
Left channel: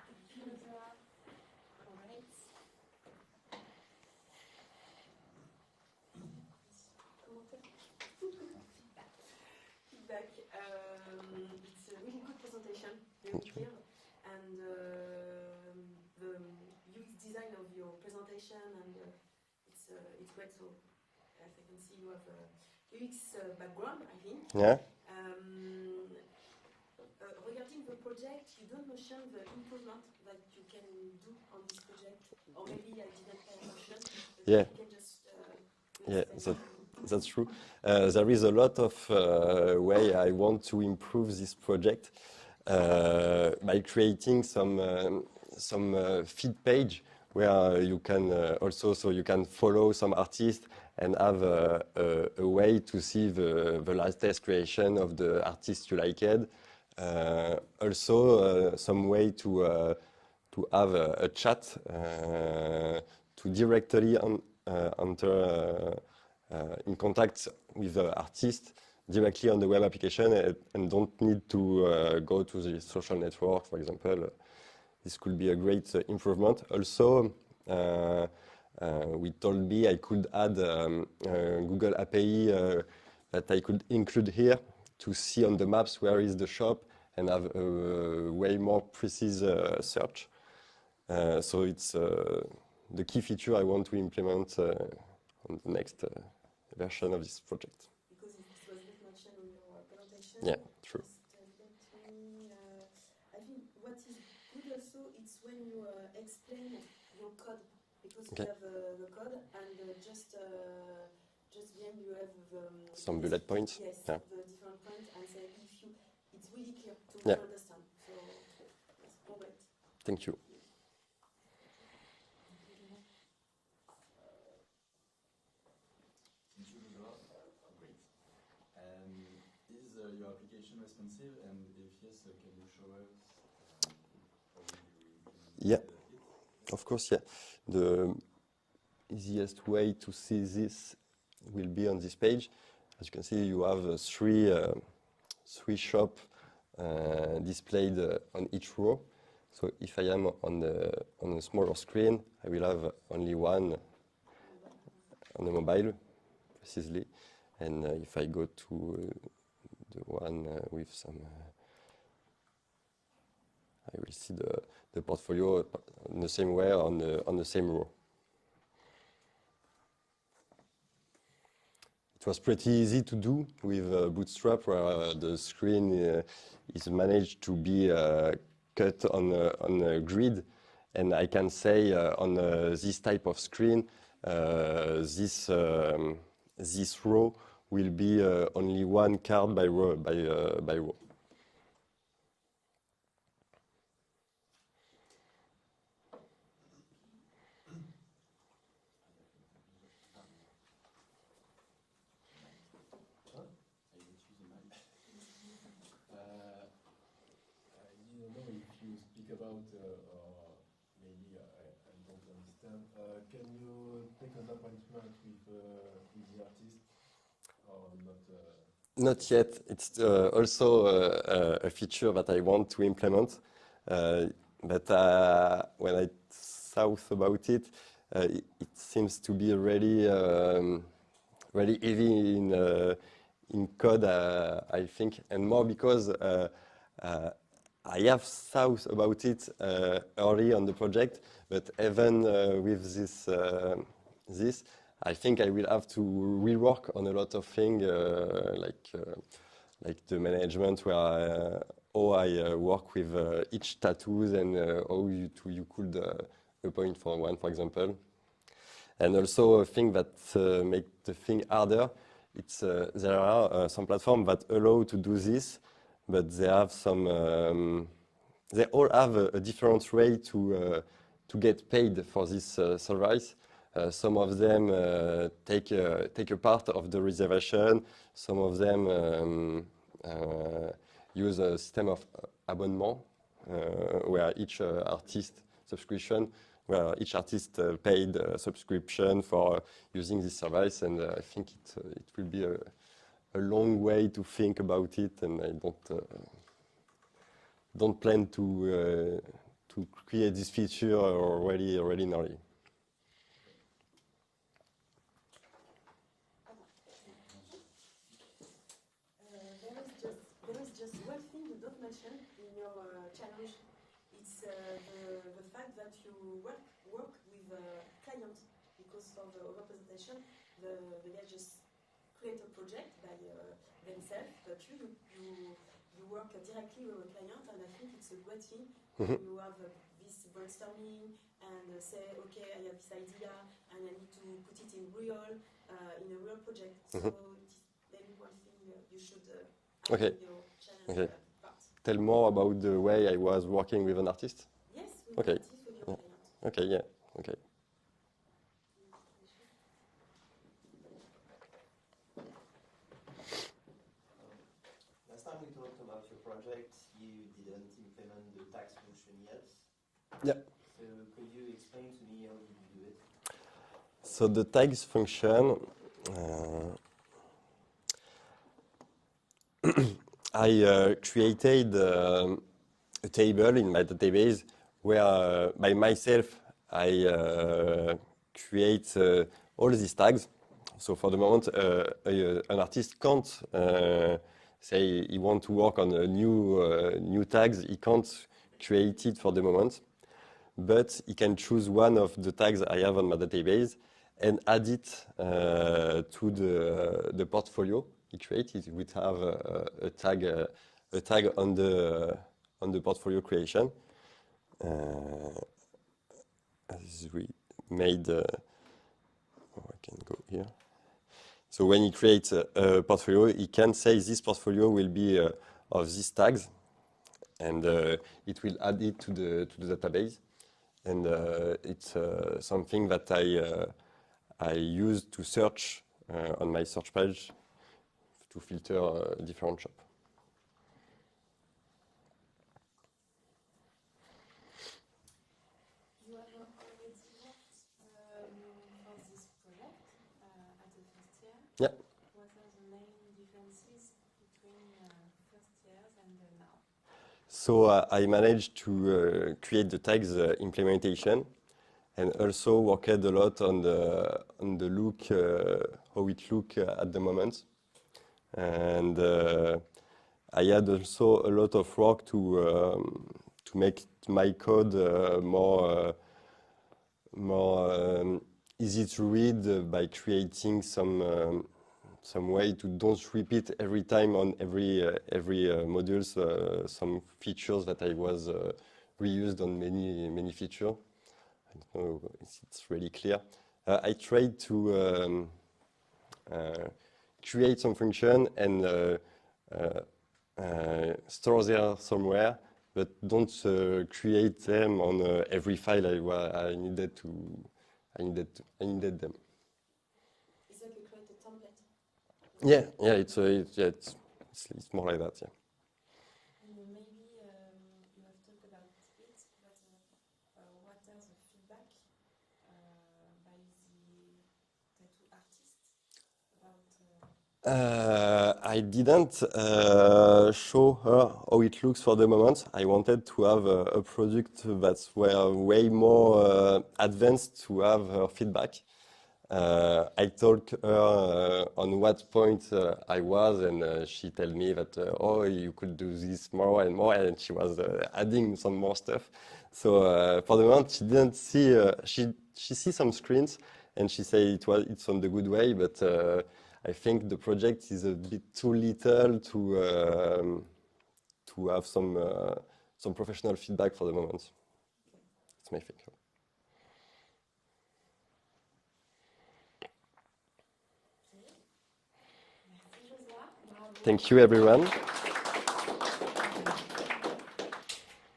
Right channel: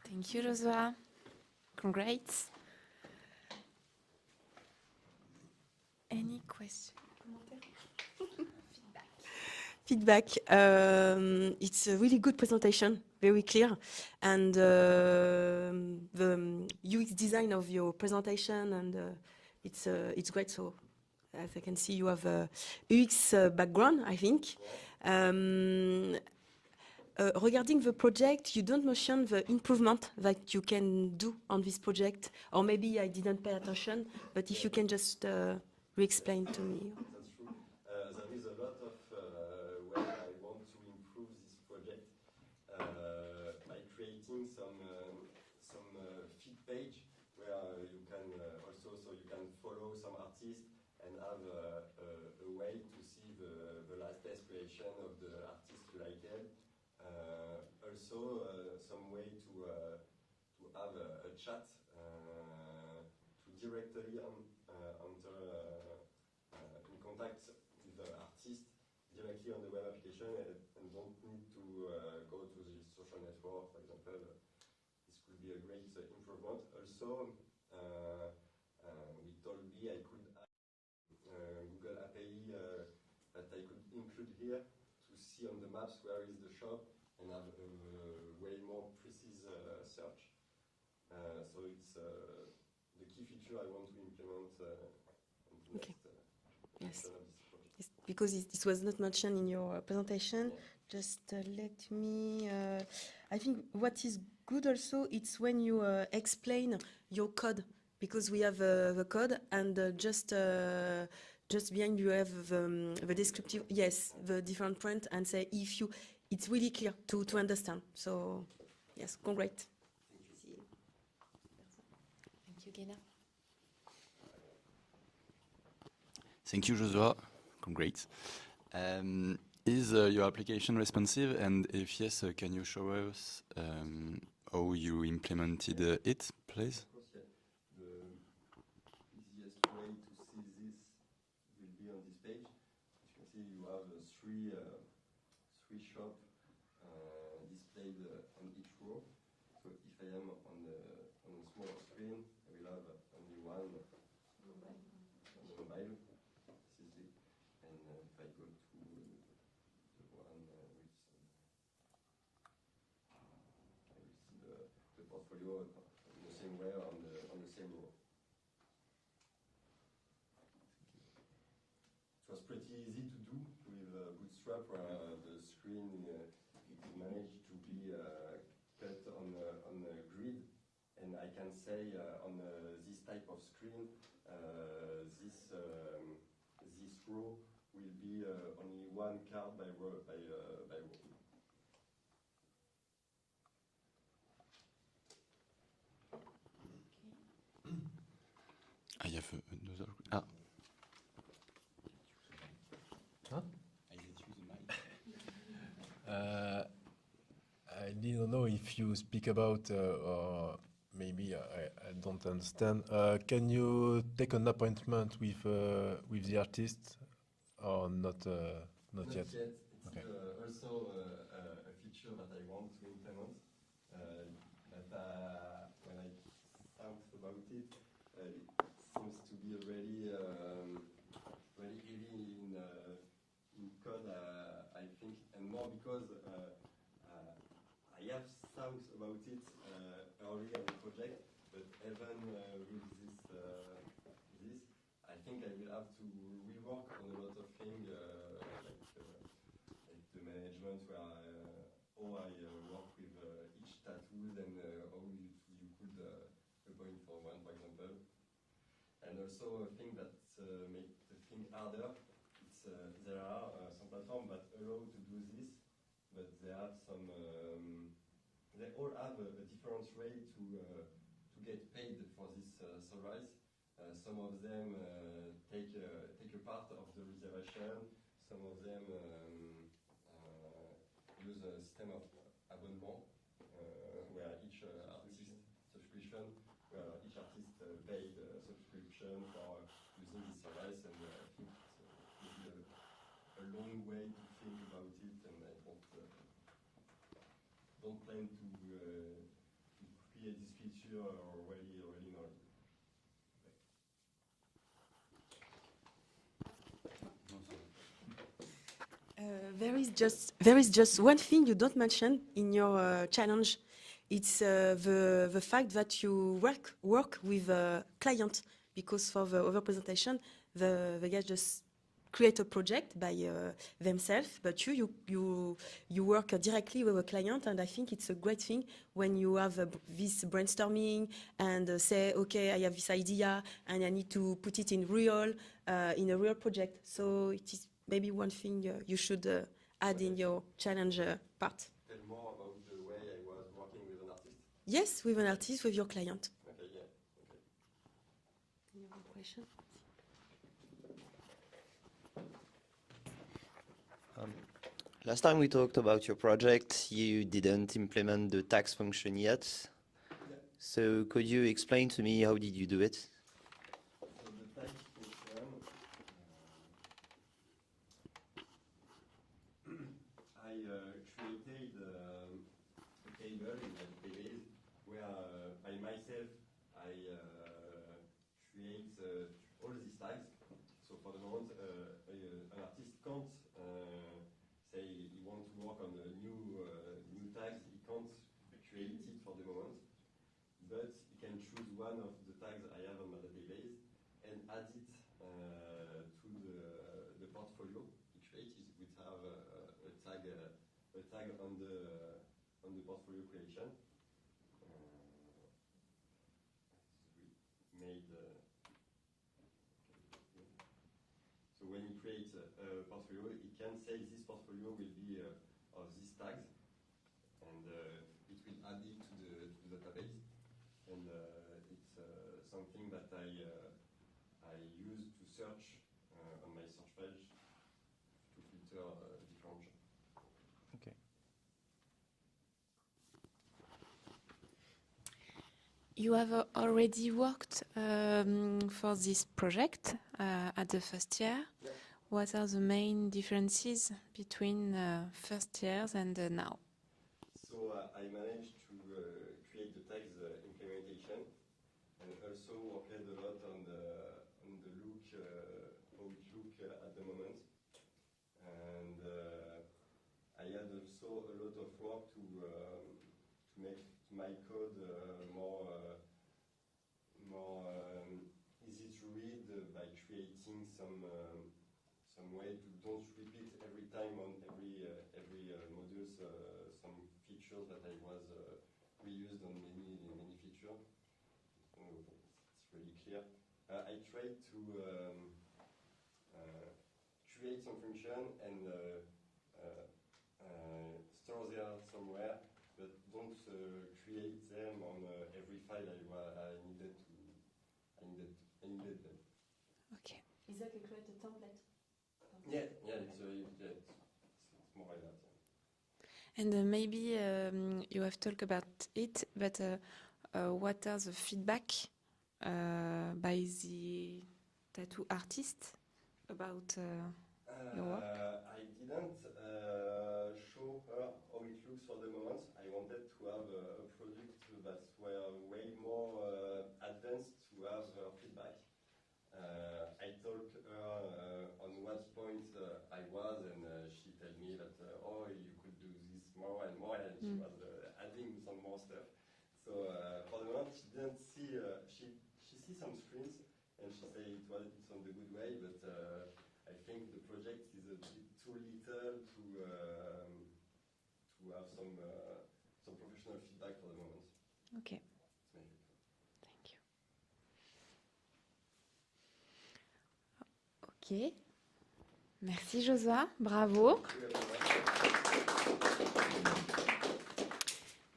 Thank you, Joshua. Congrats. Any question? Feedback. It's a really good presentation, very clear, and the UX design of your presentation, and it's great. So, as I can see, you have a UX background, I think. Yeah. Regarding the project, you don't mention the improvement that you can do on this project, or maybe I didn't pay attention. But Yeah. if you can just re-explain that- to me. That's true. There is a lot of way I want to improve this project by creating some feed page where you can also, so you can follow some artists and have a way to see the latest creation of the artist you liked. Also, some way to have a chat to directly enter in contact with the artist directly on the web application and don't need to go to the social network, for example. This could be a great improvement. Also, we told me I could add Google API that I could include here to see on the maps where is the shop and have a way more precise search. So it's the key feature I want to implement on the next version of this project. Because this was not mentioned in your presentation. Yeah, true. Just let me. I think what is good also it's when you explain your code, because we Okay. have the code and just behind you have the Some bullet description. points. Yes, Yeah. the different point and say if you. It's really clear to Yeah. understand. So yes, congrats. Thank you. Thank you, Joshua. Great. Is your application responsive? And if yes, can you show us how you implemented it, please? Of course, yeah. The easiest way to see this will be on this page. As you can see, you have three shops displayed on each row. So if I am on a smaller screen, I will have only one on the mobile, precisely. And if I go to the one with some, I will see the portfolio in the same way on the same row. It was pretty easy to do with Bootstrap, where the screen is managed to be cut on a grid, and I can say on this type of screen, this row will be only one card by row. I have another. Ah. I didn't know if you speak about, or maybe I don't understand. Can you take an appointment with the artist, or not? Not yet. It's also a feature that I want to implement. But when I thought about it, it seems to be really heavy in code, I think, and more because I have thought about it early on the project, but even with this, I think I will have to rework on a lot of things, like the management, where how I work with each tattoos and how you could appoint for one, for example. And also a thing that make the thing harder. It's there are some platforms that allow to do this, but they have some. They all have a different way to get paid for this service. Some of them take a part of the reservation. Some of them use a system of abonnement, where each artist subscription, where each artist paid a subscription for using this service, and I think it will be a long way to think about it, and I don't plan to create this feature already early. There is just one thing you don't mention in your challenge. It's the fact that you work with a client, because for the other presentation, the guy just create a project by themselves, but you work directly with a client, and I think it's a great thing when you have this brainstorming and say, okay, I have this idea and I need to put it in a real project. So it is maybe one thing you should add in your challenge part. Tell more about the way I was working with an artist. Yes, with an artist, with your client. Okay, yeah, okay. Last time we talked about your project, you didn't implement the tags function yet. Yeah. So could you explain to me how did you do it? So the tags function, I created a table in my database where by myself I create all these tags. So for the moment, an artist can't say he wants to work on a new tags. He can't create it for the moment, but he can choose one of the tags I have on my database and add it to the portfolio he created. We have a tag on the portfolio creation. As we made, I can go here. So when he creates a portfolio, he can say this portfolio will be of these tags, and it will add it to the database. And it's something that I use to search on my search page to filter different shops. Okay. You have already worked for this project at the first year. Yeah. What are the main differences between first years and now? So I managed to create the tags implementation, and also worked a lot on the look, how it look at the moment. And I had also a lot of work to make my code more easy to read by creating some way to don't repeat every time on every modules some features that I was reused on many features. I don't know if it's really clear. I tried to create some function and store them somewhere, but don't create them on every file I needed them. Okay. Is that you create a template? Yeah, it's more like that. Yeah. And maybe you have talked about it, but what are the feedback by the tattoo artist about? I didn't show her how it looks for the moment. I wanted to have a product that were way more advanced to have her feedback. I told her on what point I was, and she told me that oh, you could do this more and more, and she was adding some more stuff. So for the moment, she didn't see. She see some screens, and she said it's on the good way, but I think the project is a bit too little to have some professional feedback for the moment. Okay. That's my thing. Ok. Merci Josua, bravo. Thank you everyone.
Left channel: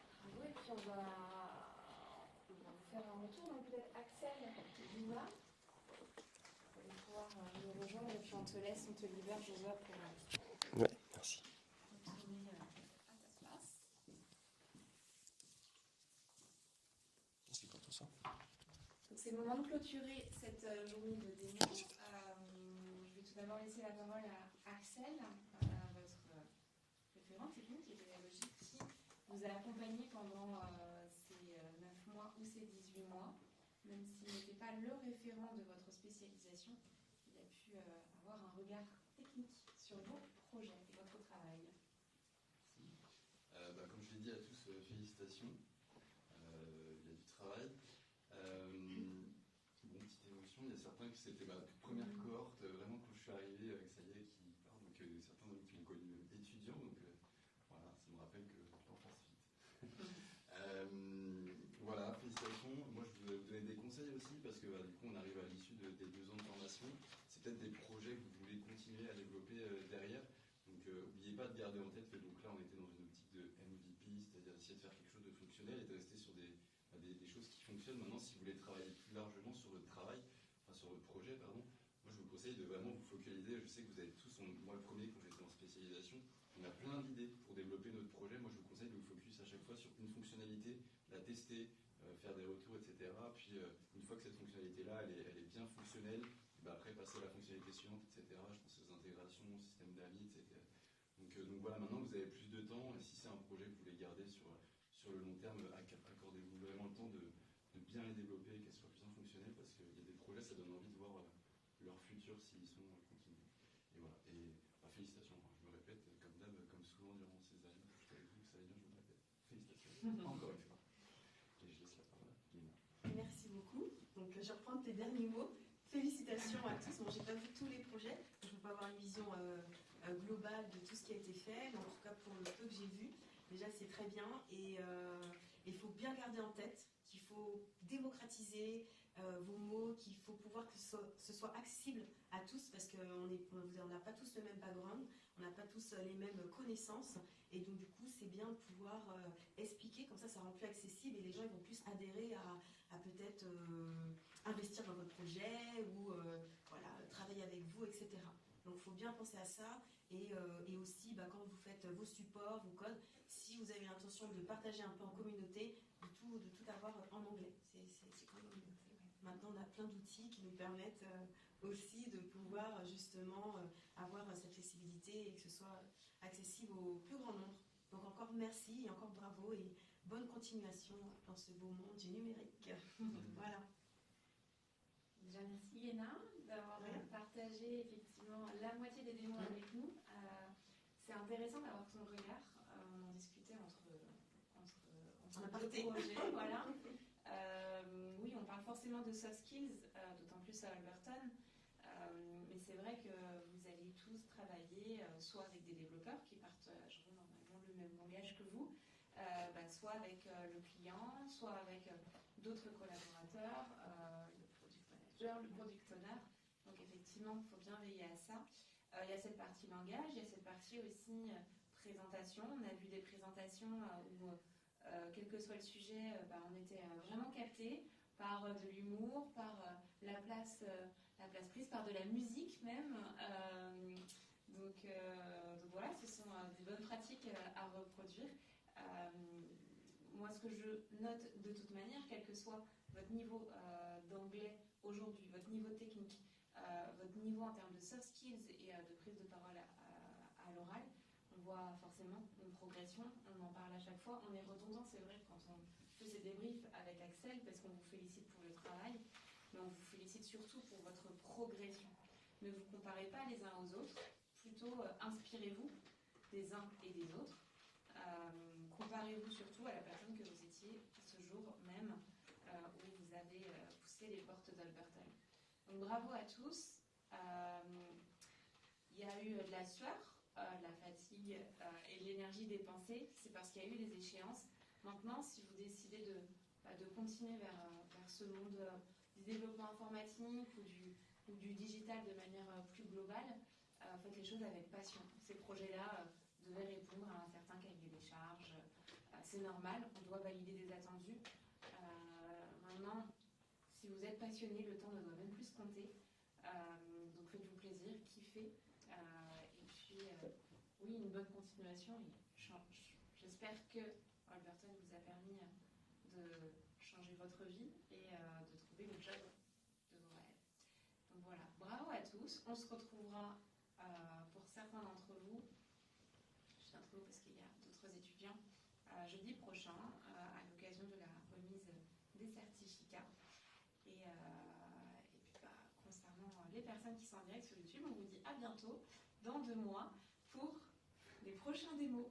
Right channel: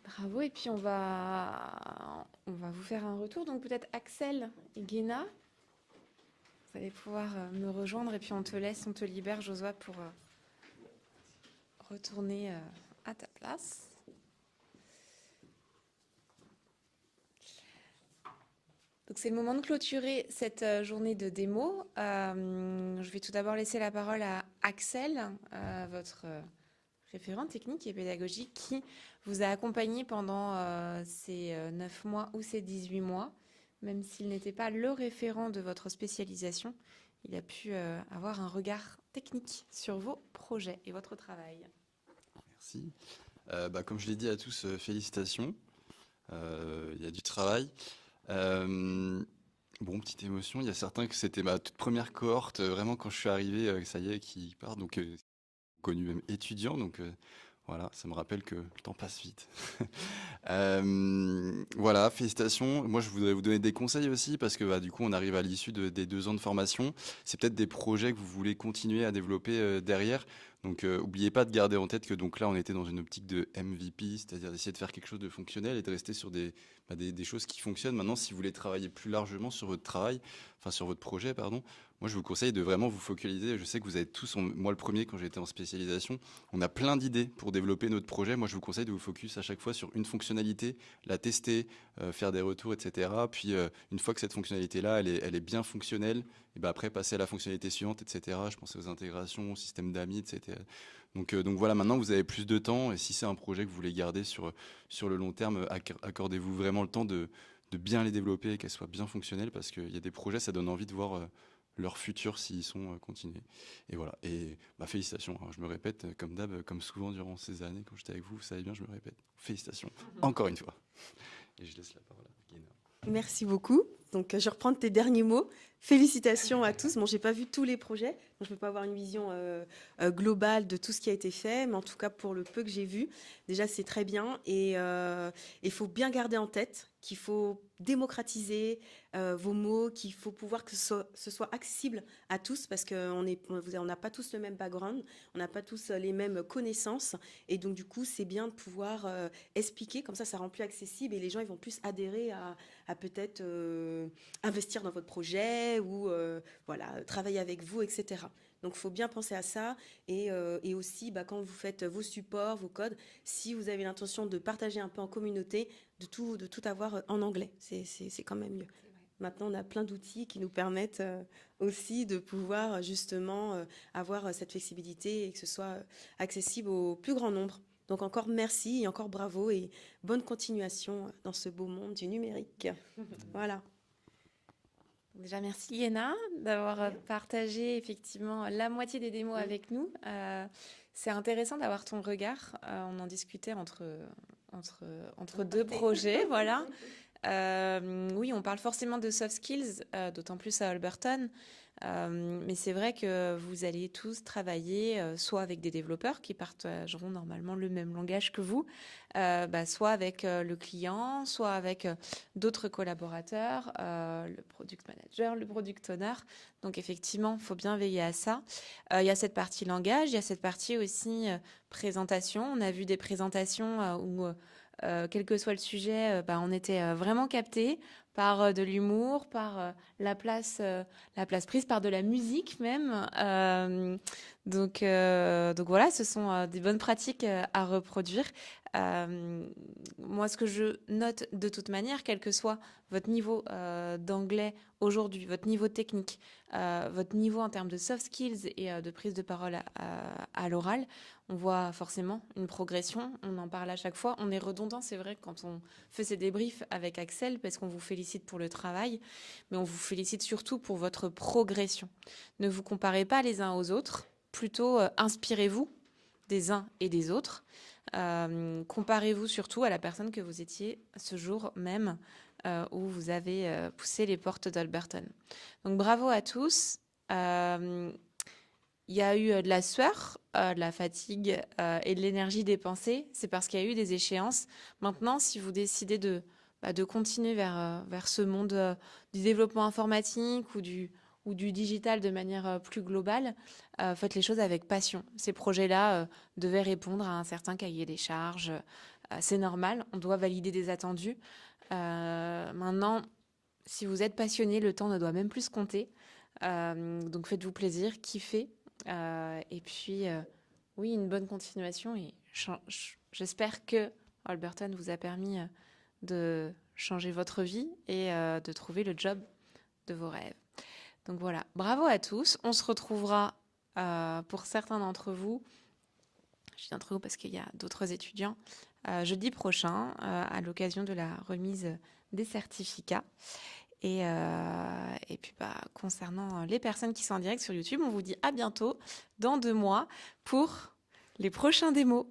Bravo, et puis on va vous faire un retour. Donc peut-être Axel, Guéna, vous allez pouvoir me rejoindre et puis on te libère Josua pour Ouais, merci. retourner à ta place. Donc c'est le moment de clôturer cette journée de démo. Je vais tout d'abord laisser la parole à Axel, votre référent technique et pédagogique qui vous a accompagné pendant ces 9 mois ou ces 18 mois. Même s'il n'était pas le référent de votre spécialisation, il a pu avoir un regard technique sur vos projets et votre travail. Merci. Comme je l'ai dit à tous, félicitations. Il y a du travail. Bon, petite émotion, il y a certains que c'était ma toute première cohorte, vraiment quand je suis arrivé, ça y est, qui part, donc connu même étudiant, donc voilà, ça me rappelle que le temps passe vite. Voilà, félicitations. Moi, je voudrais vous donner des conseils aussi, parce que du coup, on arrive à l'issue des 2 ans de formation. C'est peut-être des projets que vous voulez continuer à développer derrière. Donc, n'oubliez pas de garder en tête que donc là, on était dans une optique de MVP, c'est-à-dire d'essayer de faire quelque chose de fonctionnel et de rester sur des choses qui fonctionnent. Maintenant, si vous voulez travailler plus largement sur votre travail, enfin sur votre projet, pardon, moi, je vous conseille de vraiment vous focaliser. Je sais que vous avez tous, moi le premier, quand j'étais en spécialisation, on a plein d'idées pour développer notre projet. Moi, je vous conseille de vous focus à chaque fois sur une fonctionnalité, la tester, faire des retours, etc. Puis, une fois que cette fonctionnalité-là, elle est bien fonctionnelle, et ben après, passer à la fonctionnalité suivante, etc. Je pensais aux intégrations, au système d'amis, etc. Donc voilà, maintenant, vous avez plus de temps. Et si c'est un projet que vous voulez garder sur le long terme, accordez-vous vraiment le temps de bien les développer et qu'elles soient bien fonctionnelles, parce qu'il y a des projets, ça donne envie de voir leur futur s'ils sont continués. Et voilà. Et félicitations. Alors, je me répète, comme d'hab, comme souvent durant ces années, quand j'étais avec vous, vous savez bien, je me répète. Félicitations. Encore une fois. Et je laisse la parole à Guéna. Merci beaucoup. Donc, je reprends tes derniers mots. Félicitations à tous. Bon, j'ai pas vu tous les projets, donc je peux pas avoir une vision globale de tout ce qui a été fait, mais en tout cas, pour le peu que j'ai vu, déjà, c'est très bien. Et il faut bien garder en tête qu'il faut démocratiser vos mots, qu'il faut pouvoir que ce soit accessible à tous, parce qu'on n'a pas tous le même background, on n'a pas tous les mêmes connaissances, et donc du coup c'est bien de pouvoir expliquer, comme ça rend plus accessible, et les gens ils vont plus adhérer à peut-être investir dans votre projet, ou voilà, travailler avec vous, etc. Donc il faut bien penser à ça, et aussi quand vous faites vos supports, vos codes, si vous avez l'intention de partager un peu en communauté, de tout avoir en anglais, c'est quand même mieux. Maintenant, on a plein d'outils qui nous permettent aussi de pouvoir justement avoir cette flexibilité et que ce soit accessible au plus grand nombre. Donc encore merci et encore bravo et bonne continuation dans ce beau monde du numérique. Voilà. Déjà, merci Yéna d'avoir partagé effectivement la moitié des démos avec nous. C'est intéressant d'avoir ton regard. On en discutait entre 2 projets, voilà. Oui, on parle forcément de soft skills, d'autant plus à Alberton. Mais c'est vrai que vous allez tous travailler soit avec des développeurs qui partageront normalement le même langage que vous, soit avec le client, soit avec d'autres collaborateurs, le product manager, le product owner. Donc effectivement, il faut bien veiller à ça. Il y a cette partie langage, il y a cette partie aussi présentation. On a vu des présentations où quel que soit le sujet, on était vraiment capté par de l'humour, par la place prise, par de la musique même. Donc voilà, ce sont des bonnes pratiques à reproduire. Moi, ce que je note de toute manière, quel que soit votre niveau d'anglais aujourd'hui, votre niveau technique, votre niveau en termes de soft skills et de prise de parole à l'oral, on voit forcément une progression. On en parle à chaque fois. On est redondant, c'est vrai, quand on fait ces débriefs avec Axel, parce qu'on vous félicite pour le travail, mais on vous félicite surtout pour votre progression. Ne vous comparez pas les uns aux autres, plutôt inspirez-vous des uns et des autres. Comparez-vous surtout à la personne que vous étiez ce jour même où vous avez poussé les portes d'Alberton. Donc bravo à tous. Il y a eu de la sueur, de la fatigue et de l'énergie dépensée. C'est parce qu'il y a eu des échéances. Maintenant, si vous décidez de continuer vers ce monde du développement informatique ou du digital de manière plus globale, faites les choses avec passion. Ces projets-là devaient répondre à un certain cahier des charges. C'est normal, on doit valider des attendus. Maintenant, si vous êtes passionné, le temps ne doit même plus se compter. Donc faites-vous plaisir, kiffez. Et puis, oui, une bonne continuation. Et j'espère que Alberton vous a permis de changer votre vie et de trouver le job de vos rêves. Donc voilà, bravo à tous. On se retrouvera pour certains d'entre vous, je dis d'entre vous parce qu'il y a d'autres étudiants, jeudi prochain à l'occasion de la remise des certificats. Et puis concernant les personnes qui sont en direct sur YouTube, on vous dit à bientôt dans 2 mois pour les prochains démos.